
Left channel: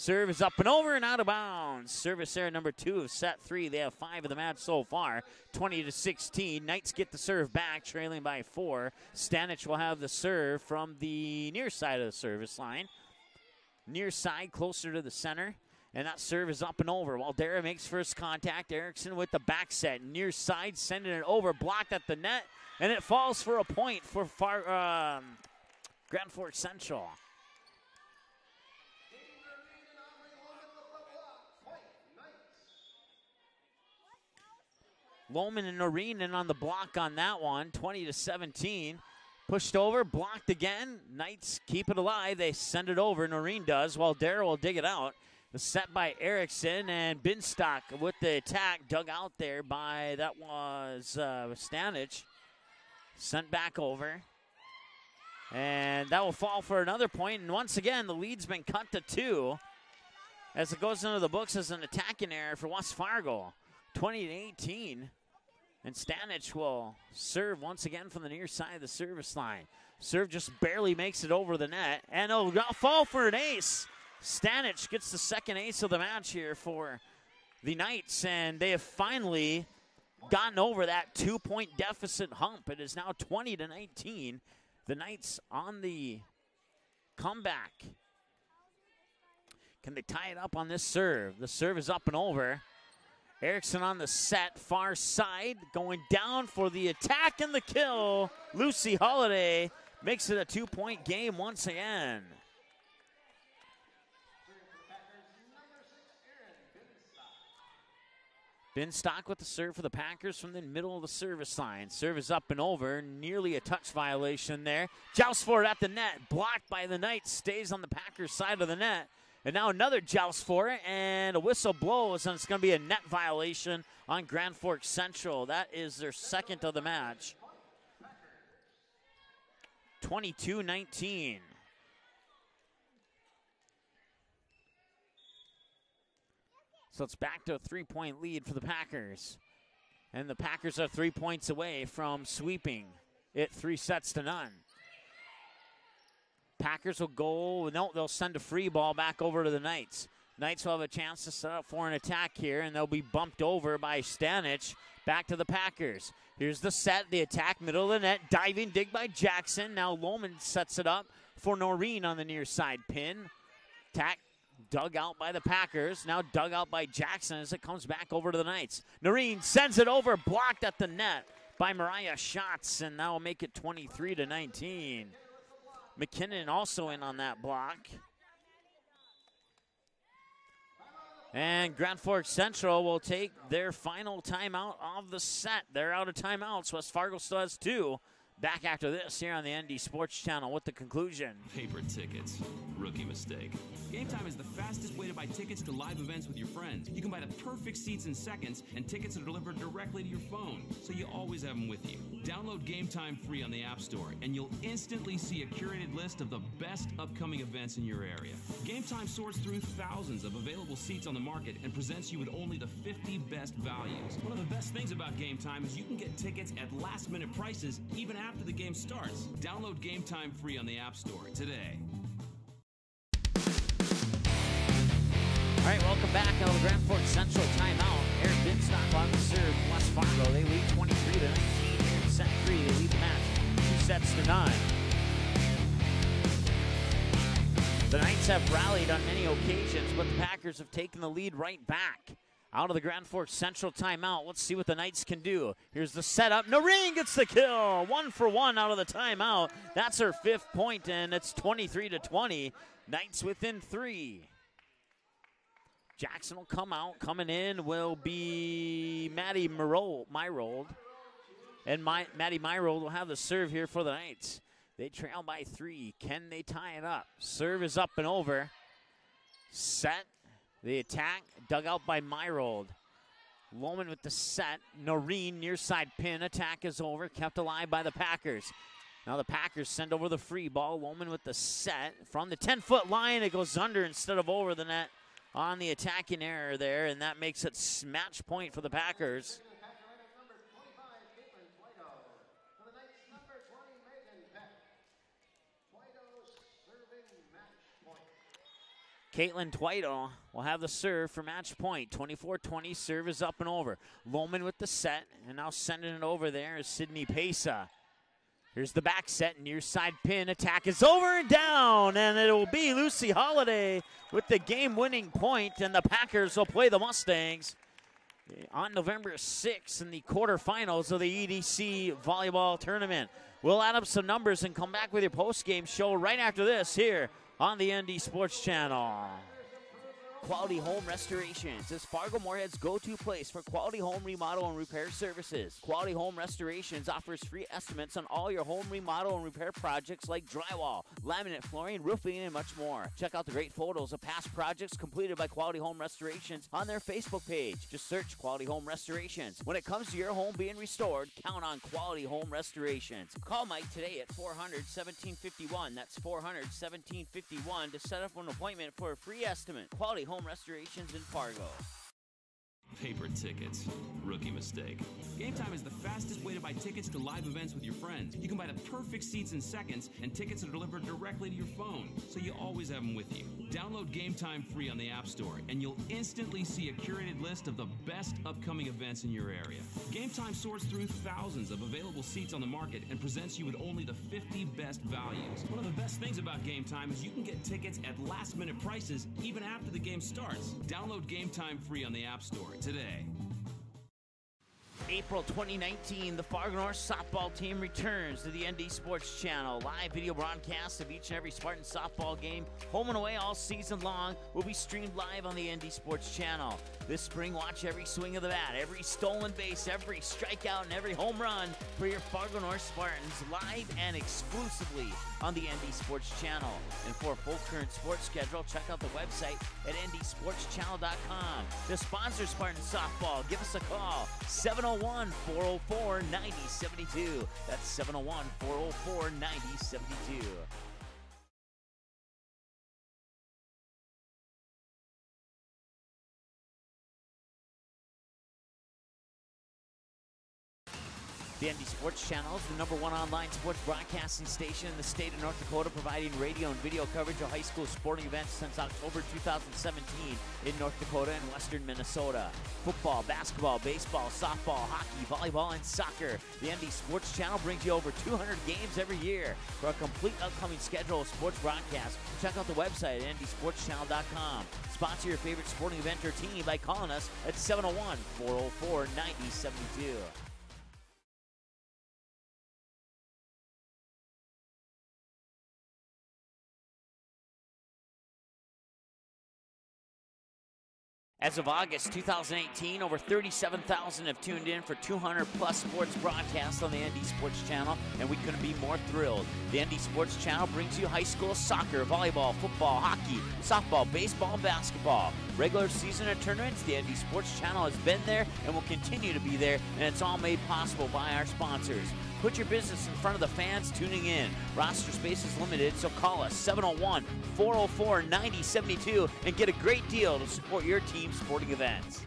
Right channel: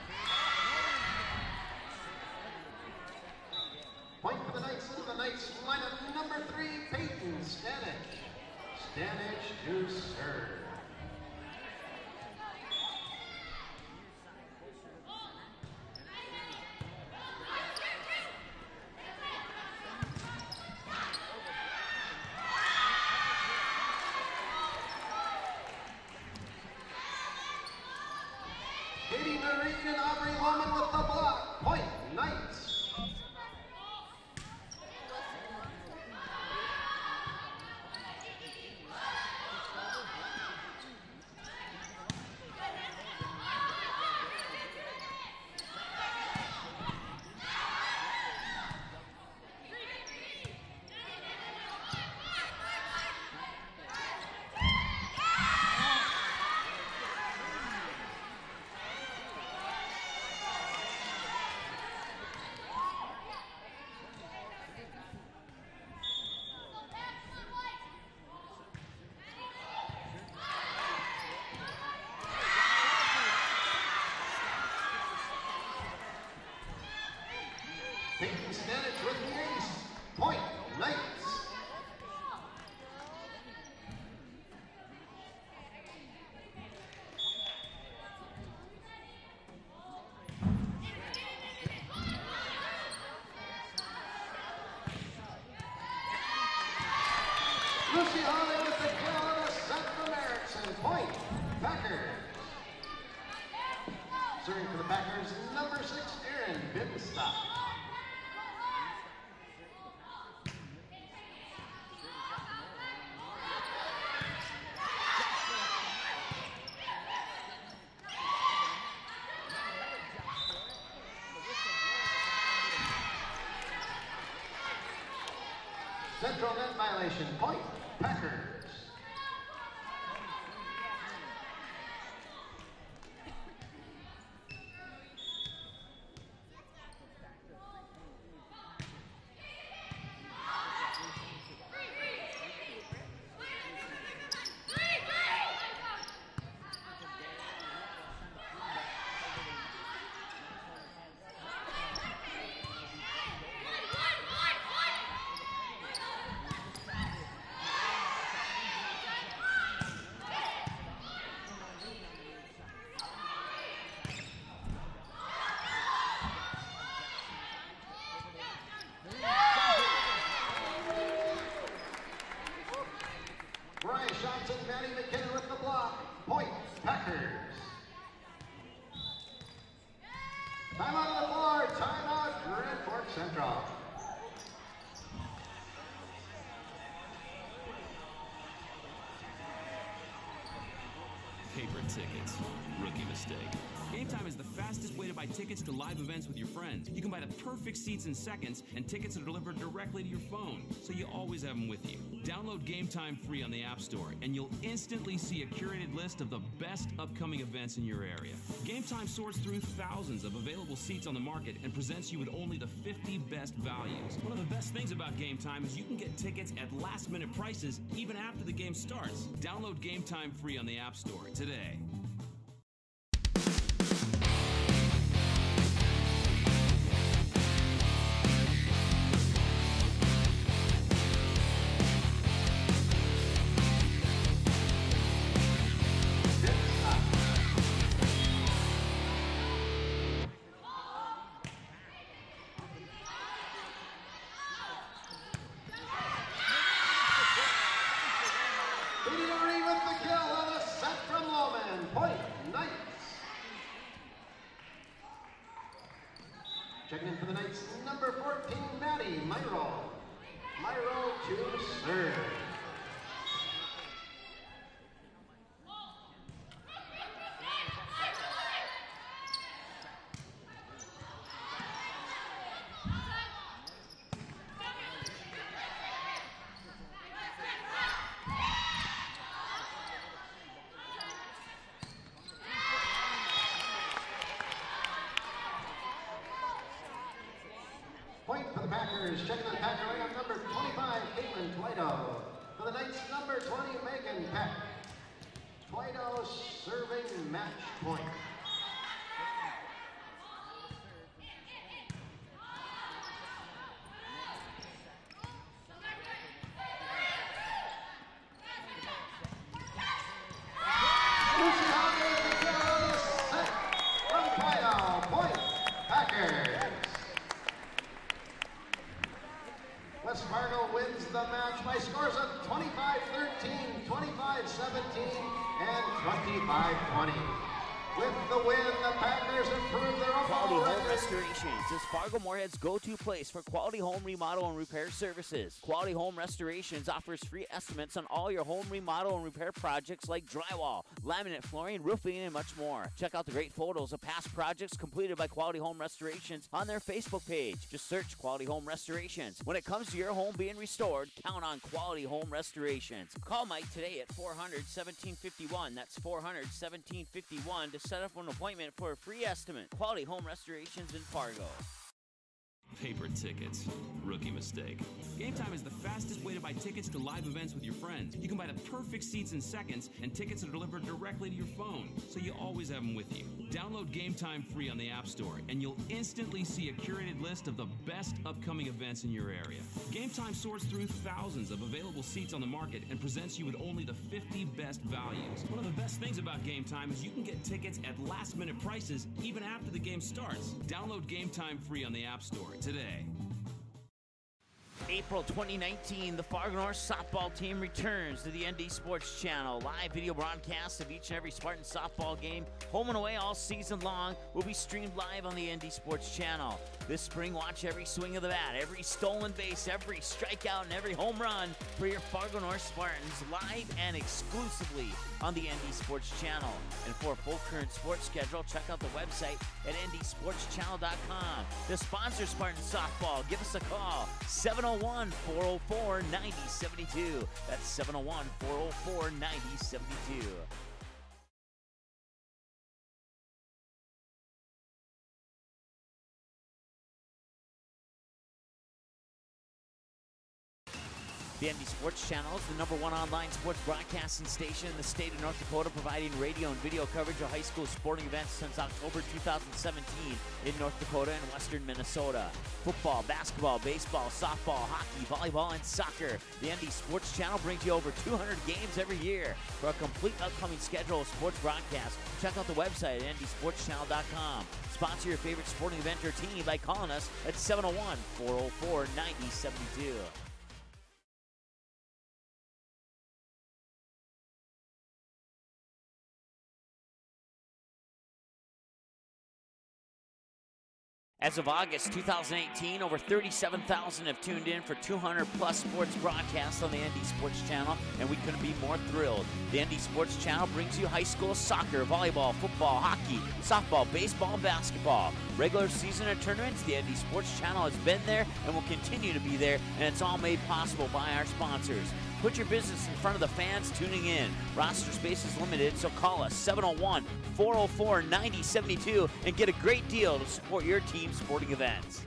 Serve is up and over and out of bounds. Service error number 2 of set 3. They have 5 of the match so far. 20-16. Knights get the serve back, trailing by 4. Stanich will have the serve from the near side of the service line. Near side, closer to the center. And that serve is up and over. While Dara makes first contact, Erickson with the back set. Near side, sending it over, blocked at the net. And it falls for a point for Grand Forks Central. Katie Noreen and Aubrey Lohman with the block. Point, Knights. Lohman and Noreen in on the block on that one, 20-17. Pushed over, blocked again. Knights keep it alive. They send it over, Noreen does, while Darrow will dig it out. The set by Erickson, and Binstock with the attack, dug out there by, that was Stanich. Sent back over. And that will fall for another point. And once again, the lead's been cut to 2 as it goes into the books as an attacking error for West Fargo. 20-18. And Stanich will serve once again from the near side of the service line. Serve just barely makes it over the net. And a fall for an ace. Stanich gets the second ace of the match here for the Knights. And they have finally gotten over that 2-point deficit hump. It is now 20-19. The Knights on the comeback. Can they tie it up on this serve? The serve is up and over. Erickson on the set, far side, going down for the attack and the kill. Lucy Holiday makes it a 2-point game once again. Serving for the Packers, number 6, Erin Binstock. Binstock with the serve for the Packers from the middle of the service line. Serve is up and over, nearly a touch violation there. Joust for it at the net, blocked by the Knights, stays on the Packers side of the net. And now another joust for it, and a whistle blows, and it's going to be a net violation on Grand Forks Central. That is their second of the match. Point, Packers. 22-19. So it's back to a 3-point lead for the Packers. And the Packers are 3 points away from sweeping it 3-0. Packers will go, no, they'll send a free ball back over to the Knights. Knights will have a chance to set up for an attack here, and they'll be bumped over by Stanich. Back to the Packers. Here's the set, the attack, middle of the net, diving dig by Jackson. Now Lohman sets it up for Noreen on the near side pin. Attack Dug out by the Packers, now dug out by Jackson as it comes back over to the Knights. Noreen sends it over, blocked at the net by Mariah Schatz, and that'll make it 23-19. McKinnon also in on that block. And Grand Forks Central will take their final timeout of the set. They're out of timeouts. West Fargo still has 2. Back after this here on the ND Sports Channel with the conclusion. Paper tickets. Rookie mistake. Game Time is the fastest way to buy tickets to live events with your friends. You can buy the perfect seats in seconds, and tickets are delivered directly to your phone, so you always have them with you. Download Game Time free on the App Store, and you'll instantly see a curated list of the best upcoming events in your area. Game Time sorts through thousands of available seats on the market and presents you with only the 50 best values. One of the best things about Game Time is you can get tickets at last-minute prices even after the game starts. Download Game Time free on the App Store today. All right, welcome back on the Grand Forks Central timeout. Aaron Dinstock on the serve. West Fargo, they lead 23-19 and set 3. They lead the match 2 sets to 9. The Knights have rallied on many occasions, but the Packers have taken the lead right back. Out of the Grand Forks Central timeout. Let's see what the Knights can do. Here's the setup. Noreen gets the kill. 1 for 1 out of the timeout. That's her 5th point, and it's 23-20. Knights within 3. Jackson will come out. Coming in will be Maddie Myrold. And Maddie Myrold will have the serve here for the Knights. They trail by 3. Can they tie it up? Serve is up and over. Set. The attack dug out by Myrold. Loman with the set. Noreen near side pin. Attack is over. Kept alive by the Packers. Now the Packers send over the free ball. Loman with the set. From the 10-foot line, it goes under instead of over the net on the attacking error there, and that makes it match point for the Packers. Number 25, Caitlin Twido. For the Knights, number 20, Megan Peck. Twido serving match point. Caitlin Twido will have the serve for match point. 24-20, serve is up and over. Loman with the set, and now sending it over there is Sydney Pesa. Here's the back set, near side pin, attack is over and down, and it will be Lucy Holiday with the game-winning point, and the Packers will play the Mustangs on November 6th in the quarterfinals of the EDC volleyball tournament. We'll add up some numbers and come back with your post-game show right after this here on the ND Sports Channel. Quality Home Restorations is Fargo Moorhead's go-to place for quality home remodel and repair services. Quality Home Restorations offers free estimates on all your home remodel and repair projects like drywall, laminate flooring, roofing, and much more. Check out the great photos of past projects completed by Quality Home Restorations on their Facebook page. Just search Quality Home Restorations. When it comes to your home being restored, count on Quality Home Restorations. Call Mike today at 400-1751. That's 400-1751 to set up an appointment for a free estimate. Quality Home Restorations in Fargo. Paper tickets. Rookie mistake. Game Time is the fastest way to buy tickets to live events with your friends. You can buy the perfect seats in seconds, and tickets are delivered directly to your phone, so you always have them with you. Download Game Time free on the App Store, and you'll instantly see a curated list of the best upcoming events in your area. Game Time sorts through thousands of available seats on the market and presents you with only the 50 best values. One of the best things about Game Time is you can get tickets at last-minute prices even after the game starts. Download Game Time free on the App Store today. April 2019, the Fargo North softball team returns to the ND Sports Channel. Live video broadcasts of each and every Spartan softball game, home and away all season long, will be streamed live on the ND Sports Channel. This spring, watch every swing of the bat, every stolen base, every strikeout, and every home run for your Fargo North Spartans live and exclusively on the ND Sports Channel. And for a full current sports schedule, check out the website at ndsportschannel.com. To sponsor Spartan softball, give us a call, 701-404-9072. That's 701-404-9072. The ND Sports Channel is the #1 online sports broadcasting station in the state of North Dakota, providing radio and video coverage of high school sporting events since October 2017 in North Dakota and western Minnesota. Football, basketball, baseball, softball, hockey, volleyball, and soccer. The ND Sports Channel brings you over 200 games every year. For a complete upcoming schedule of sports broadcasts, check out the website at ndsportschannel.com. Sponsor your favorite sporting event or team by calling us at 701-404-9072. As of August 2018, over 37,000 have tuned in for 200-plus sports broadcasts on the ND Sports Channel, and we couldn't be more thrilled. The ND Sports Channel brings you high school soccer, volleyball, football, hockey, softball, baseball, and basketball. Regular season and tournaments, the ND Sports Channel has been there and will continue to be there, and it's all made possible by our sponsors. Put your business in front of the fans tuning in. Roster space is limited, so call us 701-404-9072 and get a great deal to support your team's sporting events.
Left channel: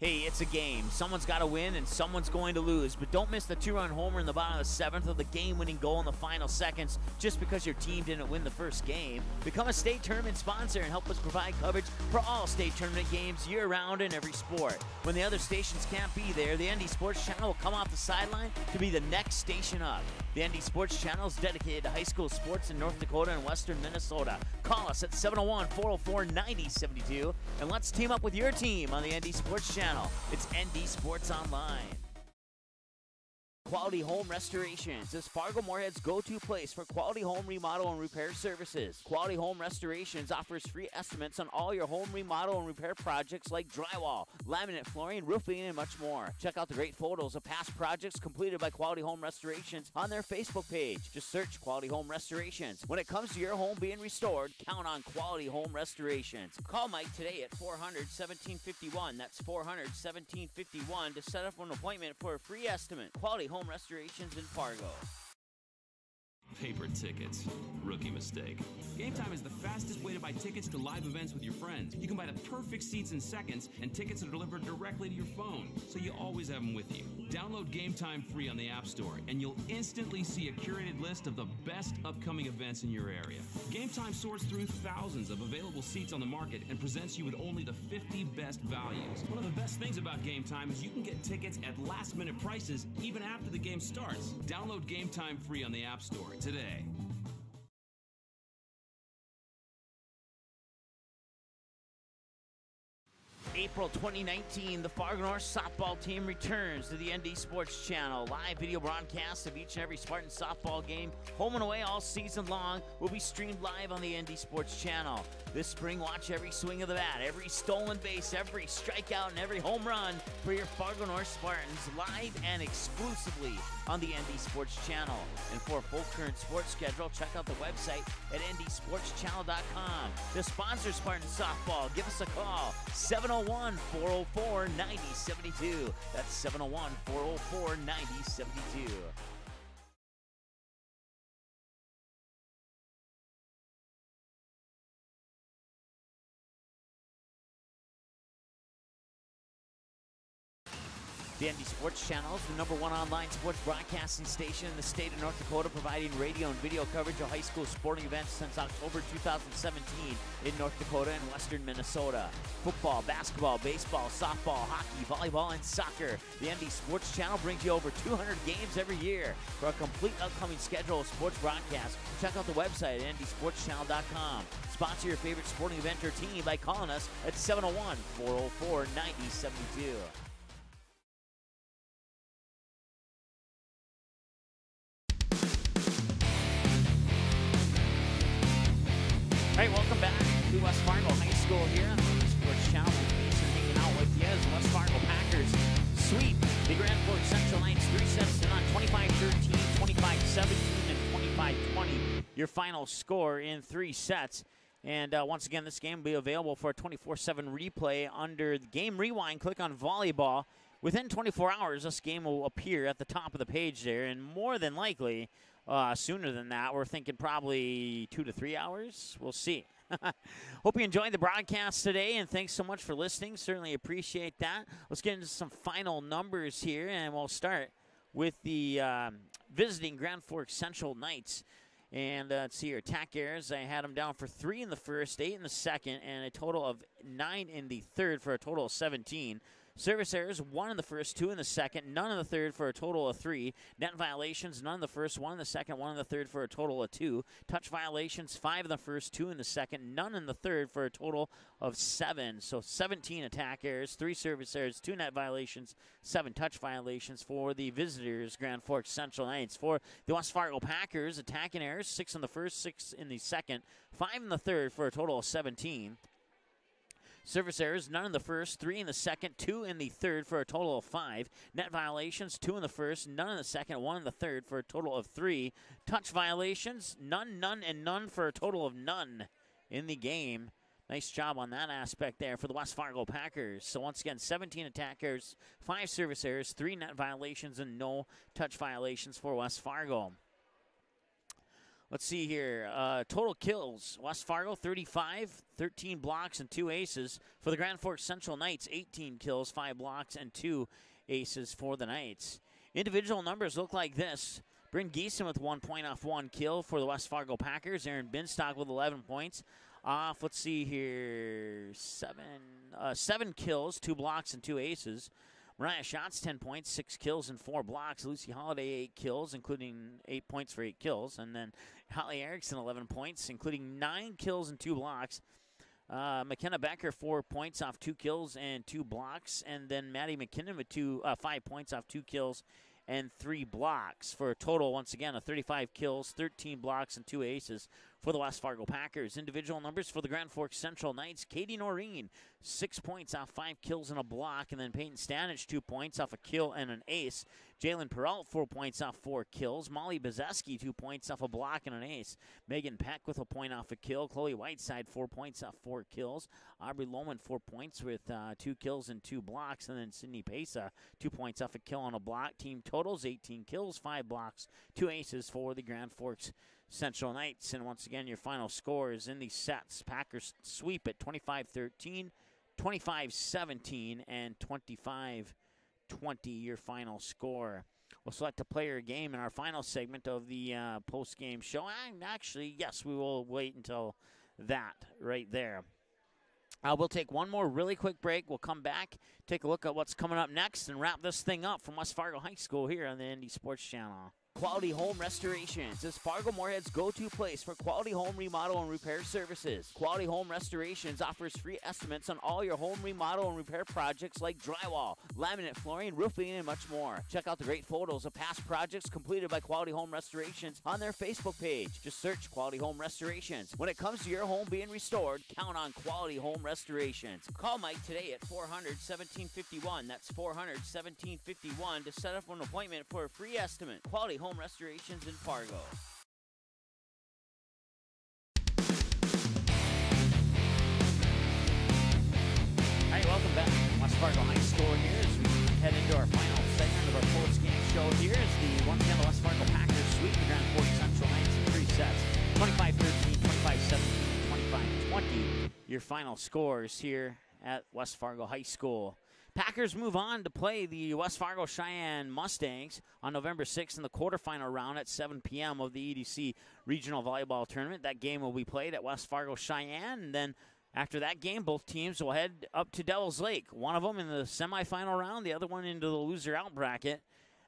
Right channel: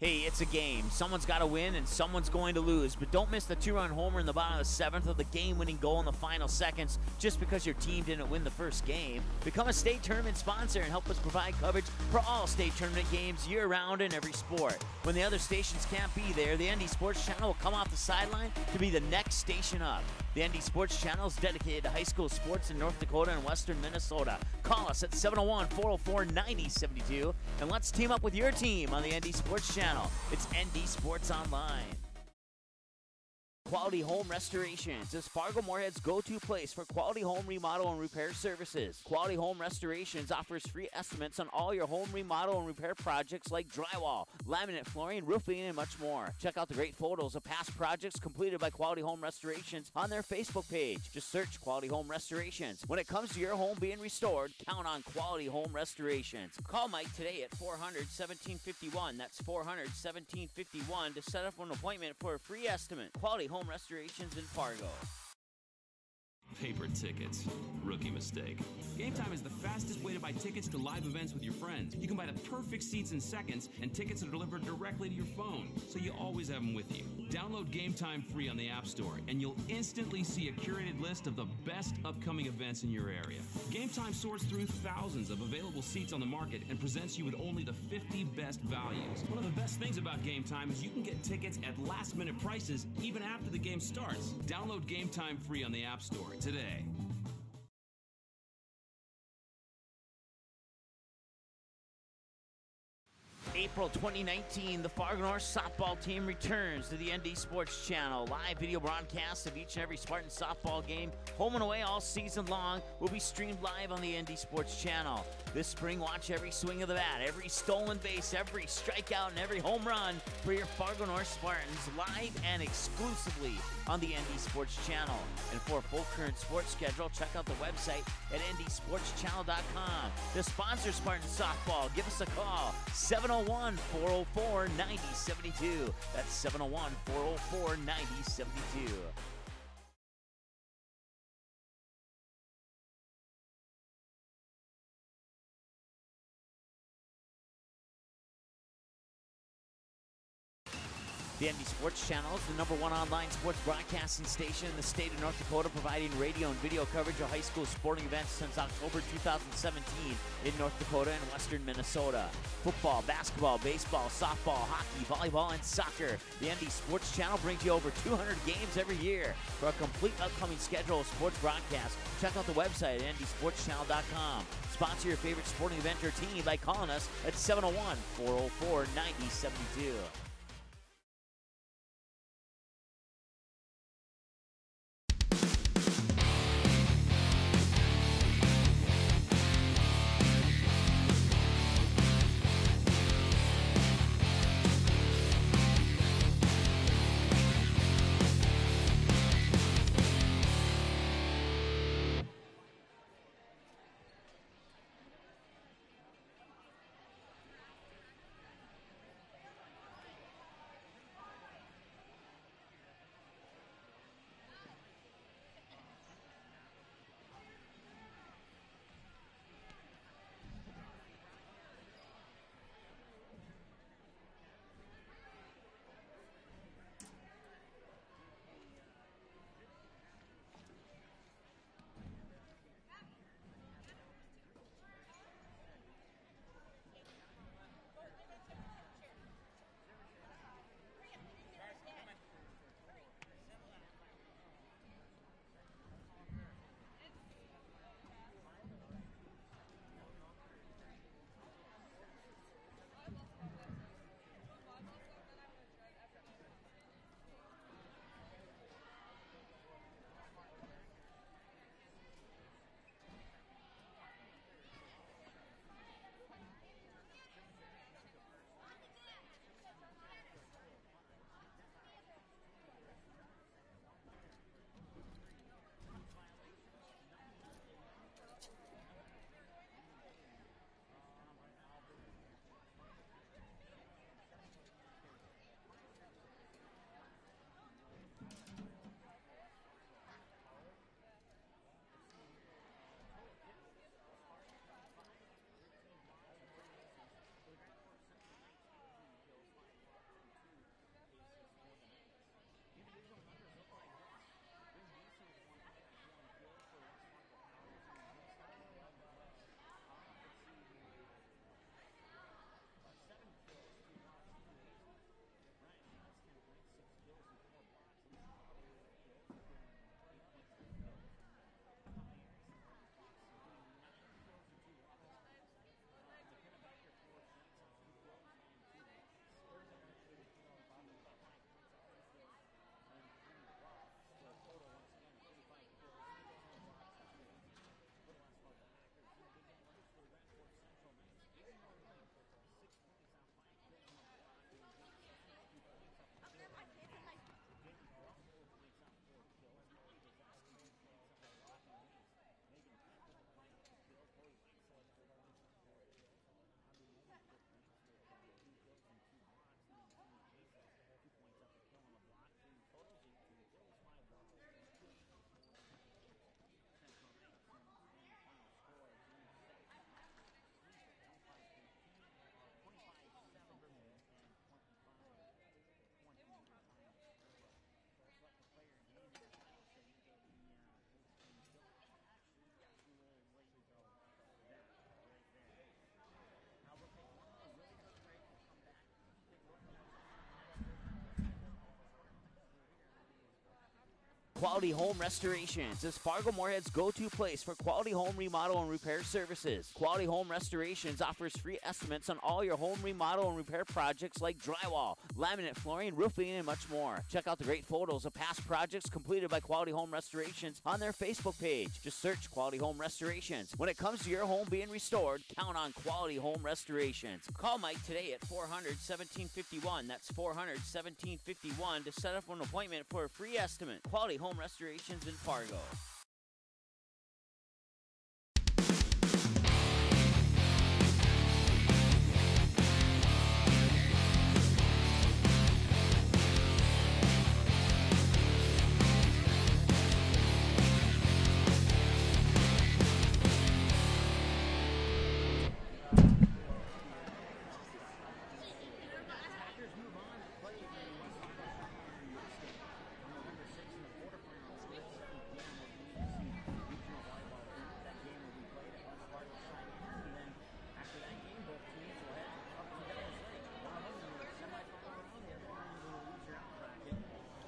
Hey, it's a game. Someone's got to win and someone's going to lose, but don't miss the 2-run homer in the bottom of the 7th or the game-winning goal in the final seconds just because your team didn't win the first game. Become a state tournament sponsor and help us provide coverage for all state tournament games year-round in every sport. When the other stations can't be there, the ND Sports Channel will come off the sideline to be the next station up. The ND Sports Channel is dedicated to high school sports in North Dakota and western Minnesota. Call us at 701-404-9072 and let's team up with your team on the ND Sports Channel. It's ND Sports Online. Quality Home Restorations is Fargo Moorhead's go-to place for quality home remodel and repair services. Quality Home Restorations offers free estimates on all your home remodel and repair projects like drywall, laminate flooring, roofing, and much more. Check out the great photos of past projects completed by Quality Home Restorations on their Facebook page. Just search Quality Home Restorations. When it comes to your home being restored, count on Quality Home Restorations. Call Mike today at 400-1751. That's 400-1751 to set up an appointment for a free estimate. Quality Home Restorations in Fargo. Paper tickets. Rookie mistake. Game Time is the fastest way to buy tickets to live events with your friends. You can buy the perfect seats in seconds, and tickets are delivered directly to your phone, so you always have them with you. Download Game Time free on the App Store, and you'll instantly see a curated list of the best upcoming events in your area. Game Time sorts through thousands of available seats on the market and presents you with only the 50 best values. One of the best things about Game Time is you can get tickets at last-minute prices even after the game starts. Download Game Time free on the App Store today. April 2019, the Fargo North softball team returns to the ND Sports Channel. Live video broadcasts of each and every Spartan softball game, home and away all season long, will be streamed live on the ND Sports Channel. This spring, watch every swing of the bat, every stolen base, every strikeout, and every home run for your Fargo North Spartans live and exclusively on the ND Sports Channel. And for a full current sports schedule, check out the website at ndsportschannel.com. To sponsor Spartan softball, give us a call, 701-404-9072. That's 701-404-9072. The ND Sports Channel is the #1 online sports broadcasting station in the state of North Dakota, providing radio and video coverage of high school sporting events since October 2017 in North Dakota and western Minnesota. Football, basketball, baseball, softball, hockey, volleyball, and soccer. The ND Sports Channel brings you over 200 games every year. For a complete upcoming schedule of sports broadcasts, check out the website at ndsportschannel.com. Sponsor your favorite sporting event or team by calling us at 701-404-9072. Your final score in 3 sets. And once again, this game will be available for a 24/7 replay under Game Rewind. Click on Volleyball. Within 24 hours, this game will appear at the top of the page there, and more than likely, sooner than that, we're thinking probably 2 to 3 hours. We'll see. Hope you enjoyed the broadcast today, and thanks so much for listening. Certainly appreciate that. Let's get into some final numbers here, and we'll start with the visiting Grand Forks Central Knights. And let's see here, attack errors. I had them down for 3 in the first, 8 in the second, and a total of 9 in the third for a total of 17. Service errors, 1 in the first, 2 in the second, none in the third for a total of 3. Net violations, none in the first, 1 in the second, 1 in the third for a total of 2. Touch violations, 5 in the first, 2 in the second, none in the third for a total of 7. So 17 attack errors, 3 service errors, 2 net violations, 7 touch violations for the visitors, Grand Forks Central Knights. For the West Fargo Packers, attacking errors, 6 in the first, 6 in the second, 5 in the third for a total of 17. Service errors, none in the first, 3 in the second, 2 in the third for a total of 5. Net violations, 2 in the first, none in the second, 1 in the third for a total of 3. Touch violations, none, none, and none for a total of none in the game. Nice job on that aspect there for the West Fargo Packers. So once again, 17 attack errors, 5 service errors, 3 net violations, and no touch violations for West Fargo. Let's see here. Total kills. West Fargo, 35, 13 blocks, and 2 aces. For the Grand Forks Central Knights, 18 kills, 5 blocks, and 2 aces for the Knights. Individual numbers look like this. Bryn Geeson with 1 point off 1 kill for the West Fargo Packers. Aaron Binstock with 11 points off, let's see here, 7 kills, 2 blocks, and 2 aces. Mariah Schatz, 10 points, 6 kills, and 4 blocks. Lucy Holiday, 8 kills, including 8 points for 8 kills. And then Holly Erickson, 11 points, including 9 kills and 2 blocks. McKenna Becker, 4 points off 2 kills and 2 blocks. And then Maddie McKinnon with 5 points off 2 kills and 3 blocks for a total, once again, of 35 kills, 13 blocks, and 2 aces for the West Fargo Packers. Individual numbers for the Grand Forks Central Knights. Katie Noreen, 6 points off 5 kills and a block. And then Peyton Stanich, 2 points off a kill and an ace. Jalen Peralt, 4 points off 4 kills. Molly Bezeski, 2 points off a block and an ace. Megan Peck with a point off a kill. Chloe Whiteside, 4 points off 4 kills. Aubrey Lohman, 4 points with 2 kills and 2 blocks. And then Sydney Pesa, 2 points off a kill and a block. Team totals, 18 kills, 5 blocks, 2 aces for the Grand Forks Central Knights. And once again, your final scores in these sets. Packers sweep at 25-13, 25-17, and 25-20, your final score. We'll select a player game in our final segment of the post-game show. And actually, yes, we will wait until that right there. We'll take one more really quick break. We'll come back, take a look at what's coming up next, and wrap this thing up from West Fargo High School here on the ND Sports Channel. Quality Home Restorations is Fargo Moorhead's go-to place for quality home remodel and repair services. Quality Home Restorations offers free estimates on all your home remodel and repair projects like drywall, laminate flooring, roofing, and much more. Check out the great photos of past projects completed by Quality Home Restorations on their Facebook page. Just search Quality Home Restorations. When it comes to your home being restored, count on Quality Home Restorations. Call Mike today at 400-1751. That's 400-1751 to set up an appointment for a free estimate. Quality Home Restorations in Fargo. All right, welcome back to West Fargo High School here as we head into our final segment of our post-game show here. It's the one-time West Fargo Packers sweep in that Forks Central 3 sets, 25-13, 25-17, 25-20. Your final scores here at West Fargo High School. Packers move on to play the West Fargo Cheyenne Mustangs on November 6th in the quarterfinal round at 7 p.m. of the EDC Regional Volleyball Tournament. That game will be played at West Fargo Cheyenne, and then after that game, both teams will head up to Devil's Lake. One of them in the semifinal round, the other one into the loser out bracket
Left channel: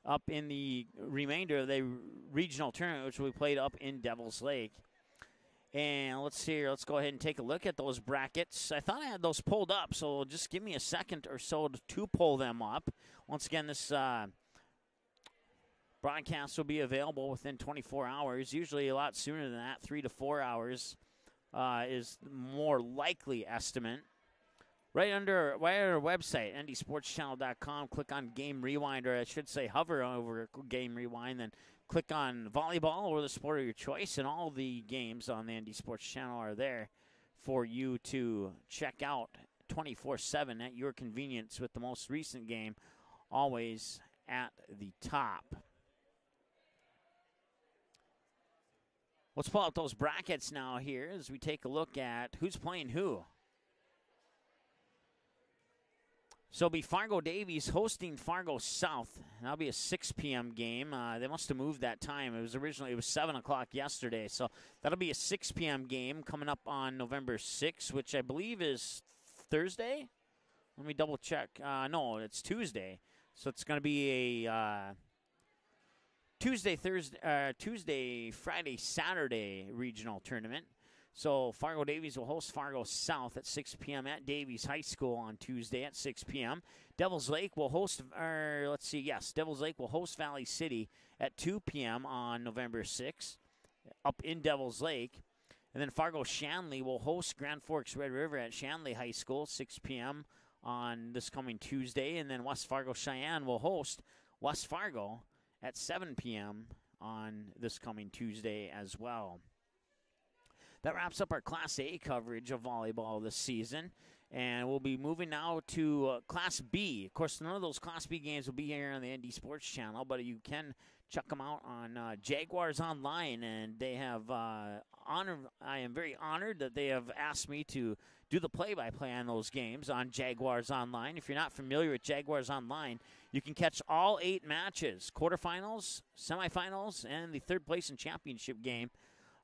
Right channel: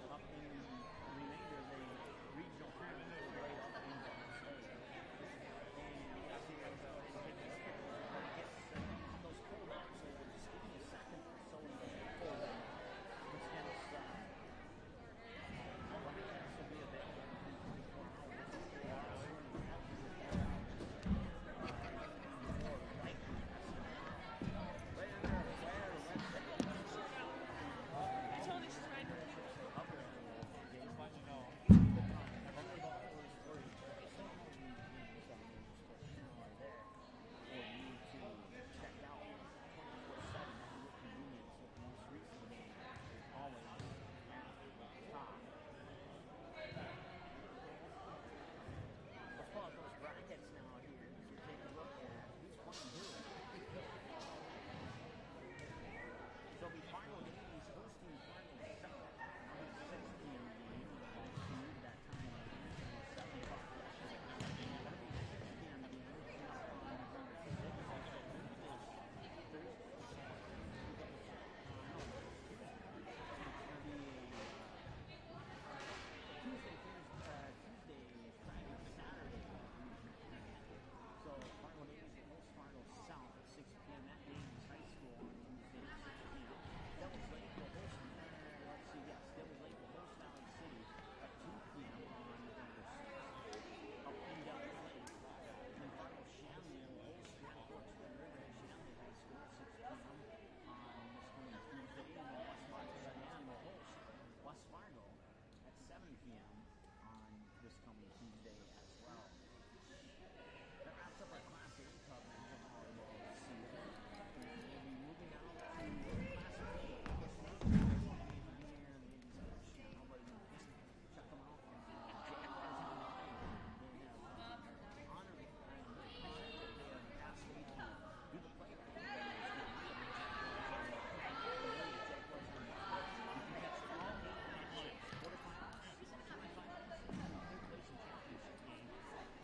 up in the remainder of the regional tournament, which will be played up in Devil's Lake. And let's see here. Let's go ahead and take a look at those brackets. I thought I had those pulled up, so just give me a second or so to pull them up. Once again, this broadcast will be available within 24 hours. Usually a lot sooner than that. 3 to 4 hours is more likely estimate. Right under our website, ndsportschannel.com, click on Game Rewind, or I should say hover over Game Rewind, then click on Volleyball or the sport of your choice, and all the games on the ND Sports Channel are there for you to check out 24/7 at your convenience, with the most recent game always at the top. Let's pull out those brackets now here as we take a look at who's playing who. So it'll be Fargo Davies hosting Fargo South. That'll be a 6 p.m. game. They must have moved that time. It was 7 o'clock yesterday. So that'll be a 6 p.m. game coming up on November 6th, which I believe is Thursday. Let me double check. No, it's Tuesday. So it's going to be a Tuesday, Friday, Saturday regional tournament. So Fargo Davies will host Fargo South at 6 p.m. at Davies High School on Tuesday at 6 p.m. Devils Lake will host, Devils Lake will host Valley City at 2 p.m. on November 6th up in Devils Lake. And then Fargo Shanley will host Grand Forks Red River at Shanley High School, 6 p.m. on this coming Tuesday. And then West Fargo Cheyenne will host West Fargo at 7 p.m. on this coming Tuesday as well. That wraps up our Class A coverage of volleyball this season. And we'll be moving now to Class B. Of course, none of those Class B games will be here on the ND Sports Channel, but you can check them out on Jaguars Online. And they have I am very honored that they have asked me to do the play-by-play on those games on Jaguars Online. If you're not familiar with Jaguars Online, you can catch all 8 matches, quarterfinals, semifinals, and the third place and championship game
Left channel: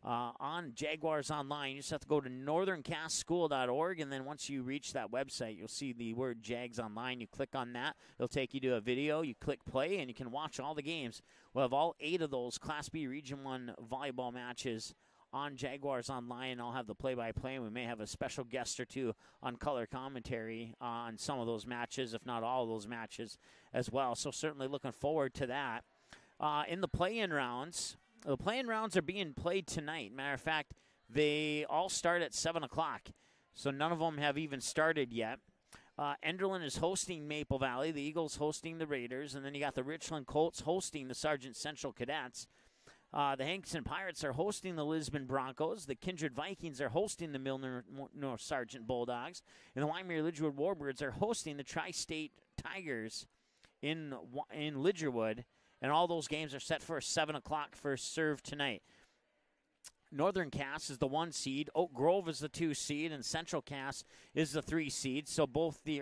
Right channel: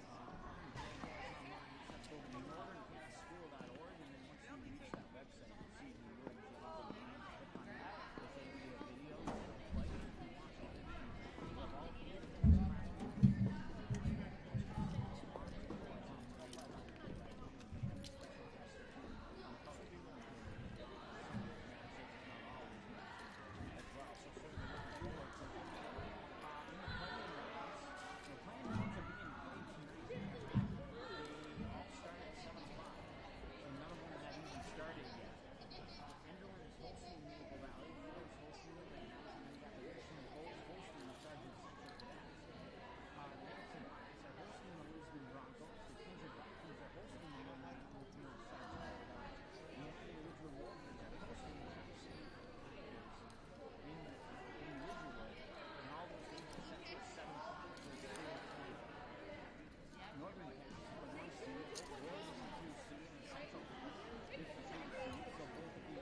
on Jaguars Online. You just have to go to northerncastschool.org, and then once you reach that website, you'll see the word Jags Online. You click on that. It'll take you to a video. You click play, and you can watch all the games. We'll have all 8 of those Class B Region 1 volleyball matches on Jaguars Online. I'll have the play-by-play, and we may have a special guest or two on color commentary on some of those matches, if not all of those matches as well. So certainly looking forward to that. In the play-in rounds, the play-in rounds are being played tonight. Matter of fact, they all start at 7 o'clock, so none of them have even started yet. Enderlin is hosting Maple Valley. The Eagles hosting the Raiders. And then you got the Richland Colts hosting the Sargent Central Cadets. The Hankinson Pirates are hosting the Lisbon Broncos. The Kindred Vikings are hosting the Milner North Sargent Bulldogs. And the Wyoming Lidgerwood Warbirds are hosting the Tri-State Tigers in Lidgerwood. And all those games are set for a 7 o'clock first serve tonight. Northern Cass is the 1 seed. Oak Grove is the 2 seed. And Central Cass is the 3 seed. So both the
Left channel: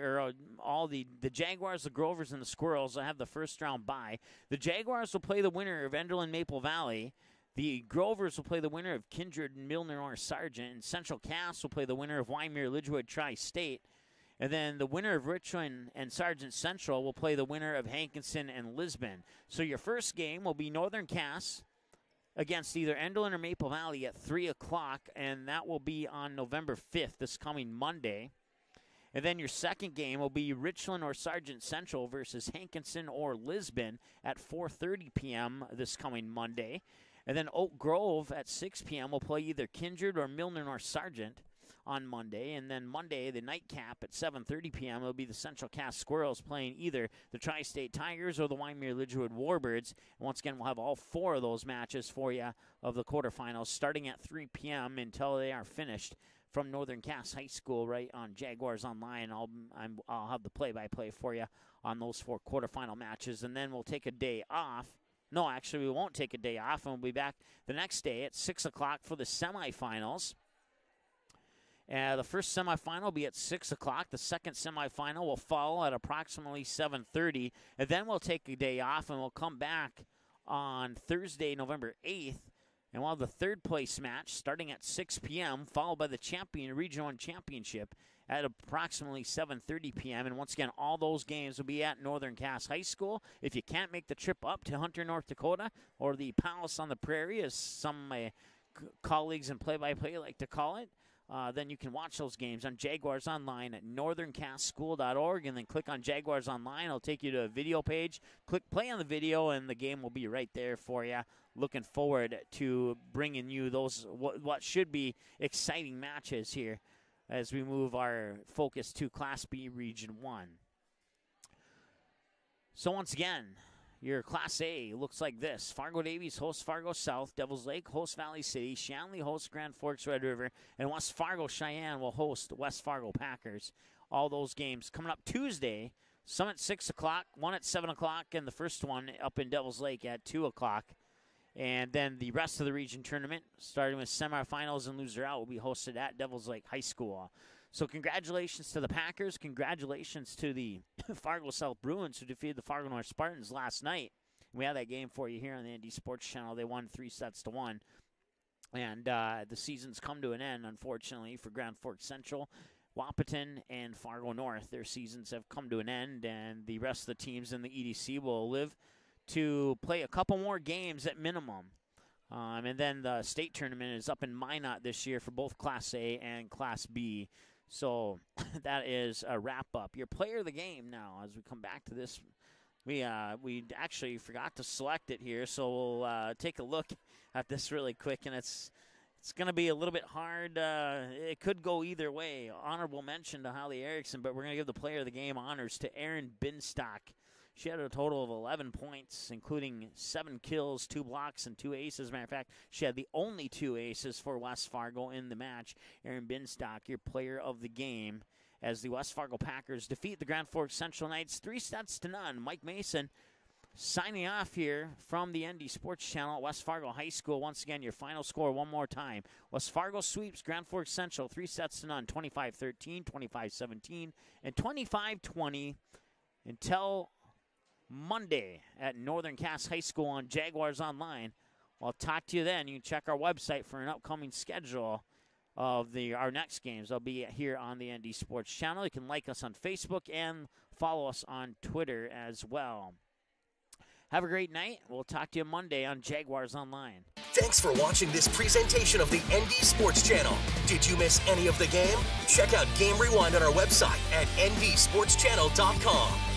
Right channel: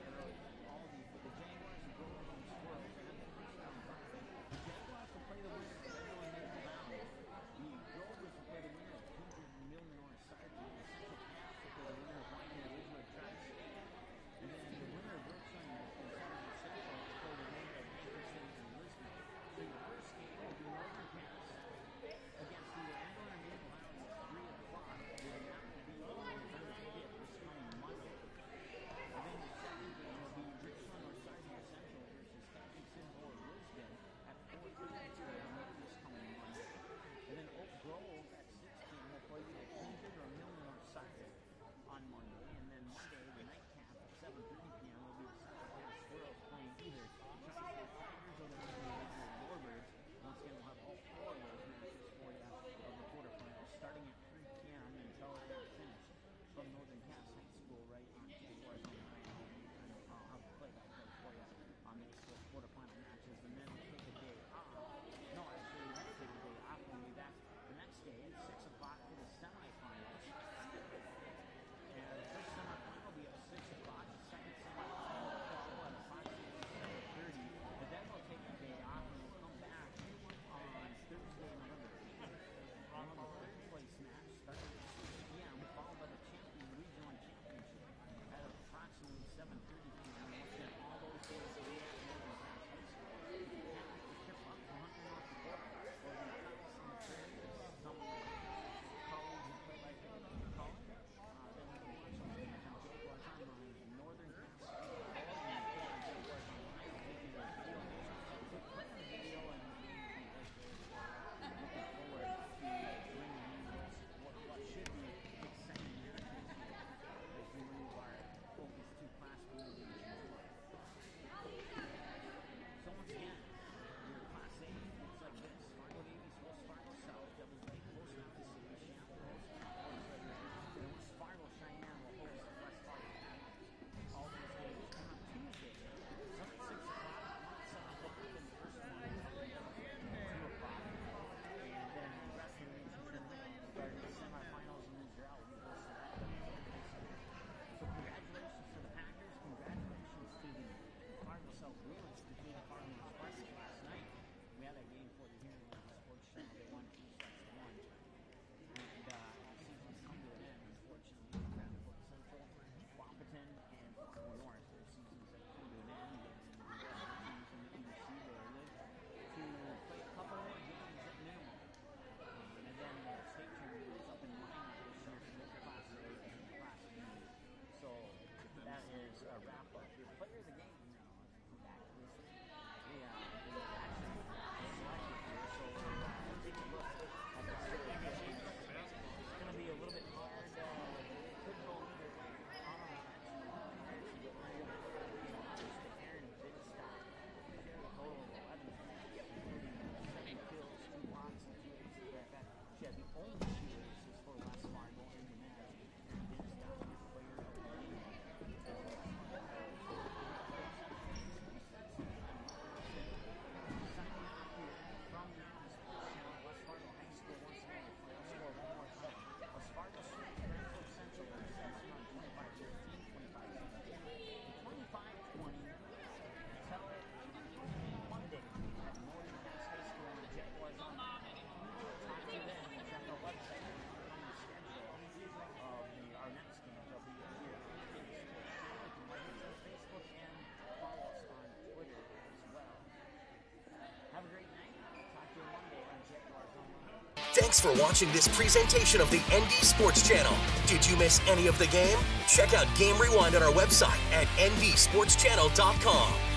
Jaguars, the Grovers, and the Squirrels will have the first round bye. The Jaguars will play the winner of Enderlin Maple Valley. The Grovers will play the winner of Kindred and Milner North Sargent. And Central Cass will play the winner of Wyoming Lidgerwood Tri-State. And then the winner of Richland and Sargent Central will play the winner of Hankinson and Lisbon. So your first game will be Northern Cass against either Enderlin or Maple Valley at 3 o'clock, and that will be on November 5th, this coming Monday. And then your second game will be Richland or Sargent Central versus Hankinson or Lisbon at 4:30 p.m. this coming Monday. And then Oak Grove at 6 p.m. will play either Kindred or Milner North Sargent on Monday. And then Monday, the nightcap at 7:30 p.m. will be the Central Cass Squirrels playing either the Tri-State Tigers or the Wyoming Lidgerwood Warbirds. And once again, we'll have all 4 of those matches for you of the quarterfinals starting at 3 p.m. until they are finished from Northern Cass High School right on Jaguars Online. I'll have the play-by-play for you on those 4 quarterfinal matches. And then we'll take a day off. No, actually, we won't take a day off, and we'll be back the next day at 6 o'clock for the semifinals. The first semifinal will be at 6 o'clock. The second semifinal will follow at approximately 7:30. And then we'll take a day off, and we'll come back on Thursday, November 8th. And we'll have the third place match starting at 6 p.m., followed by the Region 1 Championship at approximately 7:30 p.m. And once again, all those games will be at Northern Cass High School. If you can't make the trip up to Hunter, North Dakota, or the Palace on the Prairie, as some of my colleagues in play-by-play like to call it, then you can watch those games on Jaguars Online at northerncastschool.org, and then click on Jaguars Online. It'll take you to a video page. Click play on the video, and the game will be right there for you. Looking forward to bringing you those what should be exciting matches here as we move our focus to Class B Region 1. So once again, your Class A looks like this. Fargo Davies hosts Fargo South. Devils Lake hosts Valley City. Shanley hosts Grand Forks Red River. And West Fargo Cheyenne will host West Fargo Packers. All those games coming up Tuesday. Some at 6 o'clock, one at 7 o'clock, and the first one up in Devils Lake at 2 o'clock. And then the rest of the region tournament, starting with semifinals and loser out, will be hosted at Devils Lake High School. So congratulations to the Packers. Congratulations to the Fargo South Bruins, who defeated the Fargo North Spartans last night. We had that game for you here on the ND Sports Channel. They won 3-1. And the season's come to an end, unfortunately, for Grand Forks Central, Wahpeton, and Fargo North. Their seasons have come to an end, and the rest of the teams in the EDC will live to play a couple more games at minimum. And then the state tournament is up in Minot this year for both Class A and Class B. So that is a wrap-up. Your player of the game now, as we come back to this. We actually forgot to select it here, so we'll take a look at this really quick, and it's going to be a little bit hard. It could go either way. Honorable mention to Holly Erickson, but we're going to give the player of the game honors to Erin Binstock. She had a total of 11 points, including 7 kills, 2 blocks, and 2 aces. As a matter of fact, she had the only 2 aces for West Fargo in the match. Erin Binstock, your player of the game, as the West Fargo Packers defeat the Grand Forks Central Knights 3-0. Mike Mason signing off here from the ND Sports Channel at West Fargo High School. Once again, your final score one more time. West Fargo sweeps Grand Forks Central 3-0, 25-13, 25-17, and 25-20 until Monday at Northern Cass High School on Jaguars Online. I'll talk to you then. You can check our website for an upcoming schedule of our next games. They'll be here on the ND Sports Channel. You can like us on Facebook and follow us on Twitter as well. Have a great night. We'll talk to you Monday on Jaguars Online. Thanks for watching this presentation of the ND Sports Channel. Did you miss any of the game? Check out Game Rewind on our website at ndsportschannel.com.